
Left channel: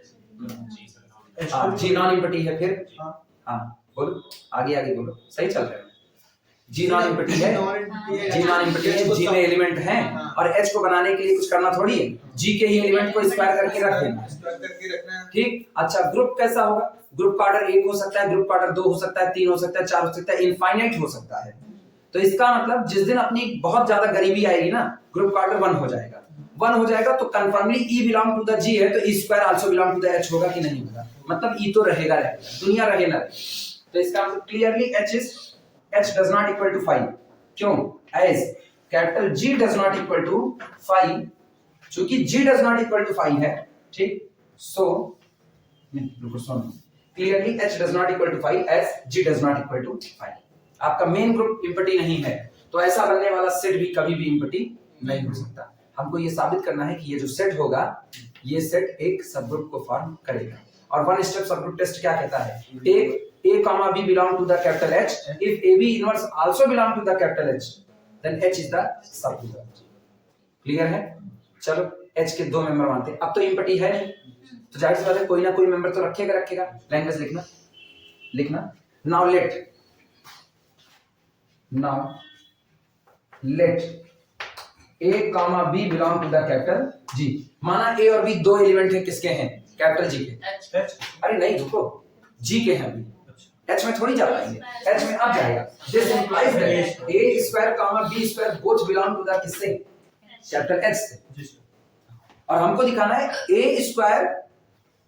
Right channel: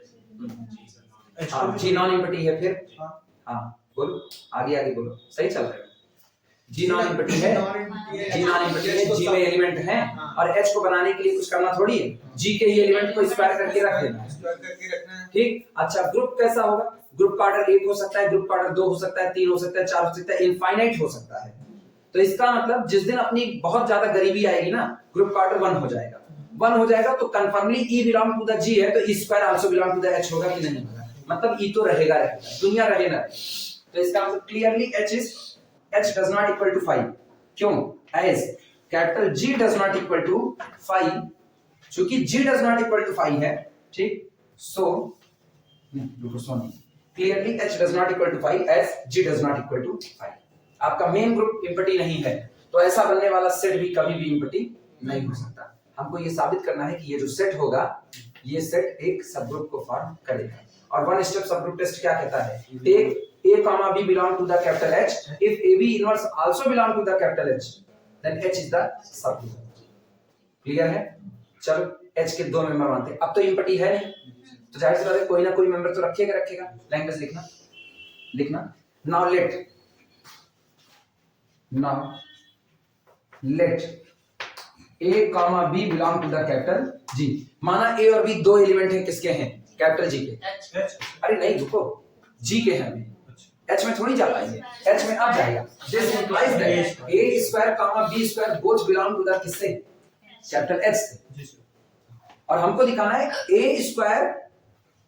है। हाँ G नॉन इम्पटी है। फिर हाँ हाँ बोलो, आगे आगे बोलो, सही चल रहा है। G नॉन इम्पटी है, G नॉन इम्पटी है, G में एलिमेंट हैं और H को बनाने के लिए कुछ करना थोड़ी है, G के ही एलिमेंट को स्क्वायर करके रख देना। ठीक, अच्छा ग्रुप कैसा होगा? ग्रुप का ऑर्डर 1 हो सकता है, ग्रुप का ऑर्डर 2 हो सकता है, 3 हो सकता है, 4 हो सकता है, इनफाइनाइट हो सकता है। तो इसका मतलब जिस दिन अपनी बहुत ज्यादा गरीबी आएगी ना, ग्रुप का ऑर्डर 1 हो जाएगा। 1 हो जाएगा तो confirmly E belong to the G है तो E square also belong to the H होगा कि नहीं होगा? मतलब E तो रहेगा, दुनिया रहे ना रहे। तो इसका मतलब clearly H does not equal to 5। क्यों? As capital G does not equal to 5, चूंकि G does not equal to 5 है, ठीक, so रुको सुनो, clearly H does not equal to 5 as G does not equal to 5। आपका main group empty नहीं है तो ऐसा बनने वाला सेट भी कभी भी इम्पटी नहीं हो सकता। हमको ये साबित करना है कि ये जो सेट होगा ये सेट एक सबग्रुप को फॉर्म करेगा। और वन स्टेप सबग्रुप टेस्ट क्या कहता है? Take A comma B belong to the capital H. If AB inverse also belong to the capital H, then H is the subgroup। Clear है? चलो H के 2 member मानते हैं, अब तो इम्पटी है नहीं, तो जाहिर सी बात है कोई ना कोई मेंबर तो रखेगा। लैंग्वेज लिखना now let A comma B belong to the capital G. माना ए और बी दो एलिमेंट हैं, किसके हैं? कैपिटल जी के। अरे नहीं रुको, जी के हैं अभी, एच में थोड़ी जा पाएंगे, एच में अब जाएगा। This implies that A square comma B square both belong to the किससे? कैपिटल एच से। और हमको दिखाना है ए स्क्वायर,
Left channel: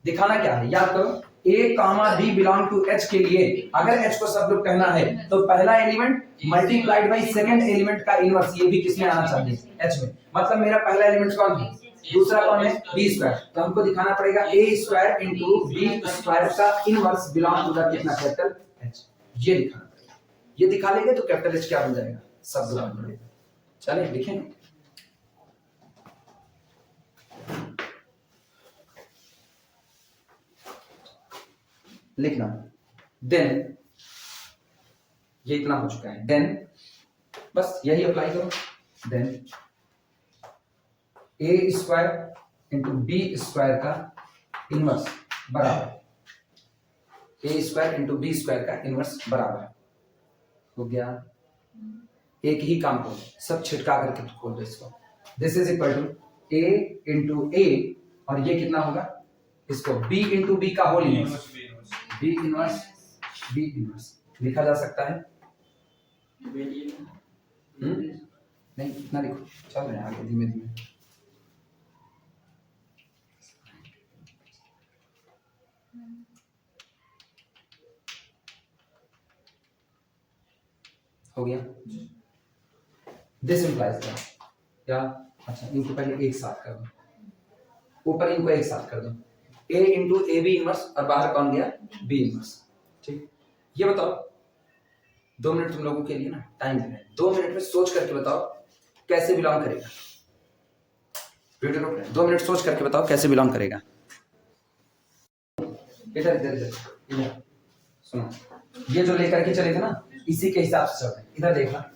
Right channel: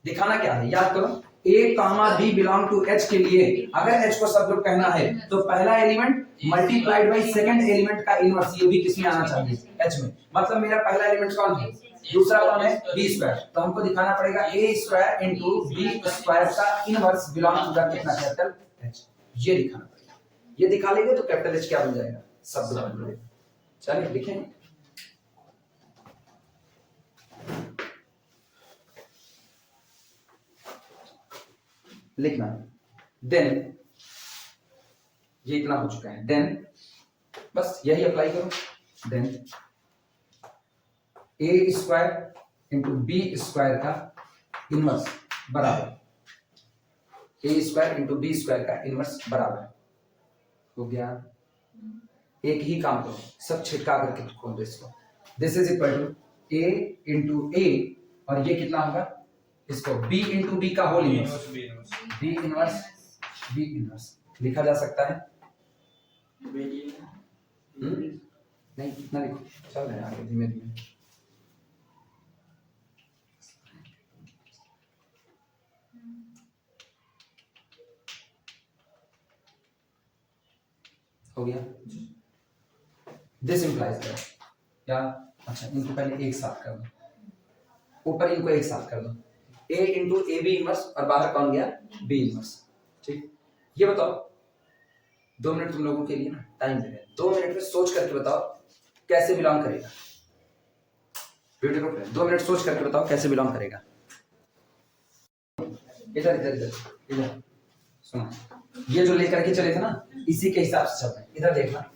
दिखाना क्या है? याद करो, ए comma B belong to H के लिए अगर एच को सब ग्रुप कहना है तो पहला element multiplied by second element का इनवर्स, ये भी किसमें आना चाहिए? एच में। मतलब मेरा पहला एलिमेंट कौन है? दूसरा कौन है? B square. तो हमको दिखाना पड़ेगा A square into B square का इनवर्स बिलोंग टू द कितना? Capital H. ये दिखाना पड़ेगा। ये दिखा लेंगे तो कैपिटल एच क्या बन जाएगा? सब ग्रुप बन जाएगा। चलिए लिखें, लिखना देन, ये इतना हो चुका है, देन बस यही अप्लाई करो। देन ए स्क्वायर इंटू बी स्क्वायर का इनवर्स बराबर ए स्क्वायर इंटू बी स्क्वायर का इनवर्स बराबर हो गया। एक ही काम करो, सब छिटका करके खोल दो इसको। This is equal to a into a और ये कितना होगा? इसको b इंटू बी का होल इनवर्स, b इनवर्स लिखा जा सकता है। नहीं इतना लिखो, चल रहे हैं आगे धीमे धीमे। हो गया। दिस इंप्लाइज दैट, क्या? अच्छा इनको पहले एक साथ कर दो, ऊपर इनको एक साथ कर दो, a into A B inverse और बाहर कौन गया? b inverse. ठीक, ये बताओ 2 मिनट तुम लोगों के लिए ना टाइम दे रहे हैं, 2 मिनट में सोच करके बताओ कैसे बिलोंग करेगा। वीडियो रोक रहे हैं, 2 मिनट सोच करके बताओ कैसे बिलोंग करेगा। इधर इधर इधर इधर सुनो, ये जो लेकर के चले थे ना इसी के हिसाब से चल रहे हैं। इधर देखना,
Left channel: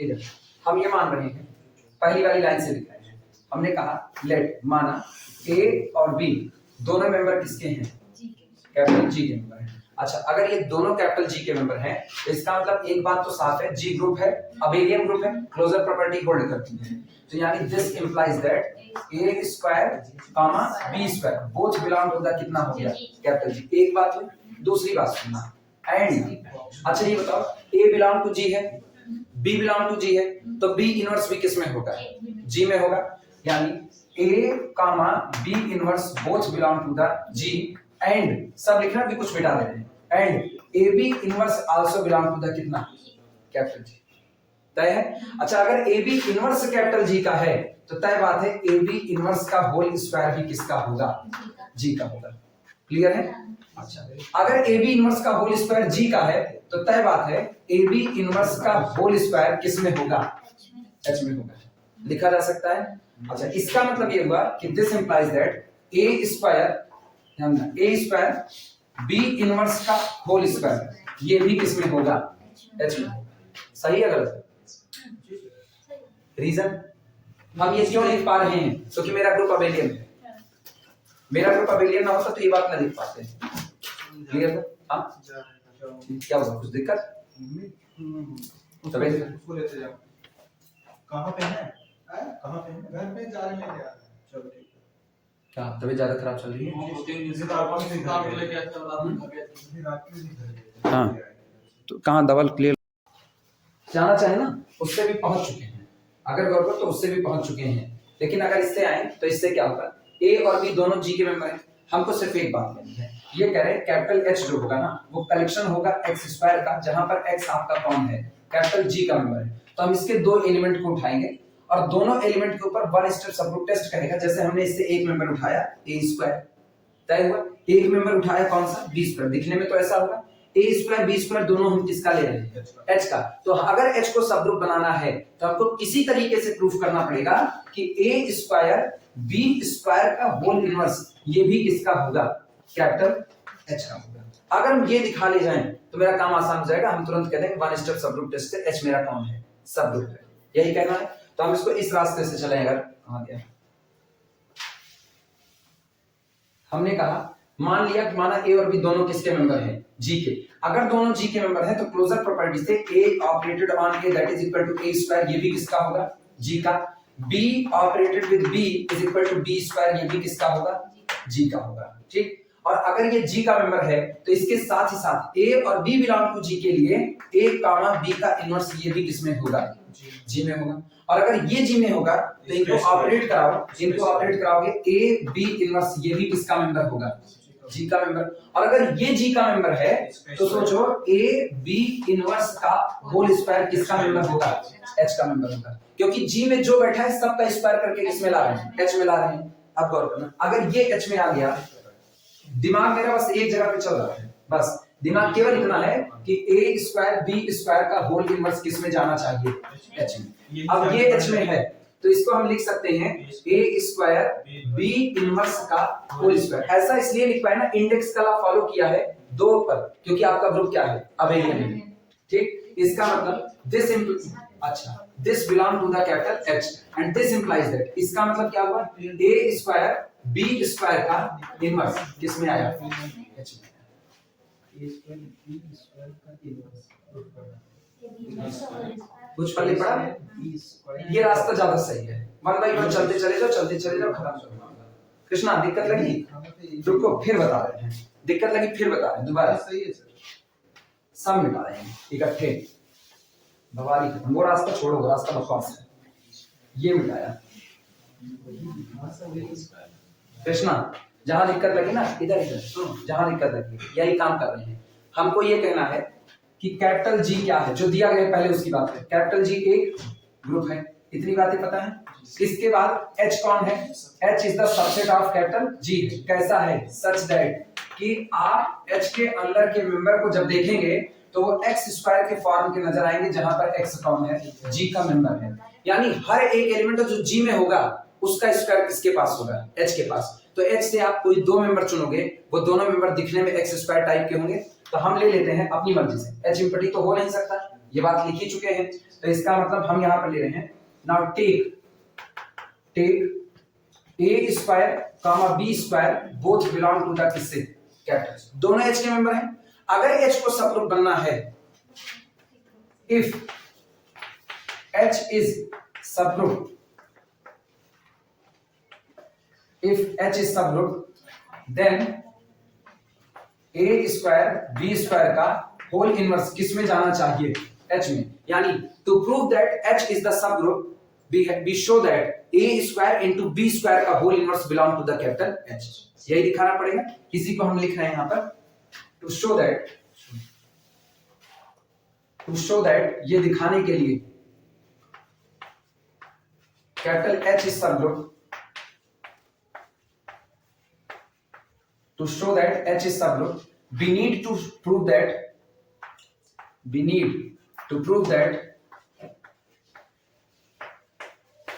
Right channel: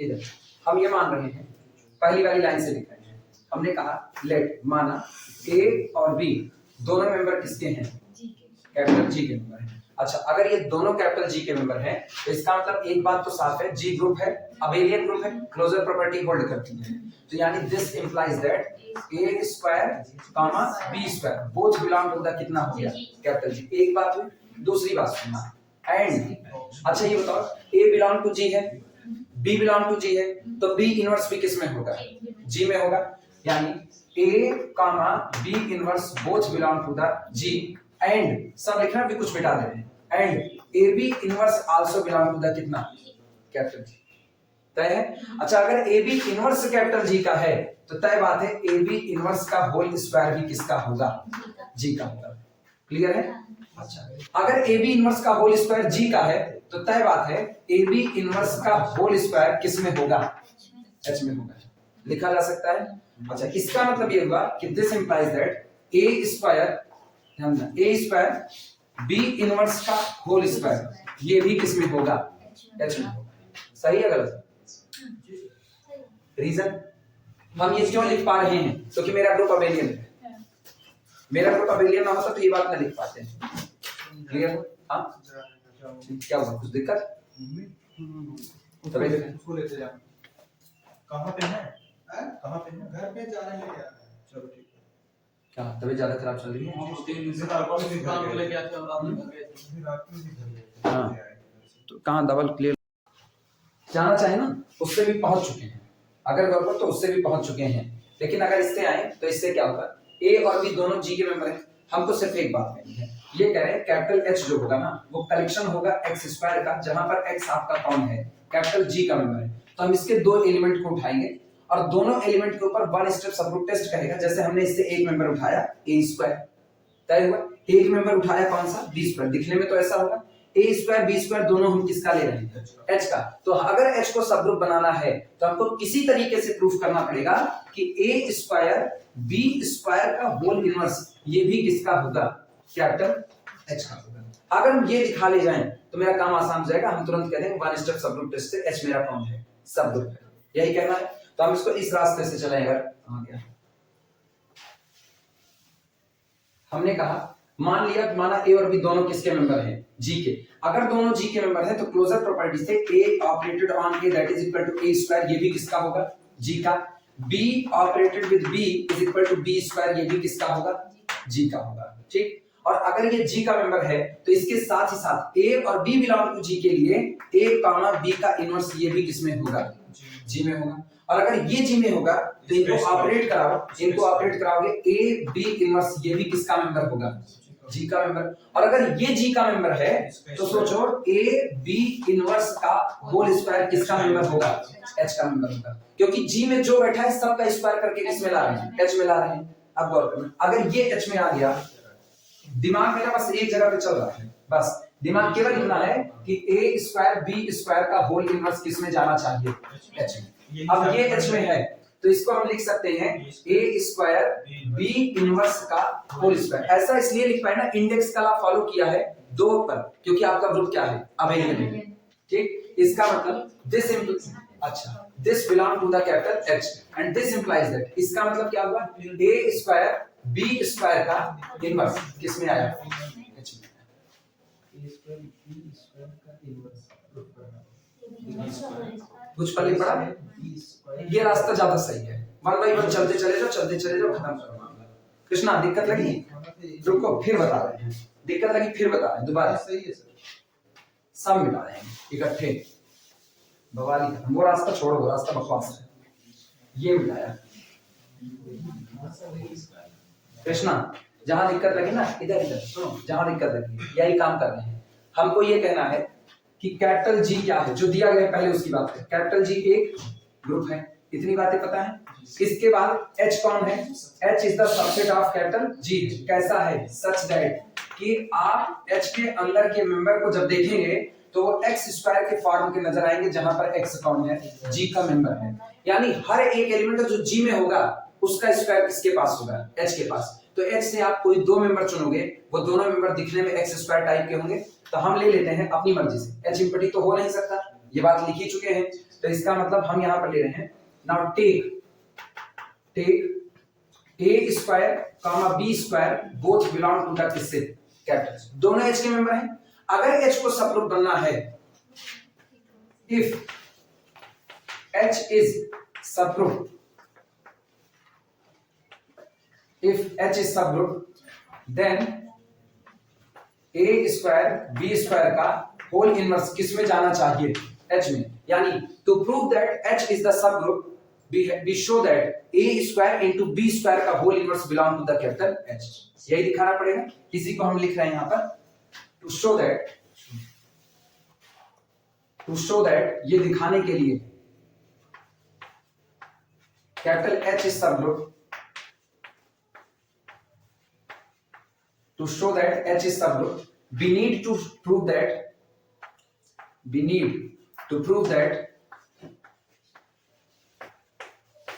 इधर हम ये मान रहे हैं, पहली वाली लाइन से लिख रहे हैं। हमने कहा लेट, माना ए और बी दोनों मेंबर किसके हैं? कैपिटल जी के मेंबर हैं। अच्छा अगर ये दोनों कैपिटल जी के मेंबर हैं तो इसका मतलब एक बात तो साफ है, जी ग्रुप है, अबेलियन ग्रुप है, क्लोजर प्रॉपर्टी होल्ड करती है। तो यानी this implies that A square comma B square both belong to the कितना हो गया? Capital G. एक बात हुई। दूसरी बात सुनना, एंड अच्छा ये बताओ ए बिलोंग टू जी है, बी बिलोंग टू जी है, तो बी इनवर्स भी किस में होगा? जी में होगा। यानी a comma b inverse both belong to the G and सब लिखना भी कुछ मिटा दे रहे हैं, and a B inverse also belong to the कितना? Capital G. तय है। अच्छा अगर A B inverse capital G का है तो तय बात है ए बी इनवर्स का होल स्क्वायर भी किसका होगा? जी का होगा। क्लियर है? अच्छा अगर ए बी इनवर्स का होल स्क्वायर जी का है तो तय बात है ए बी इनवर्स का होल स्क्वायर किस में होगा? एच में होगा। लिखा जा सकता है। अच्छा इसका मतलब ये हुआ कि this implies that A square B inverse का होल स्क्वायर ये भी किस में होगा? एच में होगा। सही है गलत? रीजन हम ये क्यों लिख पा रहे हैं? क्योंकि मेरा ग्रुप अबेलियन है। मेरा ग्रुप अबेलियन ना होता तो ये बात ना लिख पाते। क्लियर है? हाँ क्या हुआ? कुछ दिक्कत? उसको लेते जाओ। कहाँ पे है? कहाँ पे है? घर पे जा रहे हैं क्या? चलो ठीक है। क्या तबीयत ज्यादा खराब चल रही है? हाँ तो कहाँ डबल क्लियर जाना चाहे ना उससे भी पहुंच चुके हैं, अगर गौरव तो उससे भी पहुंच चुके हैं। लेकिन अगर इससे आए तो इससे क्या होगा? ए और बी दोनों जी के मेंबर हैं। हमको सिर्फ एक बात करनी है, ये कह रहे हैं कैपिटल एच जो होगा ना वो कलेक्शन होगा एक्स स्क्वायर का, जहां पर एक्स आपका कौन है? कैपिटल जी का मेंबर है। तो हम इसके 2 एलिमेंट को उठाएंगे और दोनों एलिमेंट के ऊपर वन स्टेप सबग्रुप टेस्ट करेगा। जैसे हमने इससे एक मेंबर उठाया ए स्क्वायर, तय हुआ। एक मेंबर उठाया कौन सा? B square. दिखने में तो ऐसा होगा, ए स्क्वायर बी स्क्वायर दोनों हम किसका ले रहे हैं? एच का। तो अगर एच को सबग्रुप बनाना है तो हमको किसी तरीके से प्रूफ करना पड़ेगा कि ए स्क्वायर बी स्क्वायर का होल इनवर्स ये भी किसका होगा? कैपिटल एच का होगा। अगर हम ये दिखा ले जाएं तो मेरा काम आसान हो जाएगा। हम तुरंत कह देंगे वन स्टेप सबग्रुप टेस्ट से एच मेरा कौन है? सबग्रुप है। यही कहना है। तो हम इसको इस रास्ते से चलेंगे। आ गया हमने कहा मान लिया कि माना ए और बी दोनों किसके मेंबर हैं, जी के। अगर दोनों जी के मेंबर हैं तो क्लोजर प्रॉपर्टी से a operated on a that is equal to A square, ये भी किसका होगा, जी का। B operated with b is equal to b square, ये भी किसका होगा, जी का होगा। ठीक, और अगर ये जी का मेंबर है तो इसके साथ ही साथ ए और बी बिलोंग टू जी के लिए ए कामा बी का इनवर्स ये भी किसमें होगा, जी में होगा। और अगर ये जी में होगा तो इनको ऑपरेट कराओ, इनको ऑपरेट कराओगे ए बी इनवर्स, ये भी किसका मेंबर होगा, जी का मेंबर। और अगर ये जी का मेंबर है तो सोचो ए बी इनवर्स का होल स्क्वायर किसका मेंबर होगा, एच का मेंबर होगा, क्योंकि जी में जो बैठा है सबका स्क्वायर करके किसमें ला रहे हैं, एच में ला रहे हैं। अब गौर करना, अगर ये एच में आ गया, दिमाग मेरा बस एक जगह पे चल रहा है, बस दिमाग केवल इतना है कि ए स्क्वायर बी स्क्वायर का होल इनवर्स किसमें जाना चाहिए, एच में। अब ये एच में है तो इसको हम लिख सकते हैं ए स्क्वायर बी इनवर्स का होल स्क्वायर। ऐसा इसलिए लिख पाए ना, इंडेक्स का लॉ फॉलो किया है 2 पर, क्योंकि आपका ग्रुप क्या है, अबेलियन है। ठीक, इसका मतलब this belong to the capital H and this implies that, इसका मतलब क्या हुआ, ए स्क्वायर बी स्क्वायर का इनवर्स किसमें आया, एच में। ए स्क्वायर बी स्क्वायर का इनवर्स कुछ पढ़े पड़ा, ये रास्ता ज्यादा सही है। 1 बाय 1 चलते चले जाओ, खत्म करो मामला। कृष्णा दिक्कत लगी, रुको फिर बता रहे हैं, दिक्कत लगी फिर बता रहे हैं दोबारा। सही है सर, सब मिटा रहे हैं इकट्ठे, बवाली खत्म। वो रास्ता छोड़ो, वो रास्ता बकवास है, ये मिटाया। कृष्णा जहां दिक्कत लगी ना, इधर सुनो, जहां दिक्कत लगी यही काम कर रहे हैं। हमको ये कहना है कि कैपिटल जी क्या है, जो दिया गया है पहले उसकी बात है। कैपिटल जी एक ग्रुप है, इतनी बातें पता है। इसके बाद एच कौन है, H is the subset of capital जी। कैसा है, सच दैट कि आप एच के अंदर के मेंबर को जब देखेंगे तो वो एक्स स्क्वायर के फॉर्म के नजर आएंगे, जहां पर एक्स कौन है, जी का मेंबर है। यानी हर एक एलिमेंट जो जी में होगा उसका स्क्वायर किसके पास होगा, एच के पास। तो एच से आप कोई 2 मेंबर चुनोगे, वो दोनों मेंबर दिखने में एक्स स्क्वायर टाइप के होंगे, तो हम ले लेते हैं अपनी मर्जी से। एच इम्पटी तो हो नहीं सकता, ये बात लिख ही चुके हैं, तो इसका मतलब हम यहां पर ले रहे हैं। Now take A square comma B square both belong to the किससे, कैपिटल्स, दोनों एच के मेंबर हैं। अगर एच को सब ग्रुप बनना है, if H is subgroup, if h is subgroup then a square b square का whole inverse किसमें जाना चाहिए, h में। यानी to prove that h is the subgroup we show that a square into b square का whole inverse belong to the capital H, यही दिखाना पड़ेगा। इसी को हम लिख रहे हैं यहां पर to show that ये दिखाने के लिए capital H is subgroup, to show that H is subgroup we need to prove that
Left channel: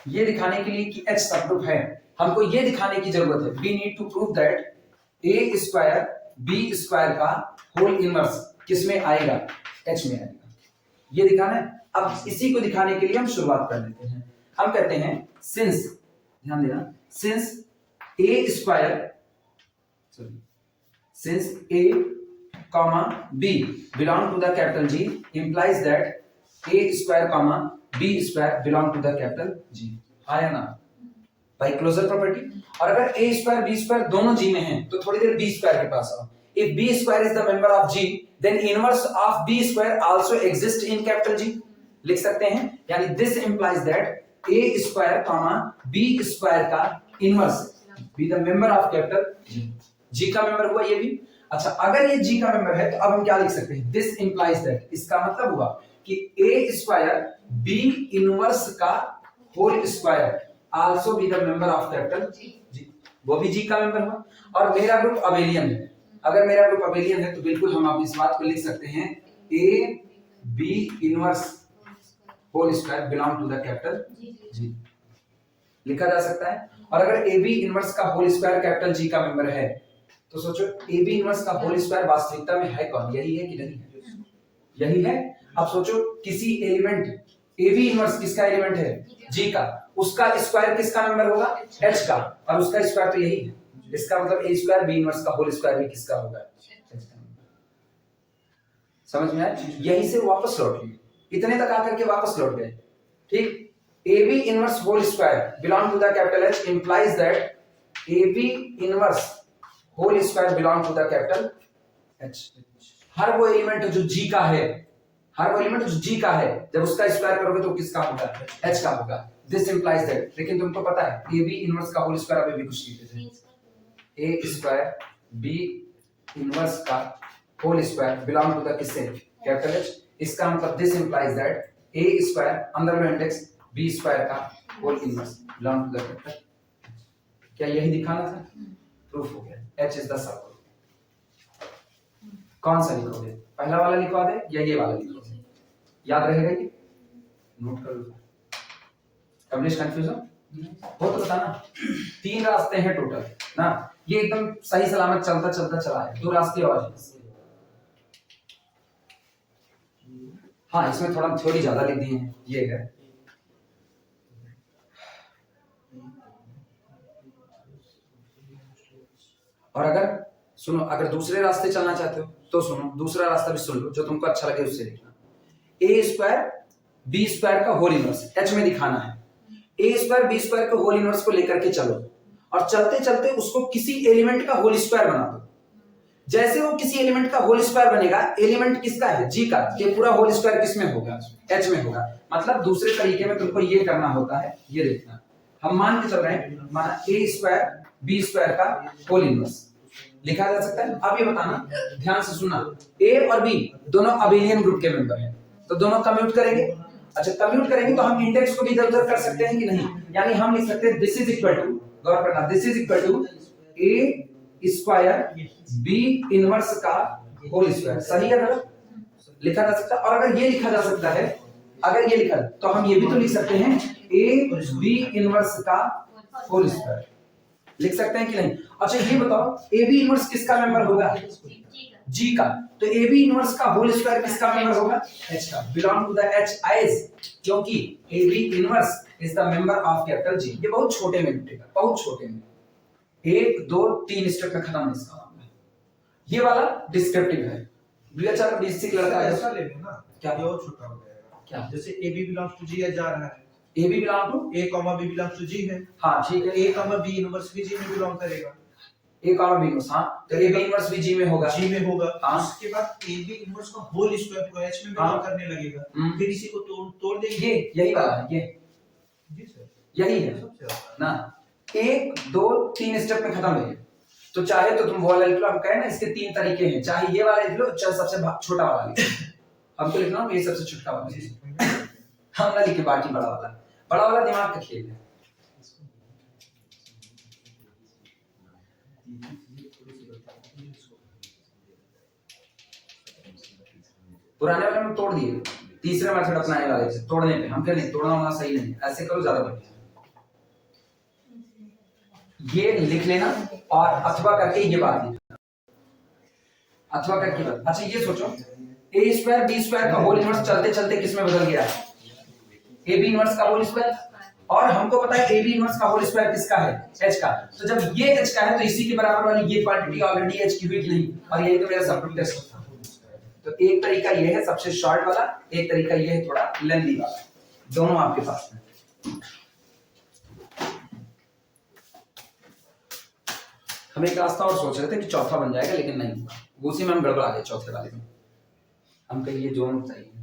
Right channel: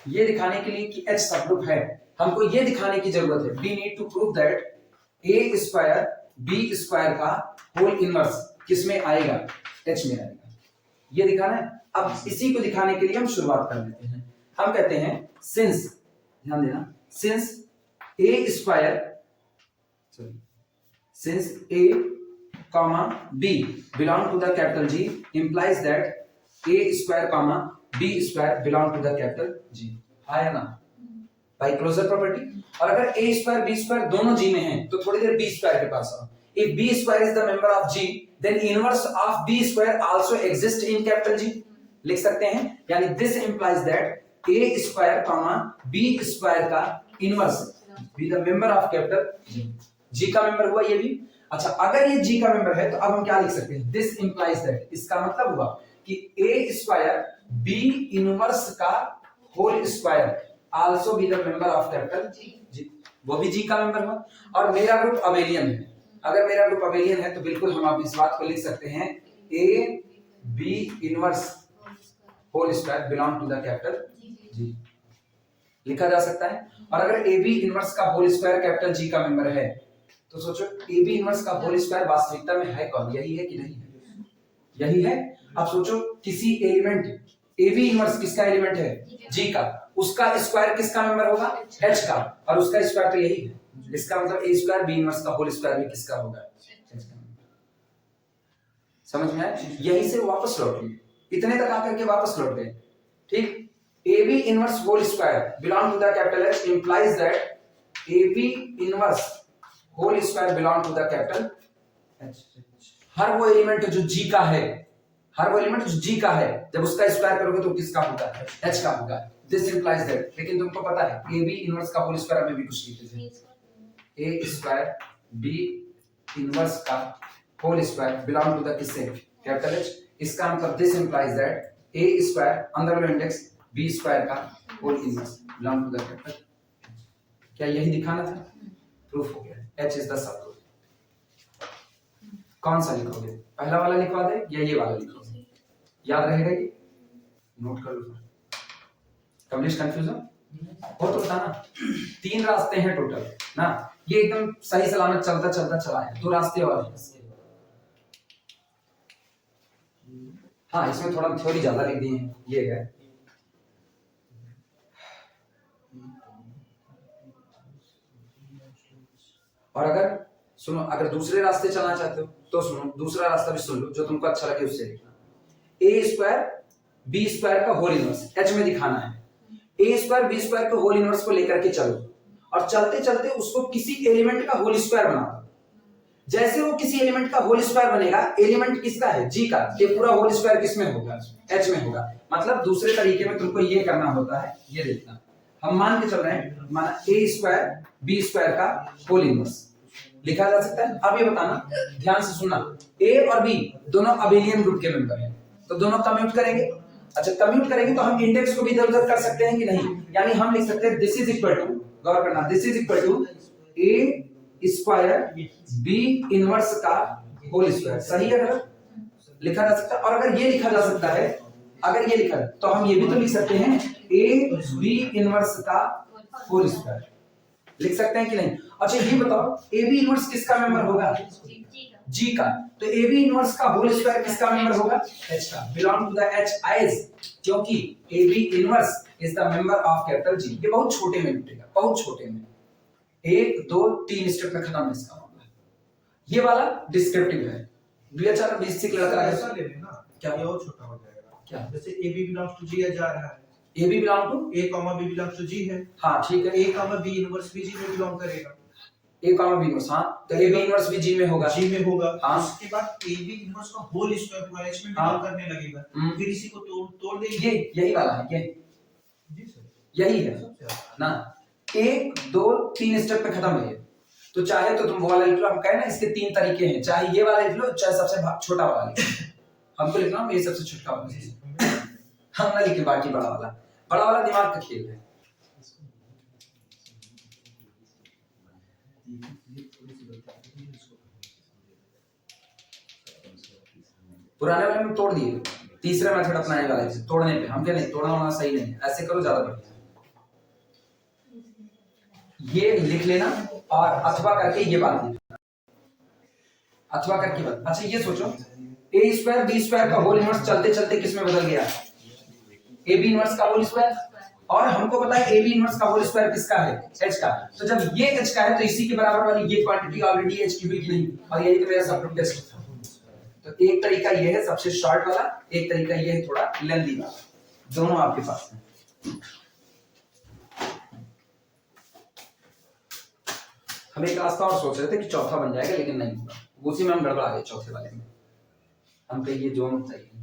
ये दिखाने के लिए कि H सबग्रुप है, हमको ये दिखाने की जरूरत है। we need to prove that a square b square का होल इनवर्स किसमें आएगा, H में आएगा, ये दिखाना है। अब इसी को दिखाने के लिए हम शुरुआत कर लेते हैं। हम कहते हैं सिंस, ध्यान देना, since a square since a comma b belong to the capital G implies that a square comma b square belong to the capital G, आया ना बाय क्लोजर प्रॉपर्टी। और अगर a स्क्वायर b स्क्वायर दोनों G में हैं तो थोड़ी देर b square के पास आओ। if b square is the member of G then inverse of b square also exists in capital G, लिख सकते हैं। यानी this implies that a square comma b square का inverse be the member of capital G, जी का member हुआ ये भी। अच्छा, अगर ये जी का मेंबर है तो अब हम क्या लिख सकते हैं, दिस इंप्लाइज दैट, इसका मतलब हुआ कि ए स्क्वायर बी इनवर्स का whole square also be the member of capital G, वो भी जी का मेंबर हुआ। और मेरा ग्रुप अबेलियन है, अगर मेरा ग्रुप अबेलियन है तो बिल्कुल हम आप इस बात को लिख सकते हैं A B inverse whole square belong to the capital G, लिखा जा सकता है। और अगर ए बी इनवर्स का होल स्क्वायर कैपिटल जी का मेंबर है तो सोचो ए बी इनवर्स का होल स्क्वायर वास्तविकता में है कौन, यही है कि नहीं है, यही है। अब सोचो किसी एलिमेंट ए बी इनवर्स किसका एलिमेंट है, जी का, उसका स्क्वायर किसका मेंबर होगा, एच का, और उसका स्क्वायर तो यही है। इसका मतलब ए स्क्वायर बी इनवर्स का होल स्क्वायर भी किसका होगा, समझ में आया? यहीं से वापस लौट लिए, इतने तक आकर के वापस लौट गए, ठीक। A B inverse whole square belong to the capital H implies that A B inverse whole square belong to the capital H. हर वो एलिमेंट जो जी का है, हर वो एलिमेंट जो जी का है, जब उसका स्क्वायर करोगे तो किसका होगा, एच का होगा। दिस इंप्लाइज दैट, लेकिन तुमको पता है ए बी इनवर्स का होल स्क्वायर अभी भी कुछ लिखते थे, ए स्क्वायर बी इनवर्स का whole square belong to the किससे, कैपिटल एच। इसका मतलब this implies that A square अंदर वाला इंडेक्स बी स्क्वायर का whole inverse belong to the capital. क्या यही दिखाना था? प्रूफ हो गया, H is the subgroup. कौन सा लिखोगे, पहला वाला लिखवा दे या ये वाला लिखोगे, याद रहेगा ये, नोट कर लो। कमलेश कंफ्यूजन हो तो बताना। 3 रास्ते हैं टोटल ना, ये एकदम सही सलामत चलता चलता चला है, 2 रास्ते और हैं। हाँ, इसमें थोड़ा थ्योरी ज्यादा लिख दिए हैं, ये है। और अगर सुनो, अगर दूसरे रास्ते चलना चाहते हो तो सुनो, दूसरा रास्ता भी सुन लो, जो तुमको अच्छा लगे उससे लिखना। ए स्क्वायर बी स्क्वायर का होल इनवर्स एच में दिखाना है। ए स्क्वायर बी स्क्वायर के होल इनवर्स को लेकर के चलो, और चलते चलते उसको किसी एलिमेंट का होल स्क्वायर बना दो। जैसे वो किसी एलिमेंट का होल स्क्वायर बनेगा, एलिमेंट किसका है, जी का, ये पूरा होल स्क्वायर किसमें होगा, एच में होगा। मतलब दूसरे तरीके में तुमको ये करना होता है, ये देखना। हम मान के चल रहे हैं, माना ए स्क्वायर बी स्क्वायर का होल इनवर्स लिखा जा सकता है। अब ये बताना, ध्यान से सुनना, ए और बी दोनों अबेलियन ग्रुप के मेंबर हैं, तो दोनों कम्यूट करेंगे। अच्छा, कम्यूट करेंगे तो हम इंडेक्स को भी इधर उधर कर सकते हैं कि नहीं, यानी हम लिख सकते हैं दिस इज इक्वल टू, गौर करना, this is equal to A square B inverse का होल स्क्वायर। सही है गलत? लिखा जा सकता है। और अगर ये लिखा जा सकता है, अगर ये लिखा तो हम ये भी तो लिख सकते हैं ए बी इनवर्स का होल स्क्वायर, लिख सकते हैं कि नहीं? अच्छा ये बताओ, ए बी इनवर्स किसका मेंबर होगा, जी का, तो ए बी इनवर्स का होल स्क्वायर किसका मेंबर होगा, एच का, belong to the H as, क्योंकि a B inverse is the member of capital G. ये बहुत छोटे में मिटेगा, बहुत छोटे में, 1 2 3 स्टेप में खत्म है इसका मामला। ये वाला डिस्क्रिप्टिव है, बीएचआर बेसिक लड़का है, ऐसा ले लेना, क्या ये और छोटा हो जाएगा, क्या जैसे a b belongs to G जा रहा है, A B belong to a comma b belongs to G है, हाँ ठीक है, ए कॉमा बी इनवर्स भी जी में बिलोंग करेगा, ए कॉमा बी इनवर्स, हाँ तो ए बी इनवर्स भी जी में होगा, जी में होगा। हाँ। उसके बाद ए बी इनवर्स का होल स्क्वायर पूरा एच में बिलोंग करने लगेगा, फिर इसी को तोड़ देंगे। ये यही वाला है, ये जी सर, यही है सबसे आसान। ना, 1 2 3 स्टेप में खत्म है ये। तो चाहे तो तुम वो वाला लिख लो, हम कहें ना इसके 3 तरीके हैं, चाहे ये वाला लिख लो, चाहे सबसे छोटा वाला लिख लो। हमको लिखना है ये सबसे छोटा वाला, हम ना लिखे बाकी बड़ा वाला, बड़ा वाला दिमाग का खेल है। पुराने वाले में तोड़ दिए, तीसरे मेथड अपनाने वाले थे तोड़ने पे, हम क्या नहीं, तोड़ना होना सही नहीं, ऐसे करो ज्यादा बढ़िया। ये लिख लेना और अथवा करके ये बात लिखना, अथवा करके बात। अच्छा ये सोचो, ए स्क्वायर बी स्क्वायर का होल इनवर्स चलते चलते किस में बदल गया, ए बी इनवर्स का होल स्क्वायर, और हमको पता है ए बी इनवर्स का होल स्क्वायर किसका है, एच का। तो जब ये एच का है तो इसी के बराबर वाली ये क्वांटिटी ऑलरेडी एच की हुई कि नहीं, और यही तो मेरा सब टेस्ट था। तो एक तरीका ये है सबसे शॉर्ट वाला, एक तरीका ये है थोड़ा लेंथी वाला, दोनों आपके पास है। हम एक रास्ता और सोच रहे थे कि चौथा बन जाएगा, लेकिन नहीं हुआ, उसी में हम गड़बड़ा गए चौथे वाले में। हम कहीं ये जोन सही है।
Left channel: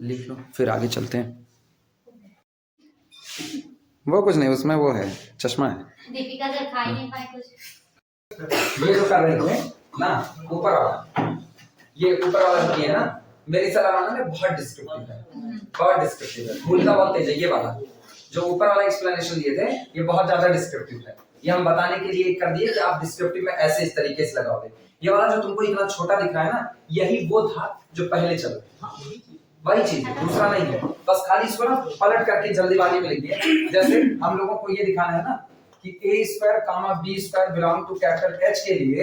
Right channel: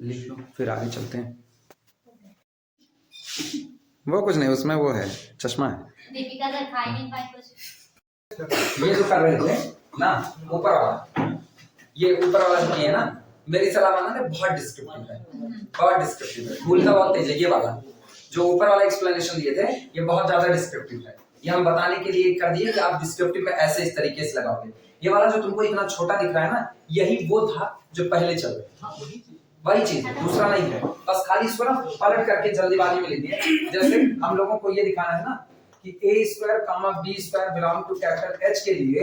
लिख लो, फिर आगे चलते हैं। वो कुछ नहीं, उसमें वो है, चश्मा है। दीपिका सर खा ही नहीं पाए कुछ। ये जो कर रहे थे ना, ऊपर वाला, ये ऊपर वाला जो किया ना, मेरी सलाह मानना है, बहुत डिस्क्रिप्टिव है, बहुत डिस्क्रिप्टिव है। भूलता बहुत तेज है। ये वाला जो ऊपर वाला एक्सप्लेनेशन दिए थे, ये बहुत ज्यादा डिस्क्रिप्टिव है। ये हम बताने के लिए कर दिए कि आप डिस्क्रिप्टिव में ऐसे इस तरीके से लगाओगे। ये वाला जो तुमको इतना छोटा दिख रहा है ना, यही वो था जो पहले चल रहा था, वही चीज है, दूसरा नहीं है। बस खाली इसको ना पलट करके जल्दीबाजी में लिख दिया। जैसे हम लोगों को ये दिखाना है ना कि a square comma b square belong to capital H के लिए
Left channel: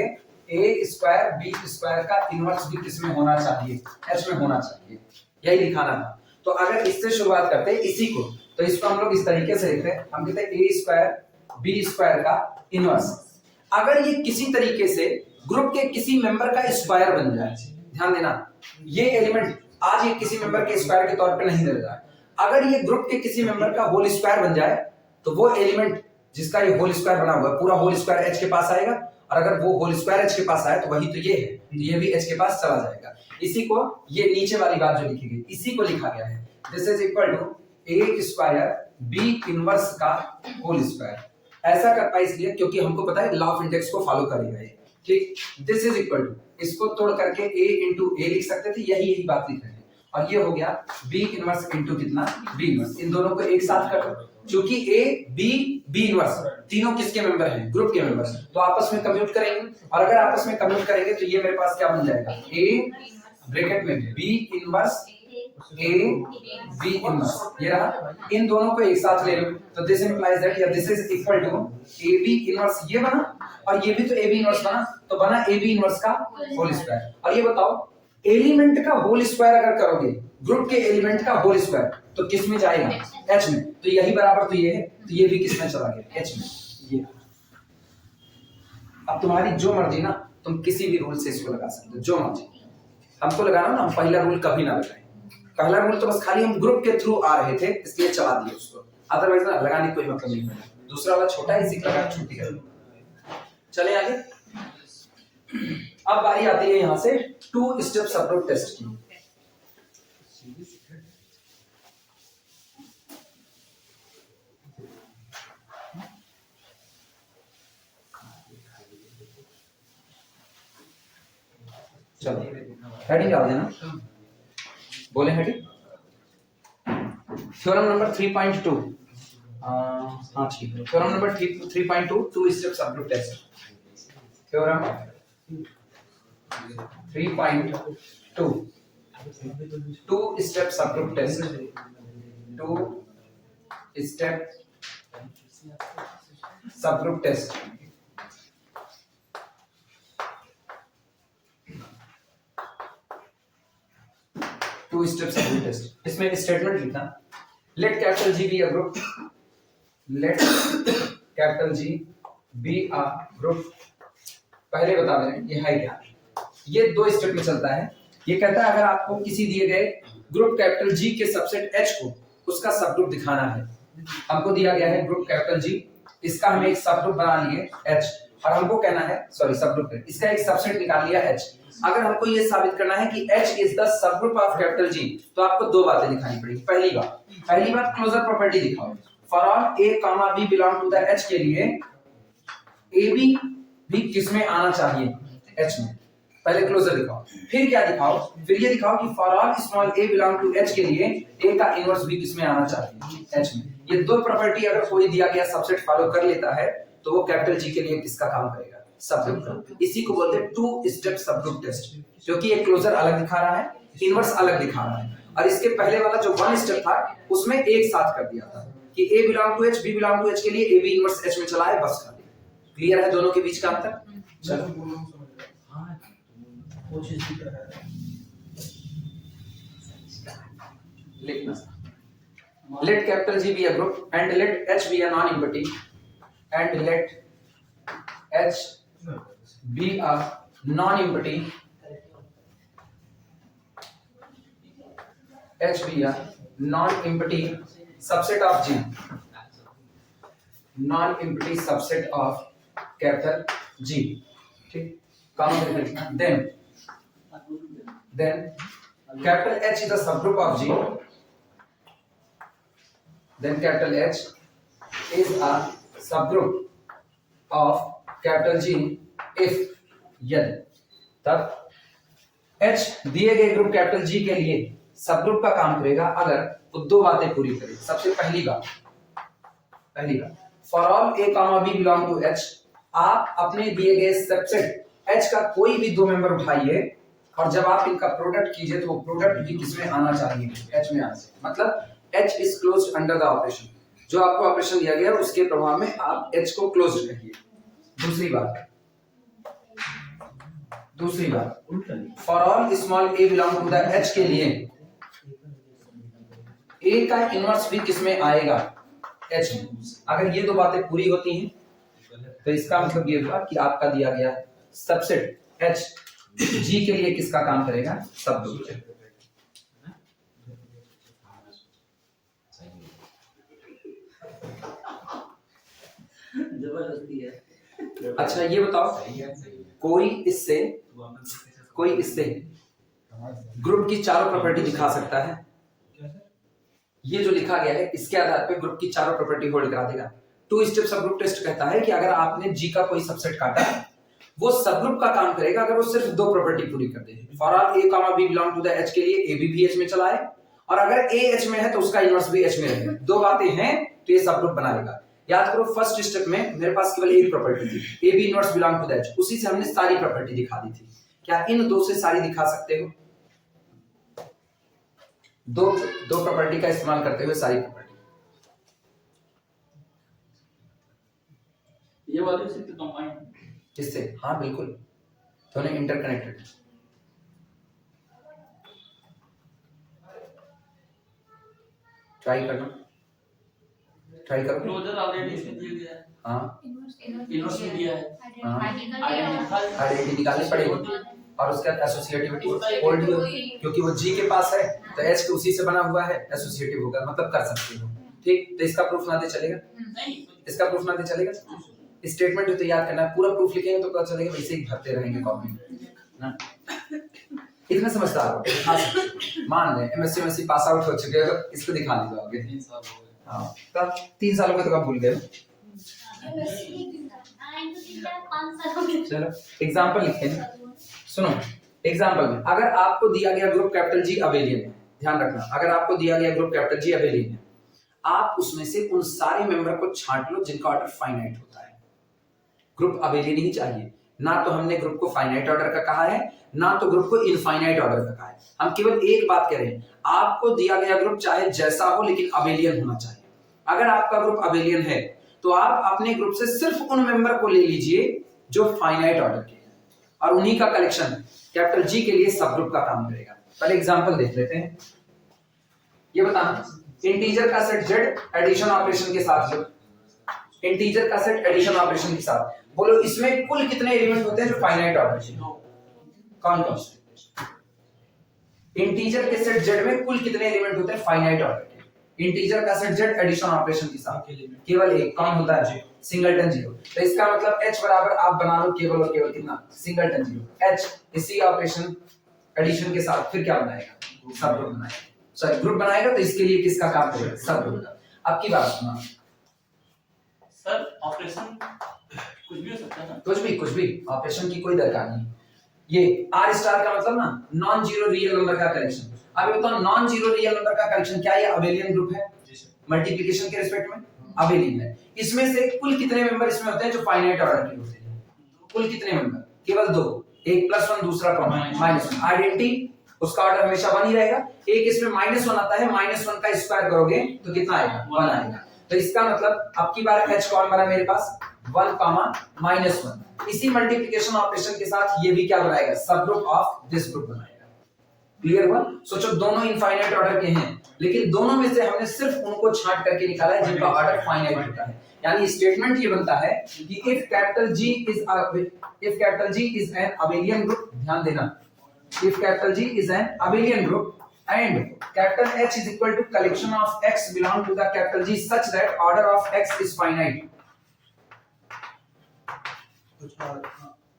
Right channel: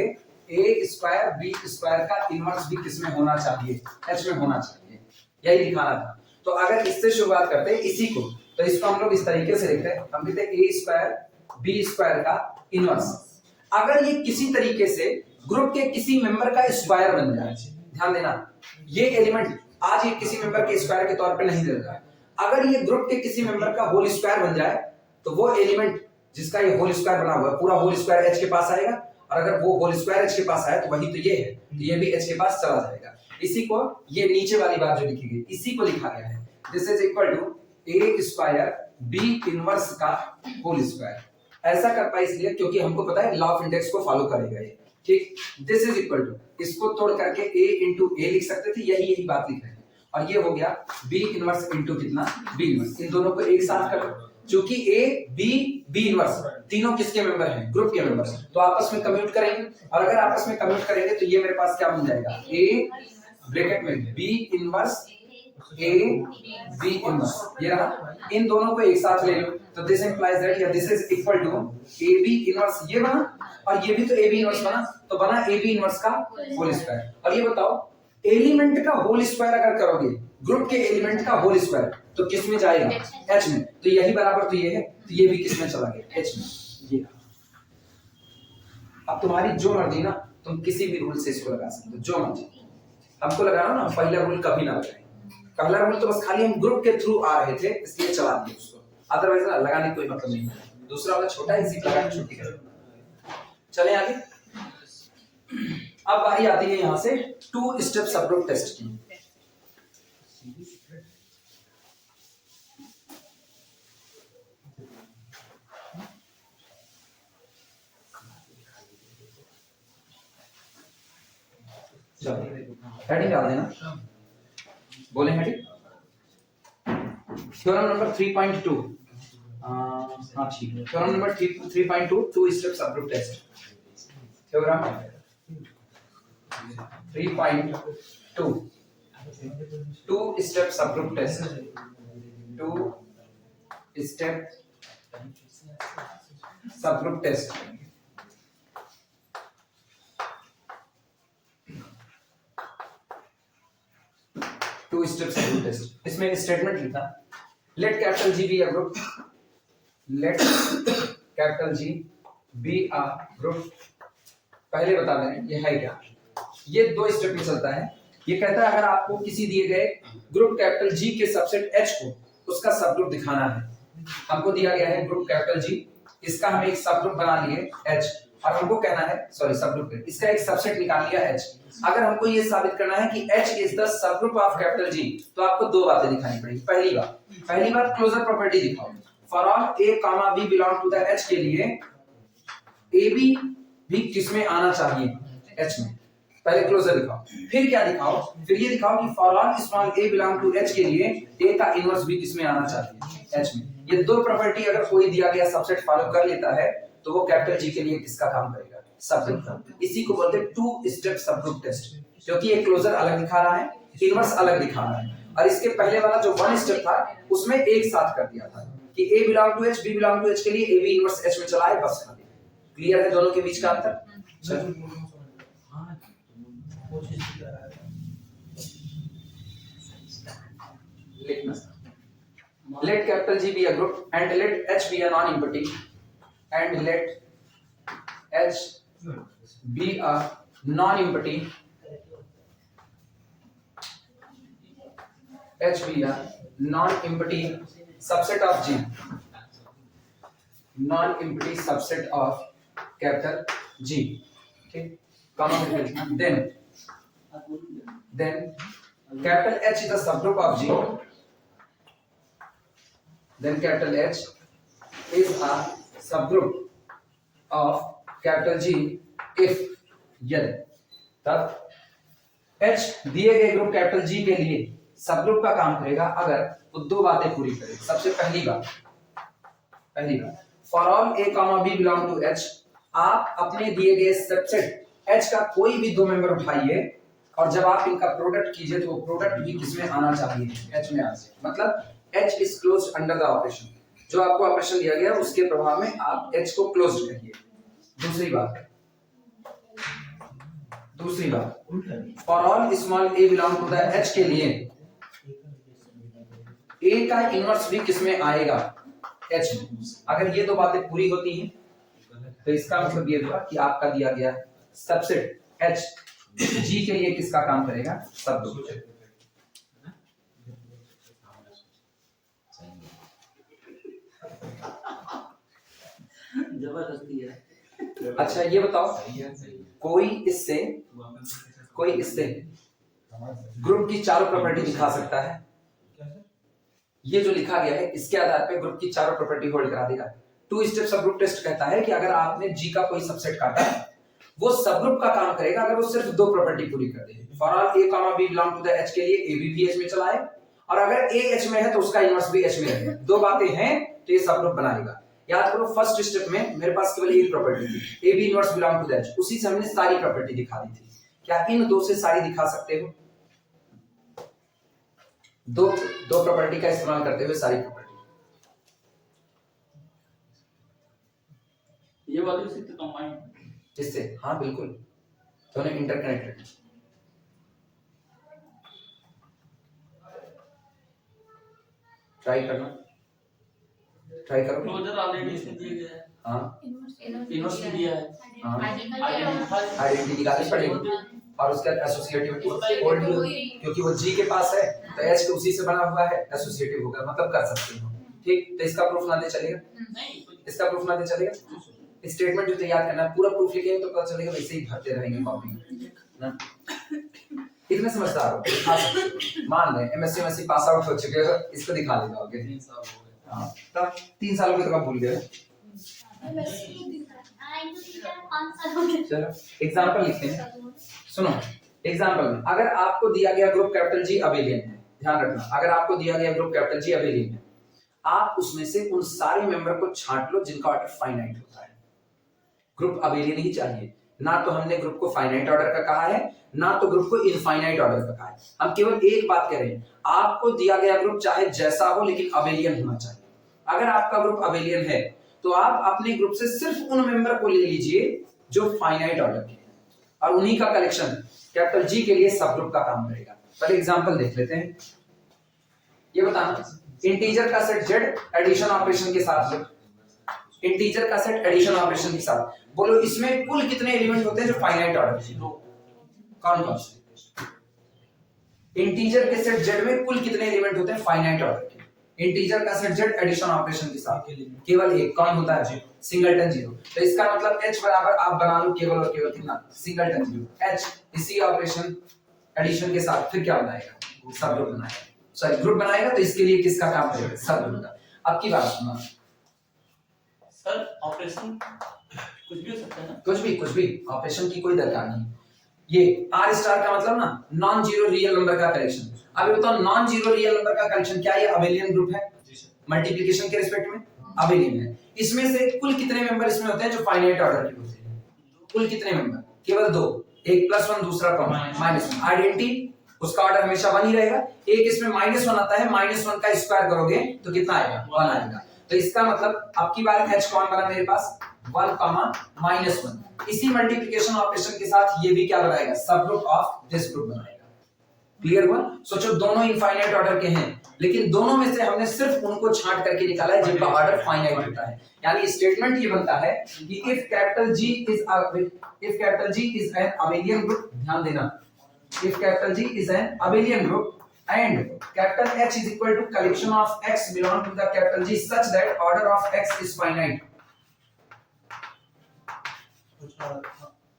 a स्क्वायर b स्क्वायर का इनवर्स भी किसमें होना चाहिए, H में होना चाहिए, यही दिखाना था। तो अगर इससे शुरुआत करते हैं इसी को, तो इसको हम लोग इस तरीके से लिखते हैं, हम कहते हैं a स्क्वायर b स्क्वायर का इनवर्स। अगर ये किसी तरीके से ग्रुप के किसी मेंबर का स्क्वायर बन जाए, ध्यान देना ये एलिमेंट आज ये किसी मेंबर के स्क्वायर के तौर पे नहीं दे रहा है, अगर ये ग्रुप के किसी मेंबर का होल स्क्वायर बन जाए तो वो एलिमेंट जिसका ये होल स्क्वायर बना हुआ है पूरा होल स्क्वायर H के पास आएगा, और अगर वो होल स्क्वायर H के पास आए तो वही तो ये है, तो ये भी H के पास चला जाएगा। इसी को ये नीचे वाली बात जो लिखी गई इसी को लिखा गया है, this is equal to a square b inverse का होल स्क्वायर। ऐसा कर पाए इसलिए क्योंकि हमको पता है लॉ ऑफ इंडेक्स को फॉलो करेगा ये, ठीक। दिस इज इक्वल टू, इसको तोड़ करके a इंटू a लिख सकते थे, यही बात लिख रहे हैं, और ये हो गया b इनवर्स इंटू कितना b इनवर्स। इन दोनों को एक साथ कर दो, क्योंकि a b इनवर्स तीनों किसके मेंबर हैं, ग्रुप के मेंबर, तो आपस में कम्यूट करेंगे, और अगर आपस में कम्यूट करेंगे तो ये मेरे पास क्या बन जाएगा, a ब्रैकेट में b inverse a b inverse, ये रहा। इन दोनों को एक साथ ले लो तो दिस इंप्लाइज दैट या this is equal to a b inverse, ये बना, और ये भी तो a b इनवर्स बना, तो बना a b इनवर्स का होल स्क्वायर। और ये बताओ एलिमेंट का होल स्क्वायर अगर करोगे, ग्रुप के एलिमेंट का होल स्क्वायर, तो किस में जाएगा, H में, तो यही बराबर तो ये है, तो ये भी किस में चला गया, H में। ये अब तुम्हारी जो मर्जी ना, तुम किसी भी रूल से इसको लगा सकते हो, जो मर्जी। हमको लगाना ना, पहला रूल कभी ना लगाएं, पहला रूल तो बस खाली हम ग्रुप के थ्रू आ रहे थे इसलिए चला दिए उसको, अदरवाइज ना लगाने कोई मतलब नहीं है। दूसरा वाला छोटा इसी का छुट्टी कर। चले आगे। अब बारी आती है यहां से 2 स्टेप सबग्रुप टेस्ट की। चलो हेडिंग डाल देना, बोले हेडिंग थ्योरम नंबर 3.2। हाँ ठीक है, theorem number 3.2 2 step subgroup test. थ्योरम 3.2 2 step subgroup test, 2 step subgroup test. Two step subgroup test. इसमें स्टेटमेंट लिखना, let capital G be a group, let capital G be a group. पहले बता दें ये है क्या, ये 2 स्टेप में चलता है। ये कहता है अगर आपको किसी दिए गए ग्रुप कैपिटल G के सबसेट H को उसका सबग्रुप दिखाना है, हमको दिया गया है ग्रुप कैपिटल G, इसका हम एक सबग्रुप बना लिए H, और हमको कहना है सॉरी सबग्रुप है, इसका एक सबसेट निकाल लिया H। अगर हमको ये साबित करना है कि H is the subgroup of capital G, तो आपको 2 बातें दिखानी पड़ेगी। पहली बात क्लोजर प्रॉपर्टी दिखाओ, for all a, b belong to the H के लिए a b भी किसमें आना चाहिए, H में। पहले क्लोजर दिखाओ, फिर क्या दिखाओ, फिर ये दिखाओ कि for all small a belong to H के लिए a का इनवर्स भी किसमें आना चाहिए, H में। ये 2 प्रॉपर्टी अगर कोई दिया गया सबसेट फॉलो कर लेता है तो वो कैपिटल G के लिए किसका काम करेगा, सबग्रुप। इसी को बोलते हैं 2 स्टेप सबग्रुप टेस्ट, क्योंकि ये क्लोजर अलग दिखा रहा है, इनवर्स अलग दिखा रहा है, और इसके पहले वाला जो 1 स्टेप था उसमें एक साथ कर दिया था कि a belong to H, b belong to H के लिए a b इनवर्स H में चला है, बस खाली। क्लियर है दोनों के बीच का अंतर? चलो लिखना, let capital G be a group and let H be a non-empty and let H be a non-empty, H be a non-empty subset of G, non-empty subset of capital G, ठीक, then capital H is a subgroup of G, then capital H is a subgroup of capital G if यदि, तब H दिए गए group capital G के लिए subgroup का काम करेगा अगर वो 2 बातें पूरी करे। सबसे पहली बात for all a, b belong to H, आप अपने दिए गए सबसेट एच का कोई भी दो मेंबर उठाइए और जब आप इनका प्रोडक्ट कीजिए तो वो प्रोडक्ट भी किसमें आना चाहिए, एच में आना चाहिए। मतलब H is close under the operation, जो आपको ऑपरेशन दिया गया उसके प्रभाव में आप एच को क्लोज करिए। दूसरी बात, for all small A belong to the H के लिए ए का इनवर्स भी किसमें आएगा, एच में। अगर ये दो बातें पूरी होती हैं तो इसका मतलब ये हुआ कि आपका दिया गया सबसेट एच जी के लिए किसका काम करेगा, सब ग्रुप। जबरदस्ती है। अच्छा ये बताओ, कोई इससे ग्रुप की चारों प्रॉपर्टी दिखा सकता है? ये जो लिखा गया है इसके आधार पे ग्रुप की चारों प्रॉपर्टी होल्ड करा देगा। टू स्टेप सबग्रुप टेस्ट कहता है कि अगर आपने जी का कोई सबसेट काटा वो सबग्रुप का काम करेगा अगर वो सिर्फ दो प्रॉपर्टी पूरी कर दे। For all A comma B belong to the H के लिए ए बी एच में चला है, और अगर ए एच में है तो उसका इनवर्स भी एच में रहे। दो बातें हैं तो ये सबग्रुप बनाएगा। याद करो फर्स्ट स्टेप में मेरे पास केवल एक प्रॉपर्टी थी, A B inverse belong to the H, उसी से हमने सारी प्रॉपर्टी दिखा दी थी। क्या इन दो से सारी दिखा सकते हो? दो प्रॉपर्टी का इस्तेमाल करते हुए सारी प्रॉपर्टी। ये वाली से कंबाइन किससे? हाँ बिल्कुल, दोनों इंटरकनेक्टेड। ट्राई करो। क्लोजर ऑलरेडी इसमें दिया गया है। हाँ इनवर्स में दिया है। आइडेंटिटी निकालनी पड़ेगी और उसके बाद एसोसिएटिविटी होल्ड, क्योंकि वो जी के पास है तो एच उसी से बना हुआ है, एसोसिएटिव होगा, मतलब कर सकते हो। ठीक, तो इसका प्रूफ ना दे चलेगा, इसका प्रूफ ना दे चलेगा। स्टेटमेंट जो तैयार करना है पूरा प्रूफ लिखेंगे तो पता चलेगा, वैसे ही भरते रहेंगे कॉपी ना। इतना समझदार हो, दिखा सकते हो। मान लें एमएससी पास आउट हो चुके हो, इसको दिखा ली जाओगे। 3 साल हो गए। हाँ, तब 3 सालों के तो कब भूल गए? चलो एग्जांपल लिखते हैं, सुनो। एग्जांपल में अगर आपको दिया गया ग्रुप कैपिटल जी अबेलियन है, ध्यान रखना, अगर आपको दिया गया ग्रुप कैपिटल जी अबेलियन है, आप उसमें से उन सारे मेंबर को छांट लो जिनका ऑर्डर फाइनाइट होता है। ग्रुप अबेलियन ही चाहिए, ना तो हमने ग्रुप को फाइनाइट ऑर्डर का कहा है ना तो ग्रुप को इनफाइनाइट ऑर्डर का कहा है। हम केवल एक बात कह रहे हैं, आपको दिया गया ग्रुप चाहे जैसा हो लेकिन अबेलियन होना चाहिए। अगर आपका ग्रुप अबेलियन है तो आप अपने ग्रुप से सिर्फ उन मेंबर को ले लीजिए जो फाइनाइट ऑर्डर के हैं और उन्हीं का कलेक्शन कैपिटल जी के लिए सब ग्रुप का काम करेगा। पहले एग्जांपल देख लेते हैं। ये बताना, इंटीजर का सेट जेड एडिशन ऑपरेशन के साथ लो, इंटीजर का सेट एडिशन ऑपरेशन के साथ, बोलो इसमें कुल कितने एलिमेंट होते हैं जो फाइनाइट ऑर्डर के? कौन कौन से? इंटीजर के सेट जेड में कुल कितने एलिमेंट होते हैं फाइनाइट ऑर्डर के? इंटीजर का सेट जेड एडिशन ऑपरेशन के साथ केवल एक, कौन होता है? Singleton zero. तो इसका मतलब h बराबर आप बना लो केवल और केवल कितना? Singleton zero. h इसी ऑपरेशन एडिशन के साथ फिर क्या बनाएगा? सब ग्रुप बनाएगा, सॉरी ग्रुप बनाएगा। तो इसके लिए किसका काम करेगा? सब ग्रुप का। अब की बात सुना सर, ऑपरेशन कुछ भी हो सकता है ना? कुछ भी ऑपरेशन की कोई दरकार नहीं। ये आर स्टार का मतलब ना नॉन जीरो रियल नंबर का कलेक्शन। अब ये बताओ नॉन जीरो रियल नंबर का कलेक्शन क्या ये अबेलियन ग्रुप है? मल्टीप्लिकेशन के रिस्पेक्ट में अबेलियन है। इसमें से कुल कितने मेंबर इसमें होते हैं जो फाइनाइट ऑर्डर के होते हैं? कुल कितने मेंबर? केवल दो, एक +1 दूसरा कौन? -1। आइडेंटिटी उसका ऑर्डर हमेशा 1 ही रहेगा। एक इसमें -1 आता है, -1 का स्क्वायर करोगे तो कितना आएगा? 1 आएगा। तो इसका मतलब अब की बार h कौन बना मेरे पास? 1, -1। इसी मल्टीप्लिकेशन ऑपरेशन के साथ ये भी क्या बनाएगा? सब ग्रुप ऑफ दिस ग्रुप बनाएगा। क्लियर हुआ? सोचो दोनों इनफाइनाइट ऑर्डर के हैं लेकिन दोनों में से हमने सिर्फ उनको छांट करके निकाला है जिनका ऑर्डर फाइनाइट होता है। यानी स्टेटमेंट ये बनता है कि if capital G is an abelian group, ध्यान देना, if capital G is an abelian group and capital H is equal to collection of X belong to the capital G such that order of X is finite.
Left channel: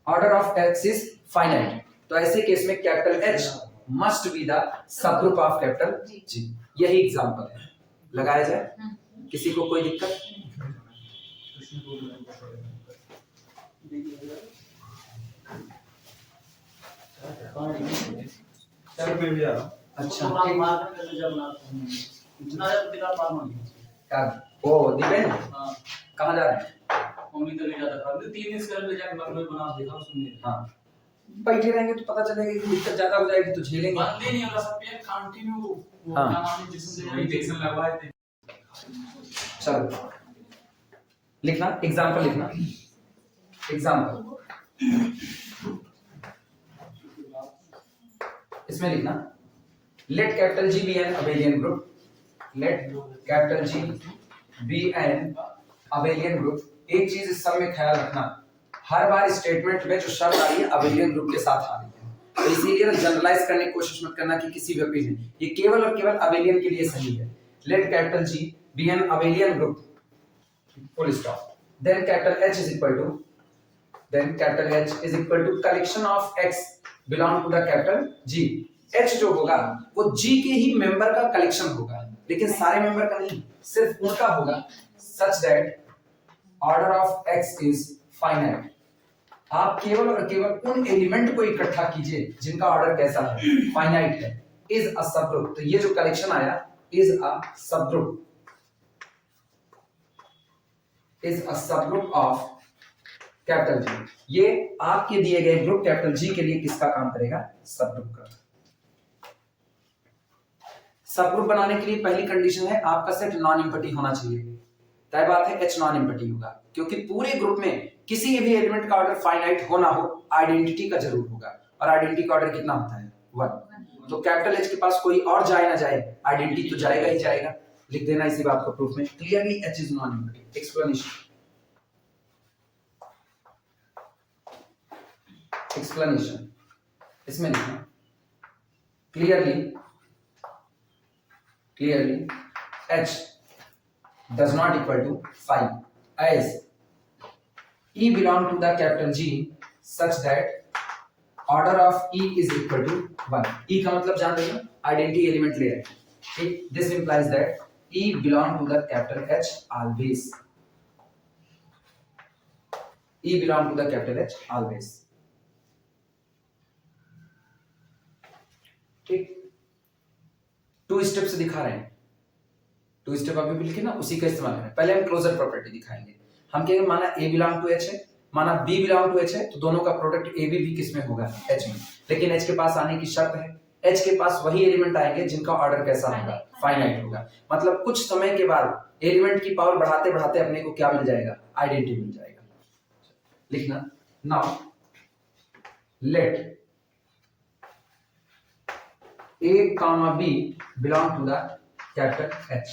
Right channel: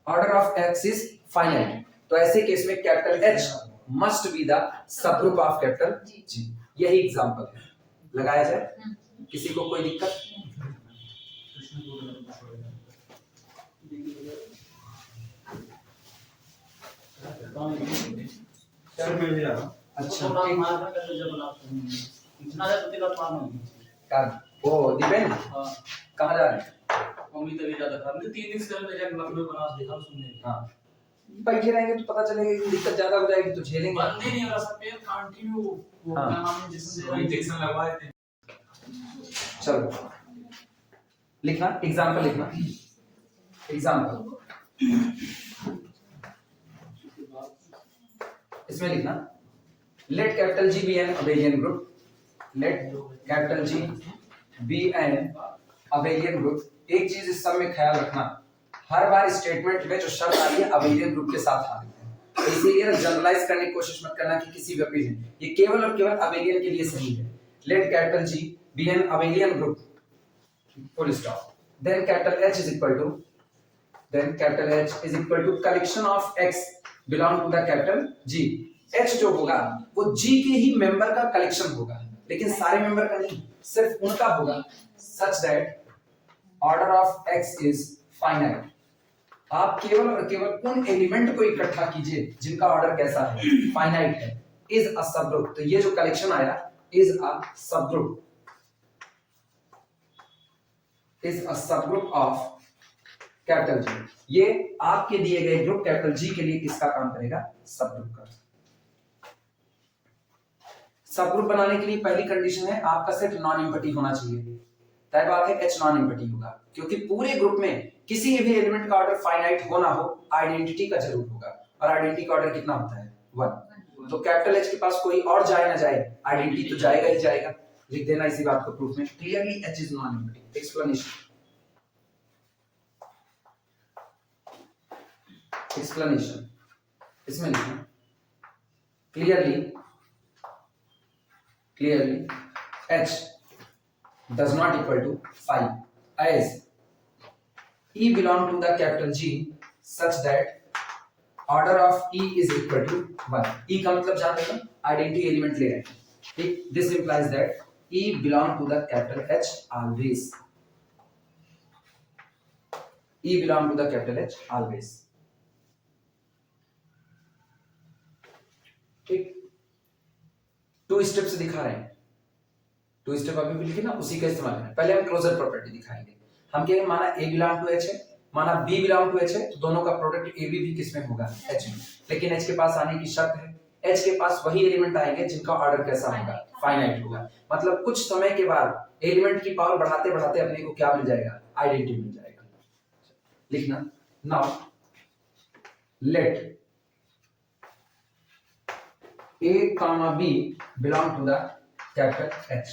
Order of X is finite. तो ऐसे case में capital H must be the subgroup of capital G. यही example है, लगाया जाए? किसी को कोई दिक्कत? सर मैं भी आ रहा हूँ। अच्छा प्रोग्राम मार्कर कर ले जब बनाते हैं इतना ज्यादा तेरा फॉर्म नहीं क्या वो दीपेन हां कहाँ जा रहे हैं? मम्मी तो ले जाता था 3 दिन से ले जाके लखनऊ बना दिखा सुनने। हाँ बैठे रहेंगे तो पता चलेगा कि दिक्कत ज्यादा हो जाएगी तो झेलेंगे। बंद ही नहीं हो रहा सब पेन कंटिन्यू वो हाँ। क्या नाम है जिसमें इंजेक्शन लगवाए थे। चलो लिखना एग्जाम्पल, लिखना एग्जाम्पल, इसमें लिखना let capital G be an abelian group, let capital G be an abelian group. एक चीज इस सब में ख्याल रखना, हर बार स्टेटमेंट में जो शब्द आ रही है अबेलियन ग्रुप के साथ आ रही है, तो इसीलिए जनरलाइज करने की कोशिश मत करना कि किसी भी में, ये केवल और केवल अबेलियन के लिए सही है। Let capital G be an abelian group, full stop, then capital H is equal to, then capital H is equal to collection of X belong to the capital G। H जो होगा वो G के ही member का collection होगा, लेकिन सारे member का नहीं, सिर्फ उनका होगा, such that order of X is finite। आप केवल और केवल उन एलिमेंट को इकट्ठा कीजिए जिनका ऑर्डर कैसा है, फाइनाइट है। इज अ सबग्रुप, तो ये जो कलेक्शन आया is a subgroup, is a subgroup of capital G। ये आपके दिए गए ग्रुप कैपिटल G के लिए किसका काम करेगा, सबग्रुप का। सबग्रुप बनाने के लिए पहली कंडीशन है आपका सेट नॉन एम्पटी होना चाहिए। तय बात है H नॉन एम्पटी होगा, क्योंकि पूरे ग्रुप में किसी भी एलिमेंट का ऑर्डर फाइनाइट हो ना हो, आइडेंटिटी का जरूर होगा, और आइडेंटिटी का ऑर्डर कितना होता है 1। तो कैपिटल H के पास कोई और जाए ना जाए, आइडेंटिटी तो जाएगा ही जाएगा। लिख देना इसी बात को प्रूफ में, clearly H is non empty. Explanation इसमें लिखना clearly H does not equal to 5 as E belong to the capital G such that order of E is equal to 1। E का मतलब जान रहे हो, आइडेंटिटी एलिमेंट ले रहे हैं, ठीक। This implies that E belong to the capital H always, E belong to the capital H always, ठीक। 2 स्टेप से दिखा रहे हैं, 2 स्टेप अभी भी लिखे ना, उसी का इस्तेमाल करें। पहले हम क्लोजर प्रॉपर्टी दिखाएंगे। हम कहेंगे माना A बिलोंग टू H है, माना B बिलोंग टू H है, तो दोनों का प्रोडक्ट AB भी किसमें होगा, H में। लेकिन H के पास आने की शर्त है, H के पास वही एलिमेंट आएंगे जिनका ऑर्डर कैसा होगा, फाइनाइट होगा। मतलब कुछ समय के बाद एलिमेंट की पावर बढ़ाते बढ़ाते अपने को क्या मिल जाएगा, आइडेंटिटी मिल जाएगा। लिखना now let A comma B belong to the capital H।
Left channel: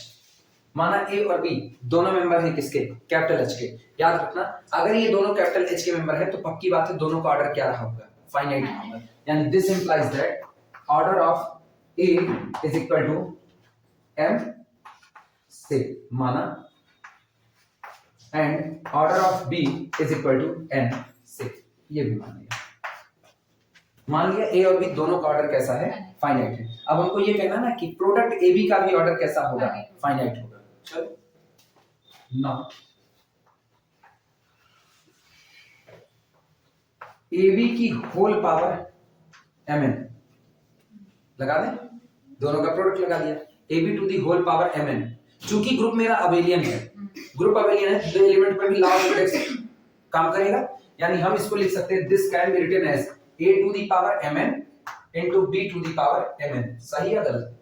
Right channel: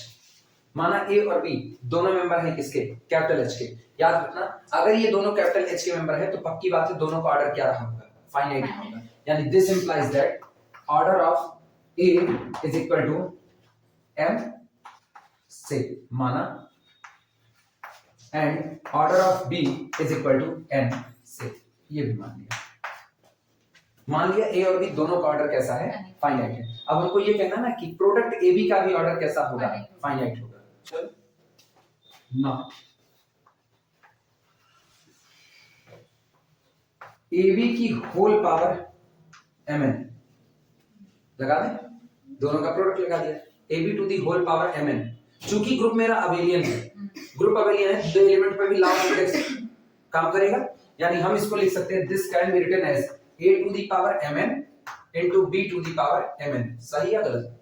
माना A और B दोनों मेंबर हैं किसके, कैपिटल H के। याद रखना अगर ये दोनों कैपिटल H के मेंबर है तो पक्की बात है दोनों का ऑर्डर क्या रहा होगा, फाइनाइट होगा। यानी this implies that order of A is equal to M से, माना and order of B is equal to N से, ये भी मान लिया। मान लिया A और B दोनों का ऑर्डर कैसा है, फाइनाइट है। अब हमको ये कहना ना कि प्रोडक्ट AB का भी ऑर्डर कैसा होगा, फाइनाइट होगा। चलो नाउ AB की होल पावर Mn लगा दें, दोनों का प्रोडक्ट लगा दिया, AB to the whole power Mn। चूंकि ग्रुप मेरा अबेलियन है, ग्रुप अबेलियन है, दो एलिमेंट पे भी लार्ज इंडेक्स काम करेगा, यानी हम इसको लिख सकते हैं this can be written as A to the power Mn into B to the power Mn। सही या गलत,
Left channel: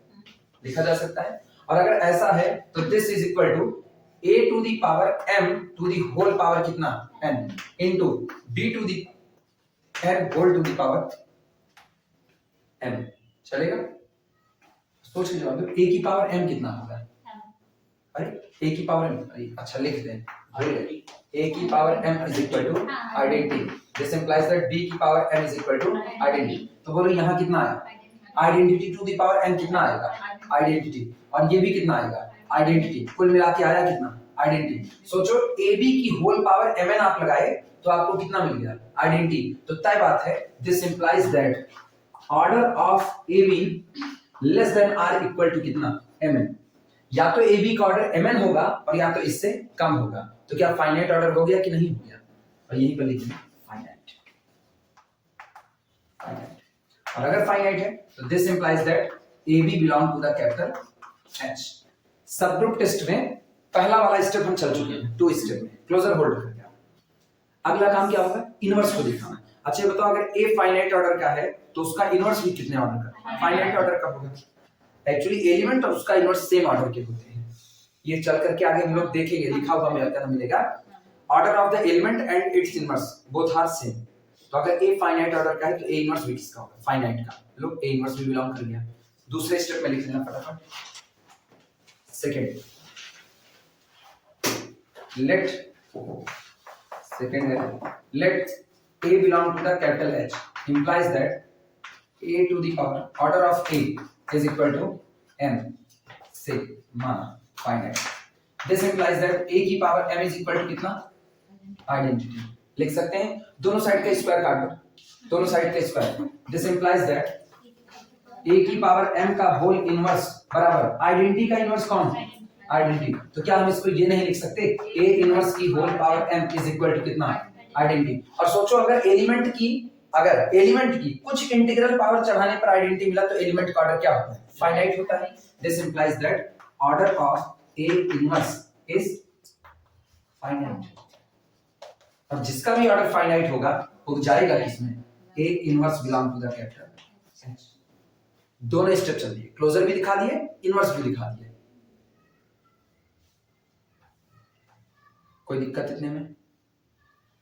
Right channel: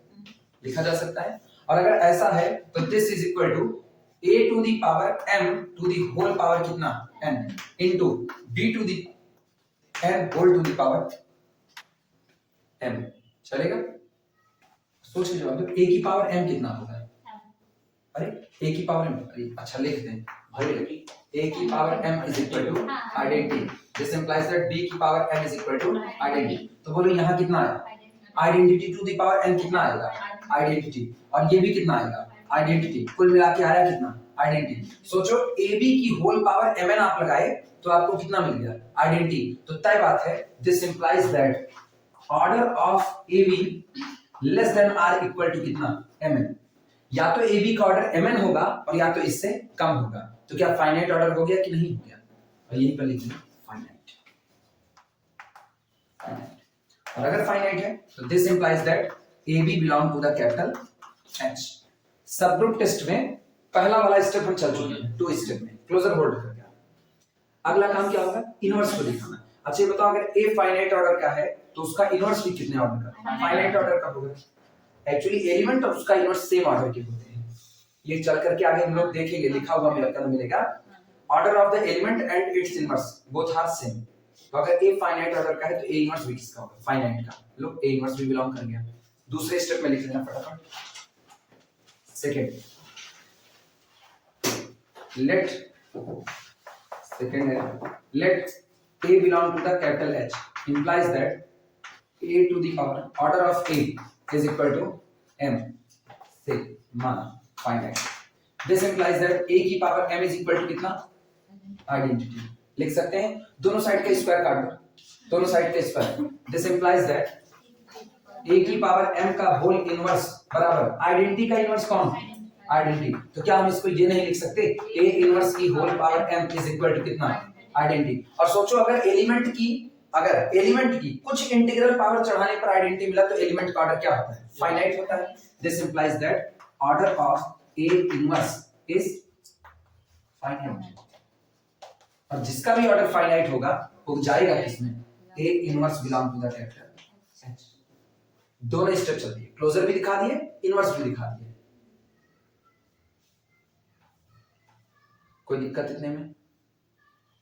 लिखा जा सकता है। और अगर ऐसा है तो this is equal to A to the power M to the whole power कितना n into B to the M whole to the power m। चलेगा, सोच के जवाब दो। A की पावर m कितना होगा, अरे A की पावर m, अरे अच्छा लिख दें, A की power m is equal to identity। This implies that B की power m is equal to identity। तो बोलो यहाँ कितना आया, identity to the power m कितना आएगा, आइडेंटिटी, और ये भी कितना आएगा, आइडेंटिटी। कुल मिला के आया कितना, आइडेंटिटी। सोचो AB की होल पावर mn आप लगाए तो आपको कितना मिल गया, आइडेंटिटी। तो तय बात है this implies that order of AB less than or equal to कितना, mn। या तो AB का ऑर्डर mn होगा और या तो इससे कम होगा। तो क्या फाइनाइट ऑर्डर हो गया कि नहीं हो गया, और यहीं पर लिख देना फाइनाइट। और अगर फाइनाइट है तो this implies that AB belong to the capital H। Subgroup test में पहला वाला स्टेप हम चल चुके हैं, 2 स्टेप में क्लोजर होल्ड करके। अगला काम क्या होगा, इनवर्स को दिखाना। अच्छा ये बताओ अगर ए फाइनाइट ऑर्डर का है तो उसका इनवर्स भी कितने ऑर्डर का? फाइनाइट ऑर्डर का होगा। एक्चुअली एलिमेंट और उसका इनवर्स सेम ऑर्डर के होते हैं। ये चल करके आगे हम लोग देखेंगे, लिखा हुआ मिलेगा order of the element and its inverse both are same. तो अगर ए फाइनाइट ऑर्डर का है तो ए इनवर्स भी किसका होगा? फाइनाइट का। लो ए इनवर्स भी बिलोंग कर गया। दूसरे स्टेप में लिख लेना फटाफट। Second let A belong to the capital H implies that A to the power order of A is equal to M से माना finite. This implies that A की power M is equal to कितना? Identity. लिख सकते हैं दोनों side का square काट दो, दोनों साइड का square. This implies that A की पावर M का होल इनवर्स बराबर आइडेंटिटी का इनवर्स कौन? आइडेंटिटी। तो क्या हम इसको ये नहीं लिख सकते A इनवर्स की whole power M is equal to कितना? आइडेंटिटी। और सोचो अगर एलिमेंट की कुछ इंटीग्रल पावर चढ़ाने पर आइडेंटिटी मिला तो एलिमेंट का ऑर्डर क्या होता है? फाइनाइट होता है। This implies that order of A inverse is finite. और जिसका भी ऑर्डर फाइनाइट होगा वो जाएगा किसमें? A inverse belong to the capital H। दोनों स्टेप चल दिए, क्लोजर भी दिखा दिए, इनवर्स भी दिखा दिए। कोई दिक्कत इतने में?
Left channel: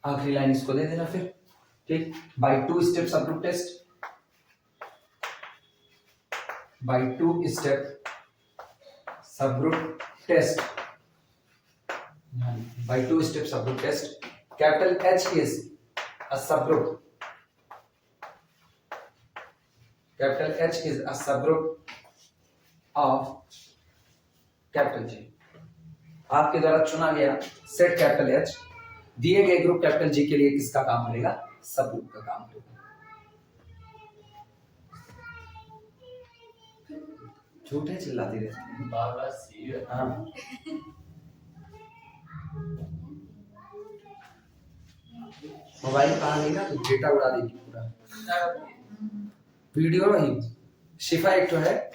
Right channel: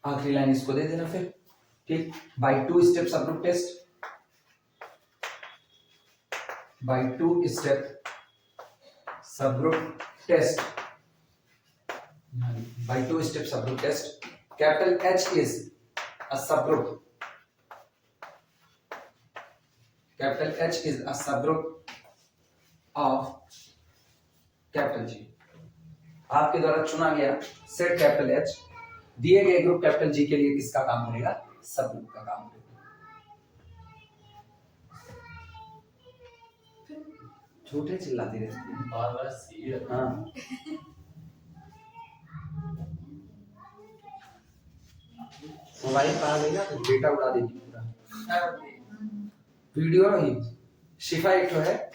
आखिरी लाइन इसको दे देना फिर, ठीक। By two step subgroup test, by two step subgroup test, by two step subgroup test capital H is a subgroup, capital H is a subgroup of capital G। आपके द्वारा चुना गया सेट कैपिटल H दिए गए group capital G के लिए किसका काम करेगा? सब ग्रुप का काम करेगा। झूठे चिल्लाती रहती है बार-बार सीरियस। हाँ मोबाइल कहाँ लेगा तो डेटा उड़ा देगी पूरा। वीडियो वही शिफा एक है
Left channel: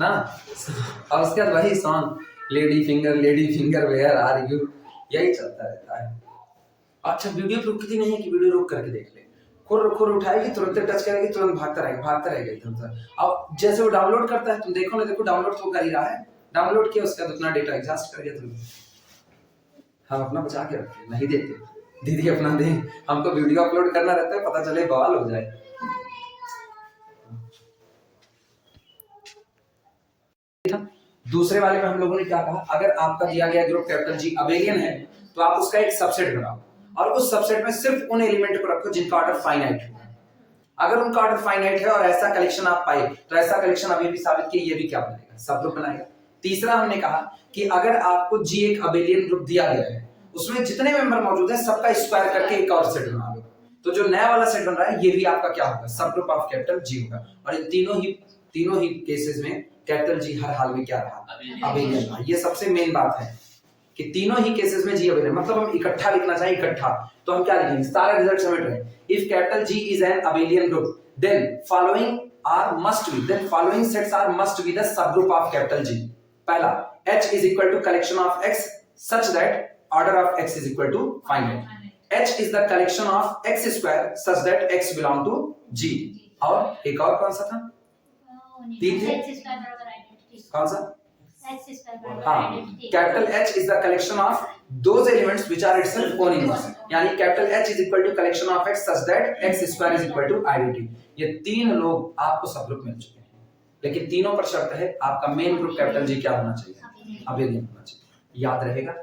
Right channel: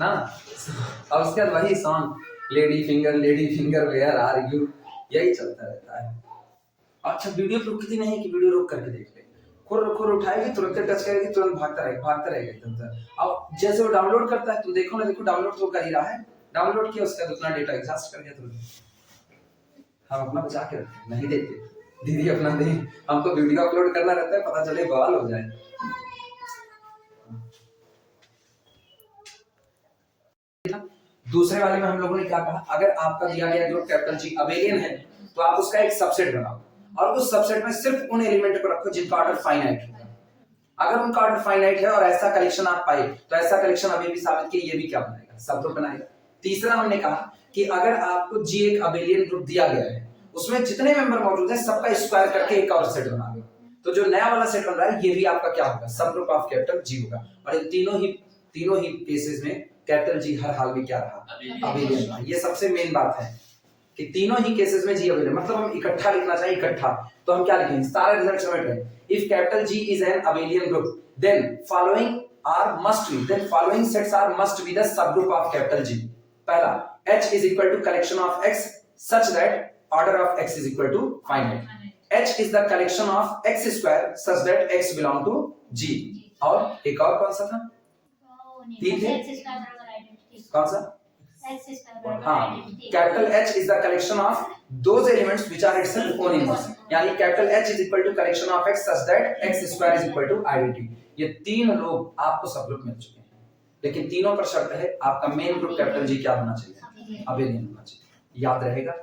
ना, और उसके बाद वही song lady finger where are you, यही चलता रहता है। अच्छा वीडियो रुकती नहीं कि वीडियो रुक करके देख ले, खुर उठाएगी तुरंत टच करेगी तुरंत भागता रहेगा एकदम। अब जैसे वो डाउनलोड करता है तुम देखो ना, देखो डाउनलोड तो कर ही रहा है, डाउनलोड किया उसका उतना डेटा एग्जॉस्ट कर दिया तुरंत। हम अपना बचा के रखते नहीं देते, दीदी अपना दे, हमको वीडियो अपलोड करना रहता है, पता चले बवाल हो जाए। दूसरे वाले में हम लोगों ने क्या कहा, अगर आपका दिया गया ग्रुप कैपिटल G अबेलियन है तो आप उसका एक सबसेट बनाओ और उस सबसेट में सिर्फ उन एलिमेंट को रखो जिनका ऑर्डर फाइनाइट है। अगर उनका ऑर्डर फाइनाइट है और ऐसा कलेक्शन आप पाए तो ऐसा कलेक्शन अभी भी साबित किया ये भी क्या बनाएगा? सबग्रुप बनाएगा। तीसरा हमने कहा कि अगर आपको G एक अबेलियन ग्रुप दिया गया है उसमें जितने मेंबर मौजूद हैं सबका स्क्वायर करके एक और सेट बना लो, तो जो नया वाला सेट बन रहा है ये भी आपका क्या होगा? सबग्रुप ऑफ कैपिटल G होगा। और इन तीनों ही केसेस में कैपिटल G हर हाल में क्या रहा? अबेलियन रहा। ये सबसे मेन बात है कि तीनों ही केसेस में G अबेलियन, मतलब हम इकट्ठा लिखना चाहिए इकट्ठा, तो हम क्या लिखेंगे? सारा रिजल्ट समेट रहे हैं। If capital G is an abelian group then following sets are must be the subgroup of capital G। पहला H is equal to collection of X such that order of X is equal to finite। H is the collection of X square such that X belong to G। और एक और कौन सा था? कौन सा? हाँ, capital H is the collection of those elements which are itself own inverse, यानी capital H is equal to collection of X such that X square is equal to identity। ये तीन लोग आपको सबग्रुप मिल चुके हैं, लेकिन तीनों पर शर्त है आपका मेन ग्रुप कैपिटल G क्या होना चाहिए? अबेलियन होना चाहिए। याद रहेगा?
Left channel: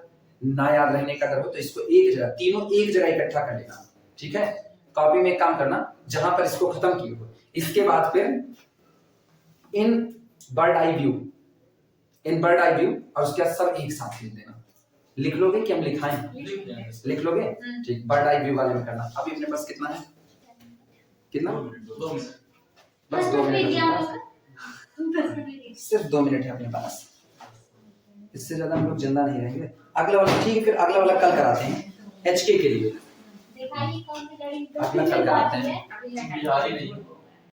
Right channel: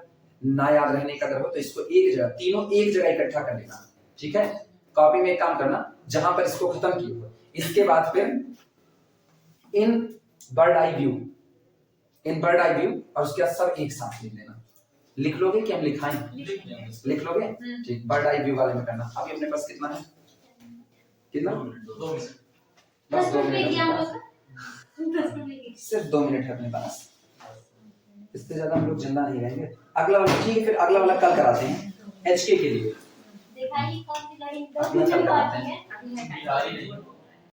ना याद रहने का डर हो तो इसको एक जगह, तीनों एक जगह इकट्ठा कर लेना, ठीक है? कॉपी में एक काम करना जहां पर इसको खत्म किए हो, इसके बाद फिर इन बर्ड आई व्यू और उसके बाद सब एक साथ लिख देना। लिख लोगे कि हम लिखाएं? लिख लोगे? ठीक, बर्ड आई व्यू वाले में करना। अभी अपने पास कितना है? कितना? 2 मिनट। बस 2 मिनट, सिर्फ 2 मिनट है अपने पास, इससे ज्यादा हम लोग जिंदा नहीं रहेंगे। अगला वाला ठीक है, फिर अगला वाला कल कराते हैं HK के लिए। दिखाइए कौन सी गाड़ी अगला कल कराते हैं। बिहारी नहीं